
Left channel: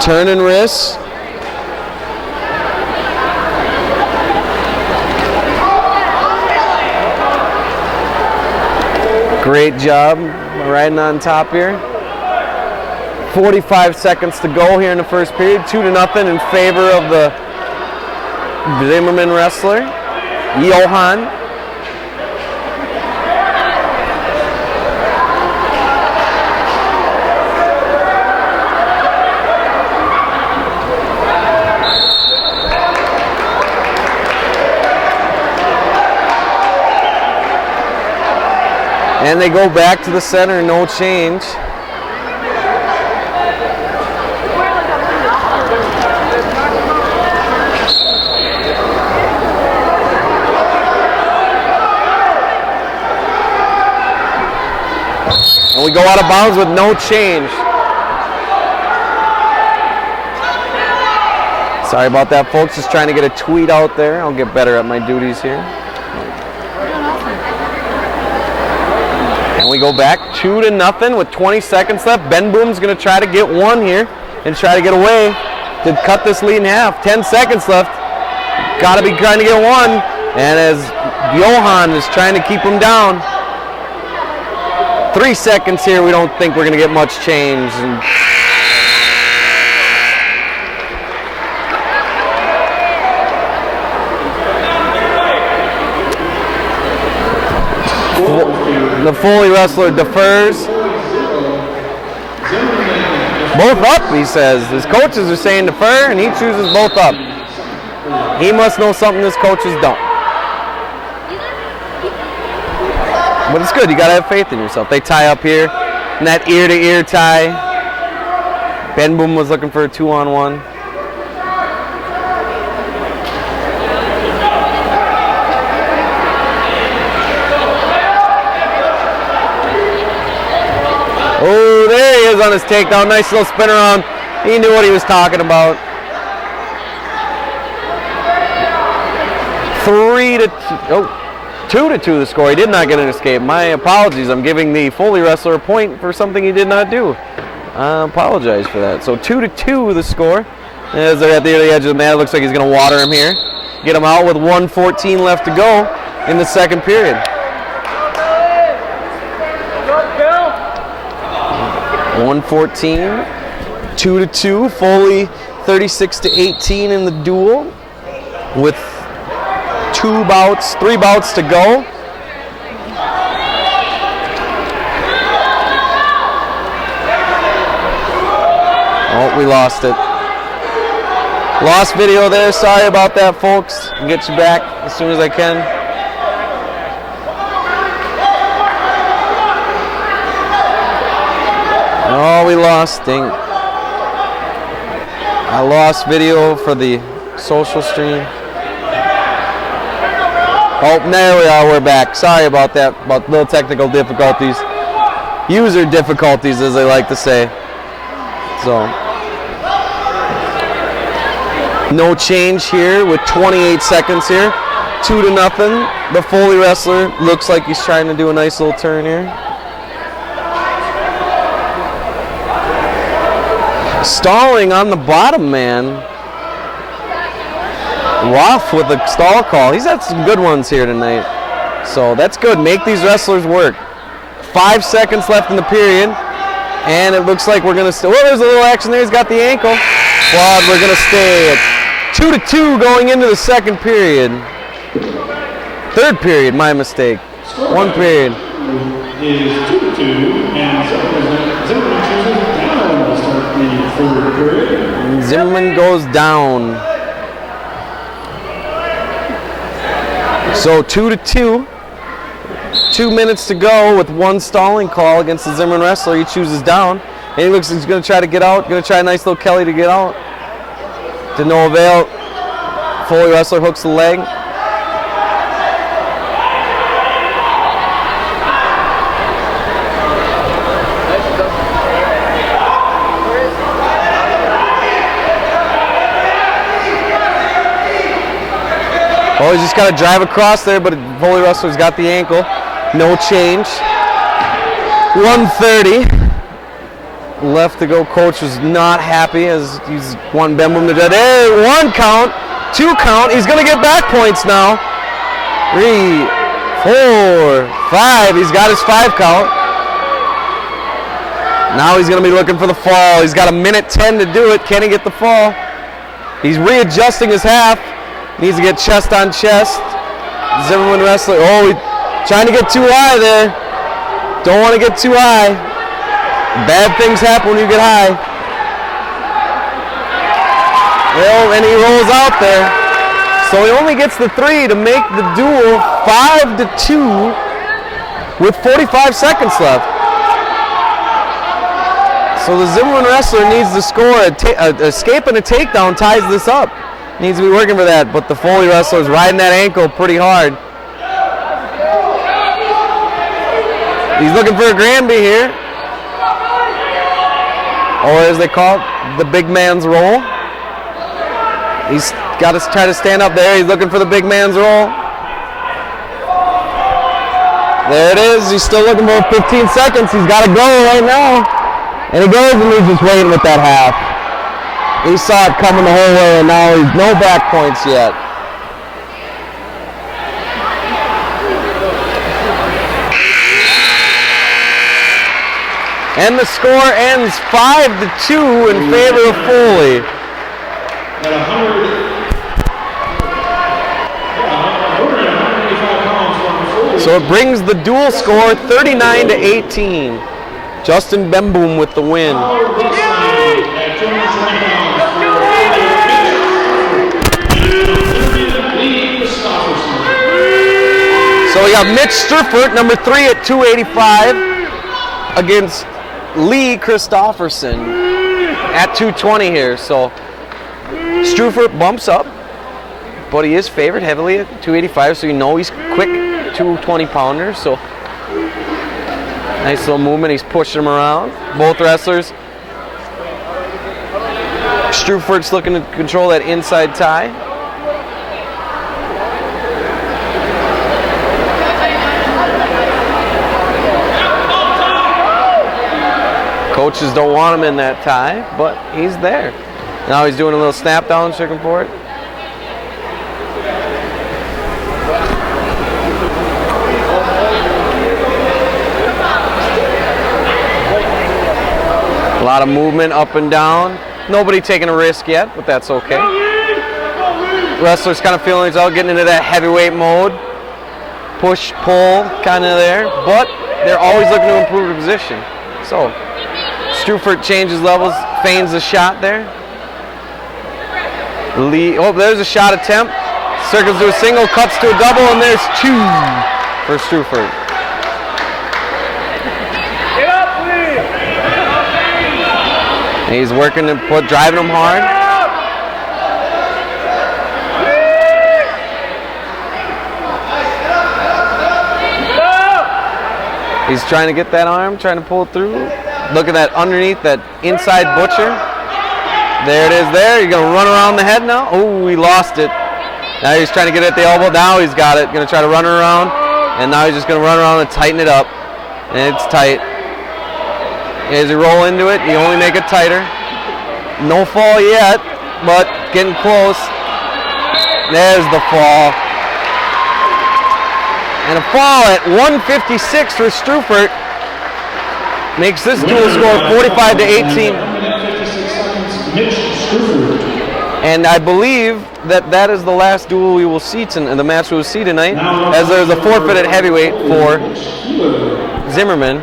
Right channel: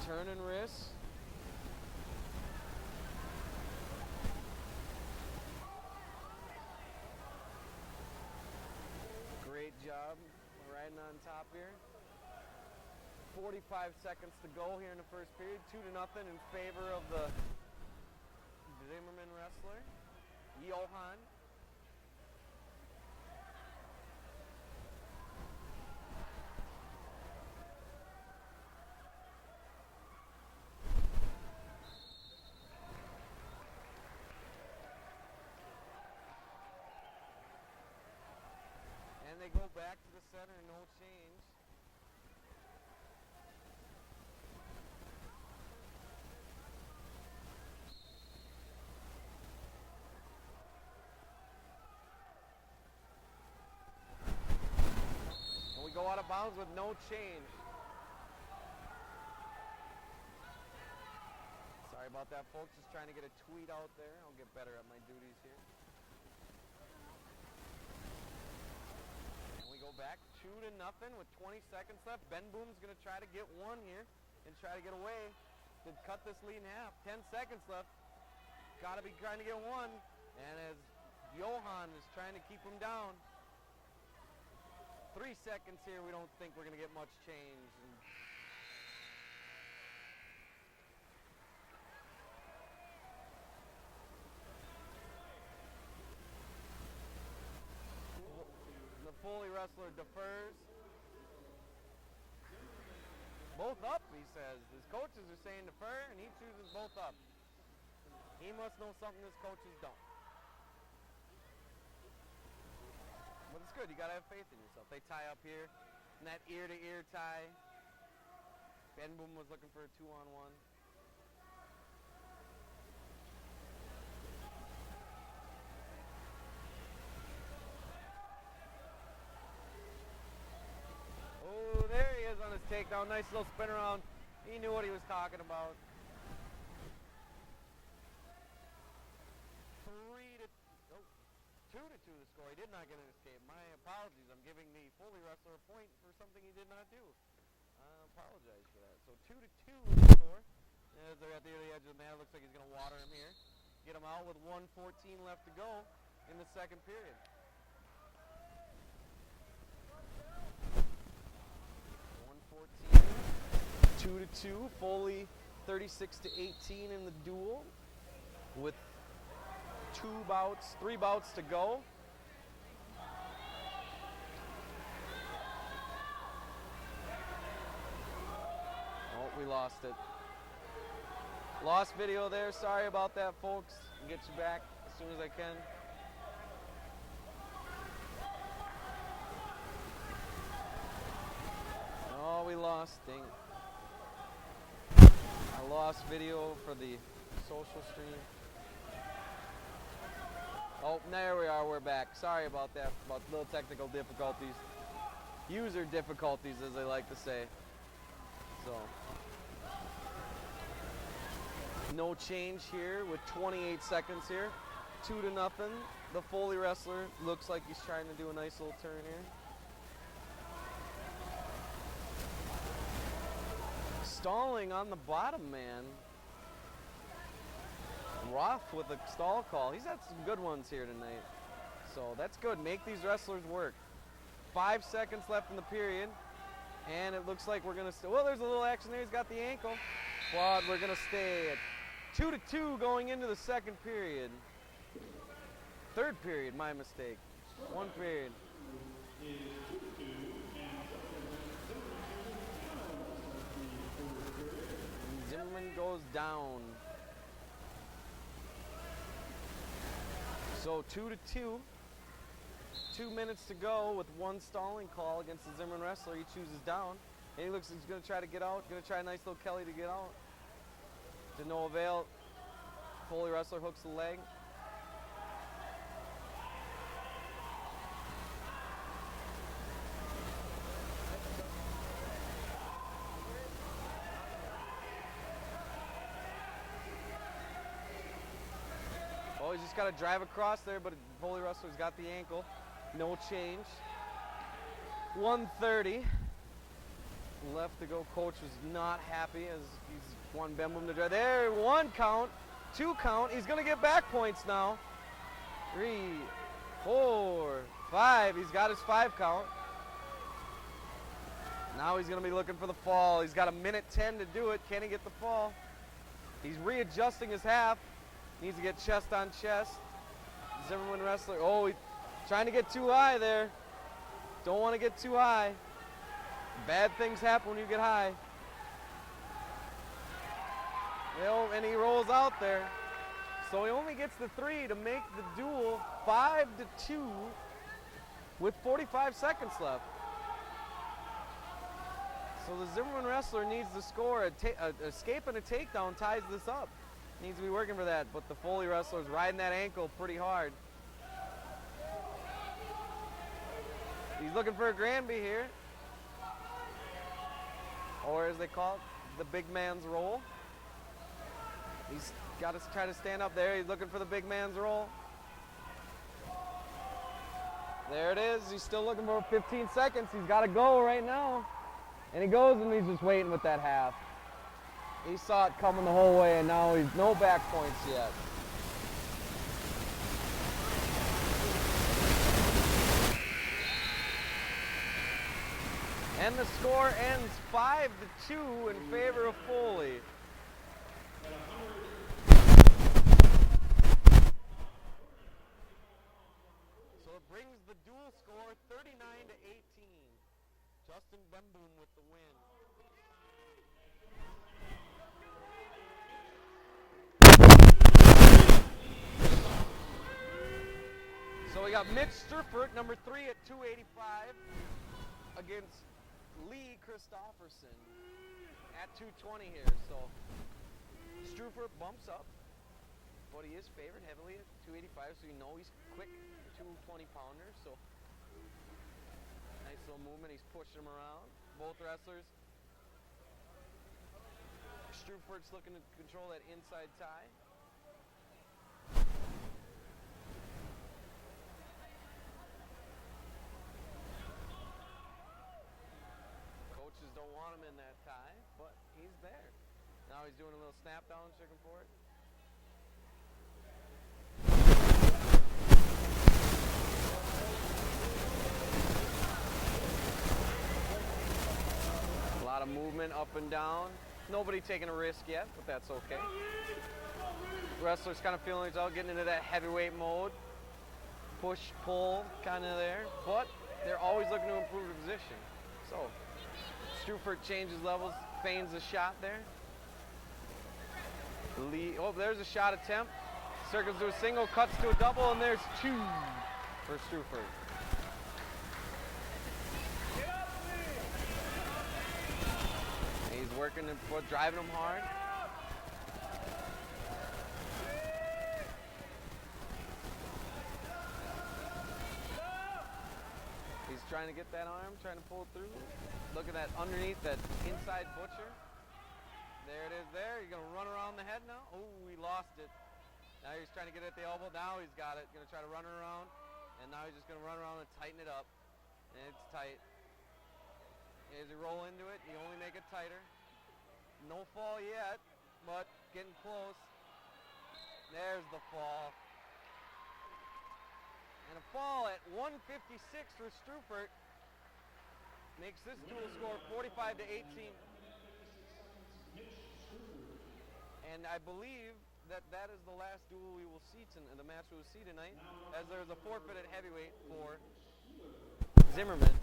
Turn and wrist. Great job riding on top here. 45 seconds to go here in the first period. 2-0 in favor of the Zimmerman wrestler, Johan. And they go back to the center, no change. And we go out of bounds with no change. Sorry about that, folks. Just trying to get a tweet out there. I'll get better at my duties here. And we go back 2-0 with 20 seconds left. Ben Boom's going to try to get one here and try to get away to cut this lead in half. 10 seconds left. Got to be trying to get one. And as Johan is trying to keep him down. 3 seconds here. We don't think we're going to get much change. And the Foley wrestler defers. Both up, he says. His coaches are saying defer, and he chooses both up. He must know something his coaches don't. But it's good. You got to have faith in yourself. They tie up here. And that ear-to-ear tie. Ben Boom was looking for a 2-on-1. Oh, there he is on his takedown. Nice little spin around. He knew what he was talking about. 2-2 the score. He did not get an escape. My apologies. I'm giving the Foley wrestler a point for something he did not do. I apologize for that. So 2-2 the score. As they're at the edge of the mat, it looks like he's going to water him here. Get him out with 1:14 left to go in the second period. 1:14, 2-2. Foley 36-18 in the duel with 3 bouts to go. Oh, we lost it. Lost video there. Sorry about that, folks. I'll get you back as soon as I can. Oh, we lost. Dang. I lost video for the social stream. Oh, there we are. We're back. Sorry about that. About little technical difficulties. User difficulties, as they like to say. So, no change here with 28 seconds here. 2-0. The Foley wrestler looks like he's trying to do a nice little turn here. Stalling on the bottom man. Rough with a stall call. He's had some good ones here tonight. So that's good. Make these wrestlers work. 5 seconds left in the period. And it looks like we're going to... Oh, there's a little action there. He's got the ankle. But we're going to stay at 2-2 going into the second period. Third period, my mistake. One period. Is 2-2, and Zimmerman chooses down to start the third period. Zimmerman goes down. So 2-2. 2 minutes to go with one stalling call against the Zimmerman wrestler. He chooses down. And he looks like he's going to try to get out. Going to try a nice little Kelly to get out. To no avail. Foley wrestler hooks the leg. Oh, he's just got to drive across there, but Foley wrestler's got the ankle. No change. 1:30 left to go. Coach was not happy as he's one bend boom to dead. Hey, 1 count, 2 count. He's going to get back points now. 3, 4, 5. He's got his 5 count. Now he's going to be looking for the fall. He's got 1:10 to do it. Can he get the fall? He's readjusting his half. Needs to get chest on chest. Zimmerman wrestler. Oh, trying to get too high there. Don't want to get too high. Bad things happen when you get high. Well, and he rolls out there. So he only gets the 3 to make the duel 5-2 with 45 seconds left. So the Zimmerman wrestler needs to score. Escape and a takedown ties this up. Needs to be working for that, but the Foley wrestler's riding that ankle pretty hard. He's looking for a Granby here. Or as they call it, the big man's roll. He's got to try to stand up there. He's looking for the big man's roll. There it is. He's still looking for 15 seconds. He's got to go right now. And he goes and he's just waiting with that half. He saw it coming the whole way, and now he's no back points yet. And the score ends 5-2 in favor of Foley. At 185 pounds from Foley. So it brings the dual score 39-18. Justin Bemboom with the win. So we got Mitch Struffert, number 3 at 285, against Lee Christofferson at 220 here. So Struffert bumps up, but he is favored heavily at 285, so you know he's quick 220 pounder. So nice little movement. He's pushing him around. Both wrestlers. Struffert's looking to control that inside tie. Coaches don't want him in that tie, but he's there. Now he's doing a little snap down, looking for it. A lot of movement up and down. Nobody taking a risk yet, but that's okay. Wrestlers kind of feeling he's out, getting into that heavyweight mode. Push, pull, kind of there, but they're always looking to improve the position. So Struffert changes levels, feigns a shot there. Lee, oh, there's a shot attempt. Circles to a single, cuts to a double, and there's 2 for Struffert. He's working to driving him hard. He's trying to get that arm, trying to pull it through. Look at that underneath, that inside butcher. There it is there. You're going to run around the head now. Oh, he lost it. Now he's trying to get it at the elbow. Now he's got it. Going to try to run around. And now he's just going to run around and tighten it up. And it's tight. As he roll into it, you only make it tighter. No fall yet, but getting close. There's the fall. And a fall at 156 for Strufert makes this duel score 45-18. And I believe that is the last duel we will see the match we will see tonight, as there's a forfeit at heavyweight for Zimmerman.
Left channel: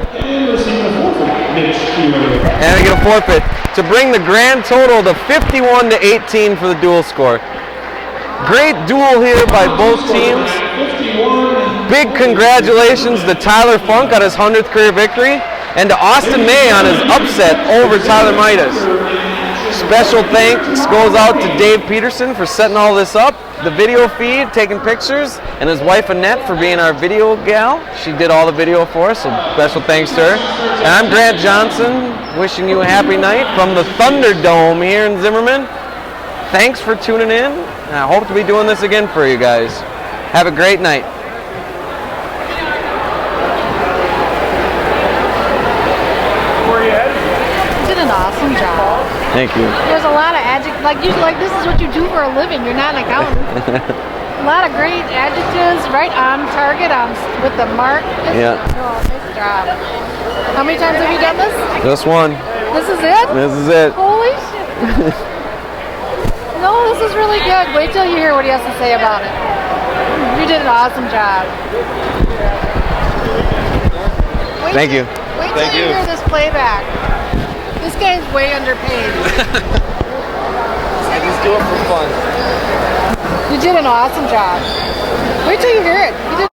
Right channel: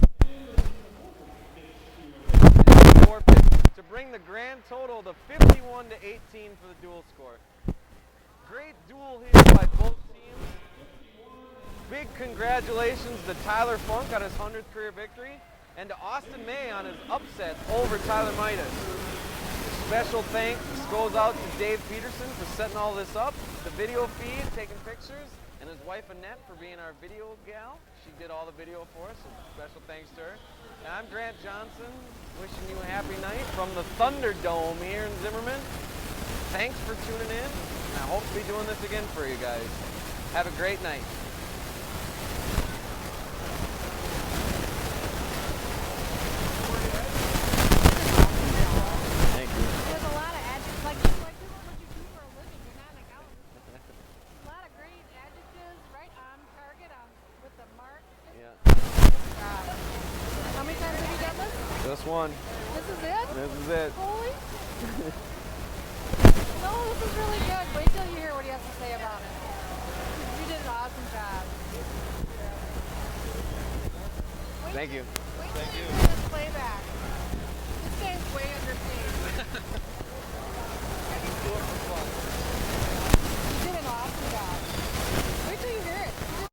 And I get a forfeit to bring the grand total to 51-18 for the duel score. Great duel here by both teams. Big congratulations to Tyler Funk on his 100th career victory, and to Austin May on his upset over Tyler Midas. Special thanks goes out to Dave Peterson for setting all this up, the video feed, taking pictures, and his wife Annette for being our video gal. She did all the video for us, so special thanks to her. And I'm Grant Johnson, wishing you a happy night from the Thunderdome here in Zimmerman. Thanks for tuning in, and I hope to be doing this again for you guys. Have a great night. Thank you. There's a lot of adjectives, like this is what you do for a living. You're not an accountant. A lot of great adjectives, right on target, with the mark. Yeah. Oh, nice job. How many times have you done this? Just one. This is it? This is it. Holy shit. No, this is really good. Wait till you hear what he has to say about it. You did an awesome job. Thank you. Wait till you hear this playback. This guy's way underpaid. I just do it for fun. You did an awesome job. Wait till you hear it.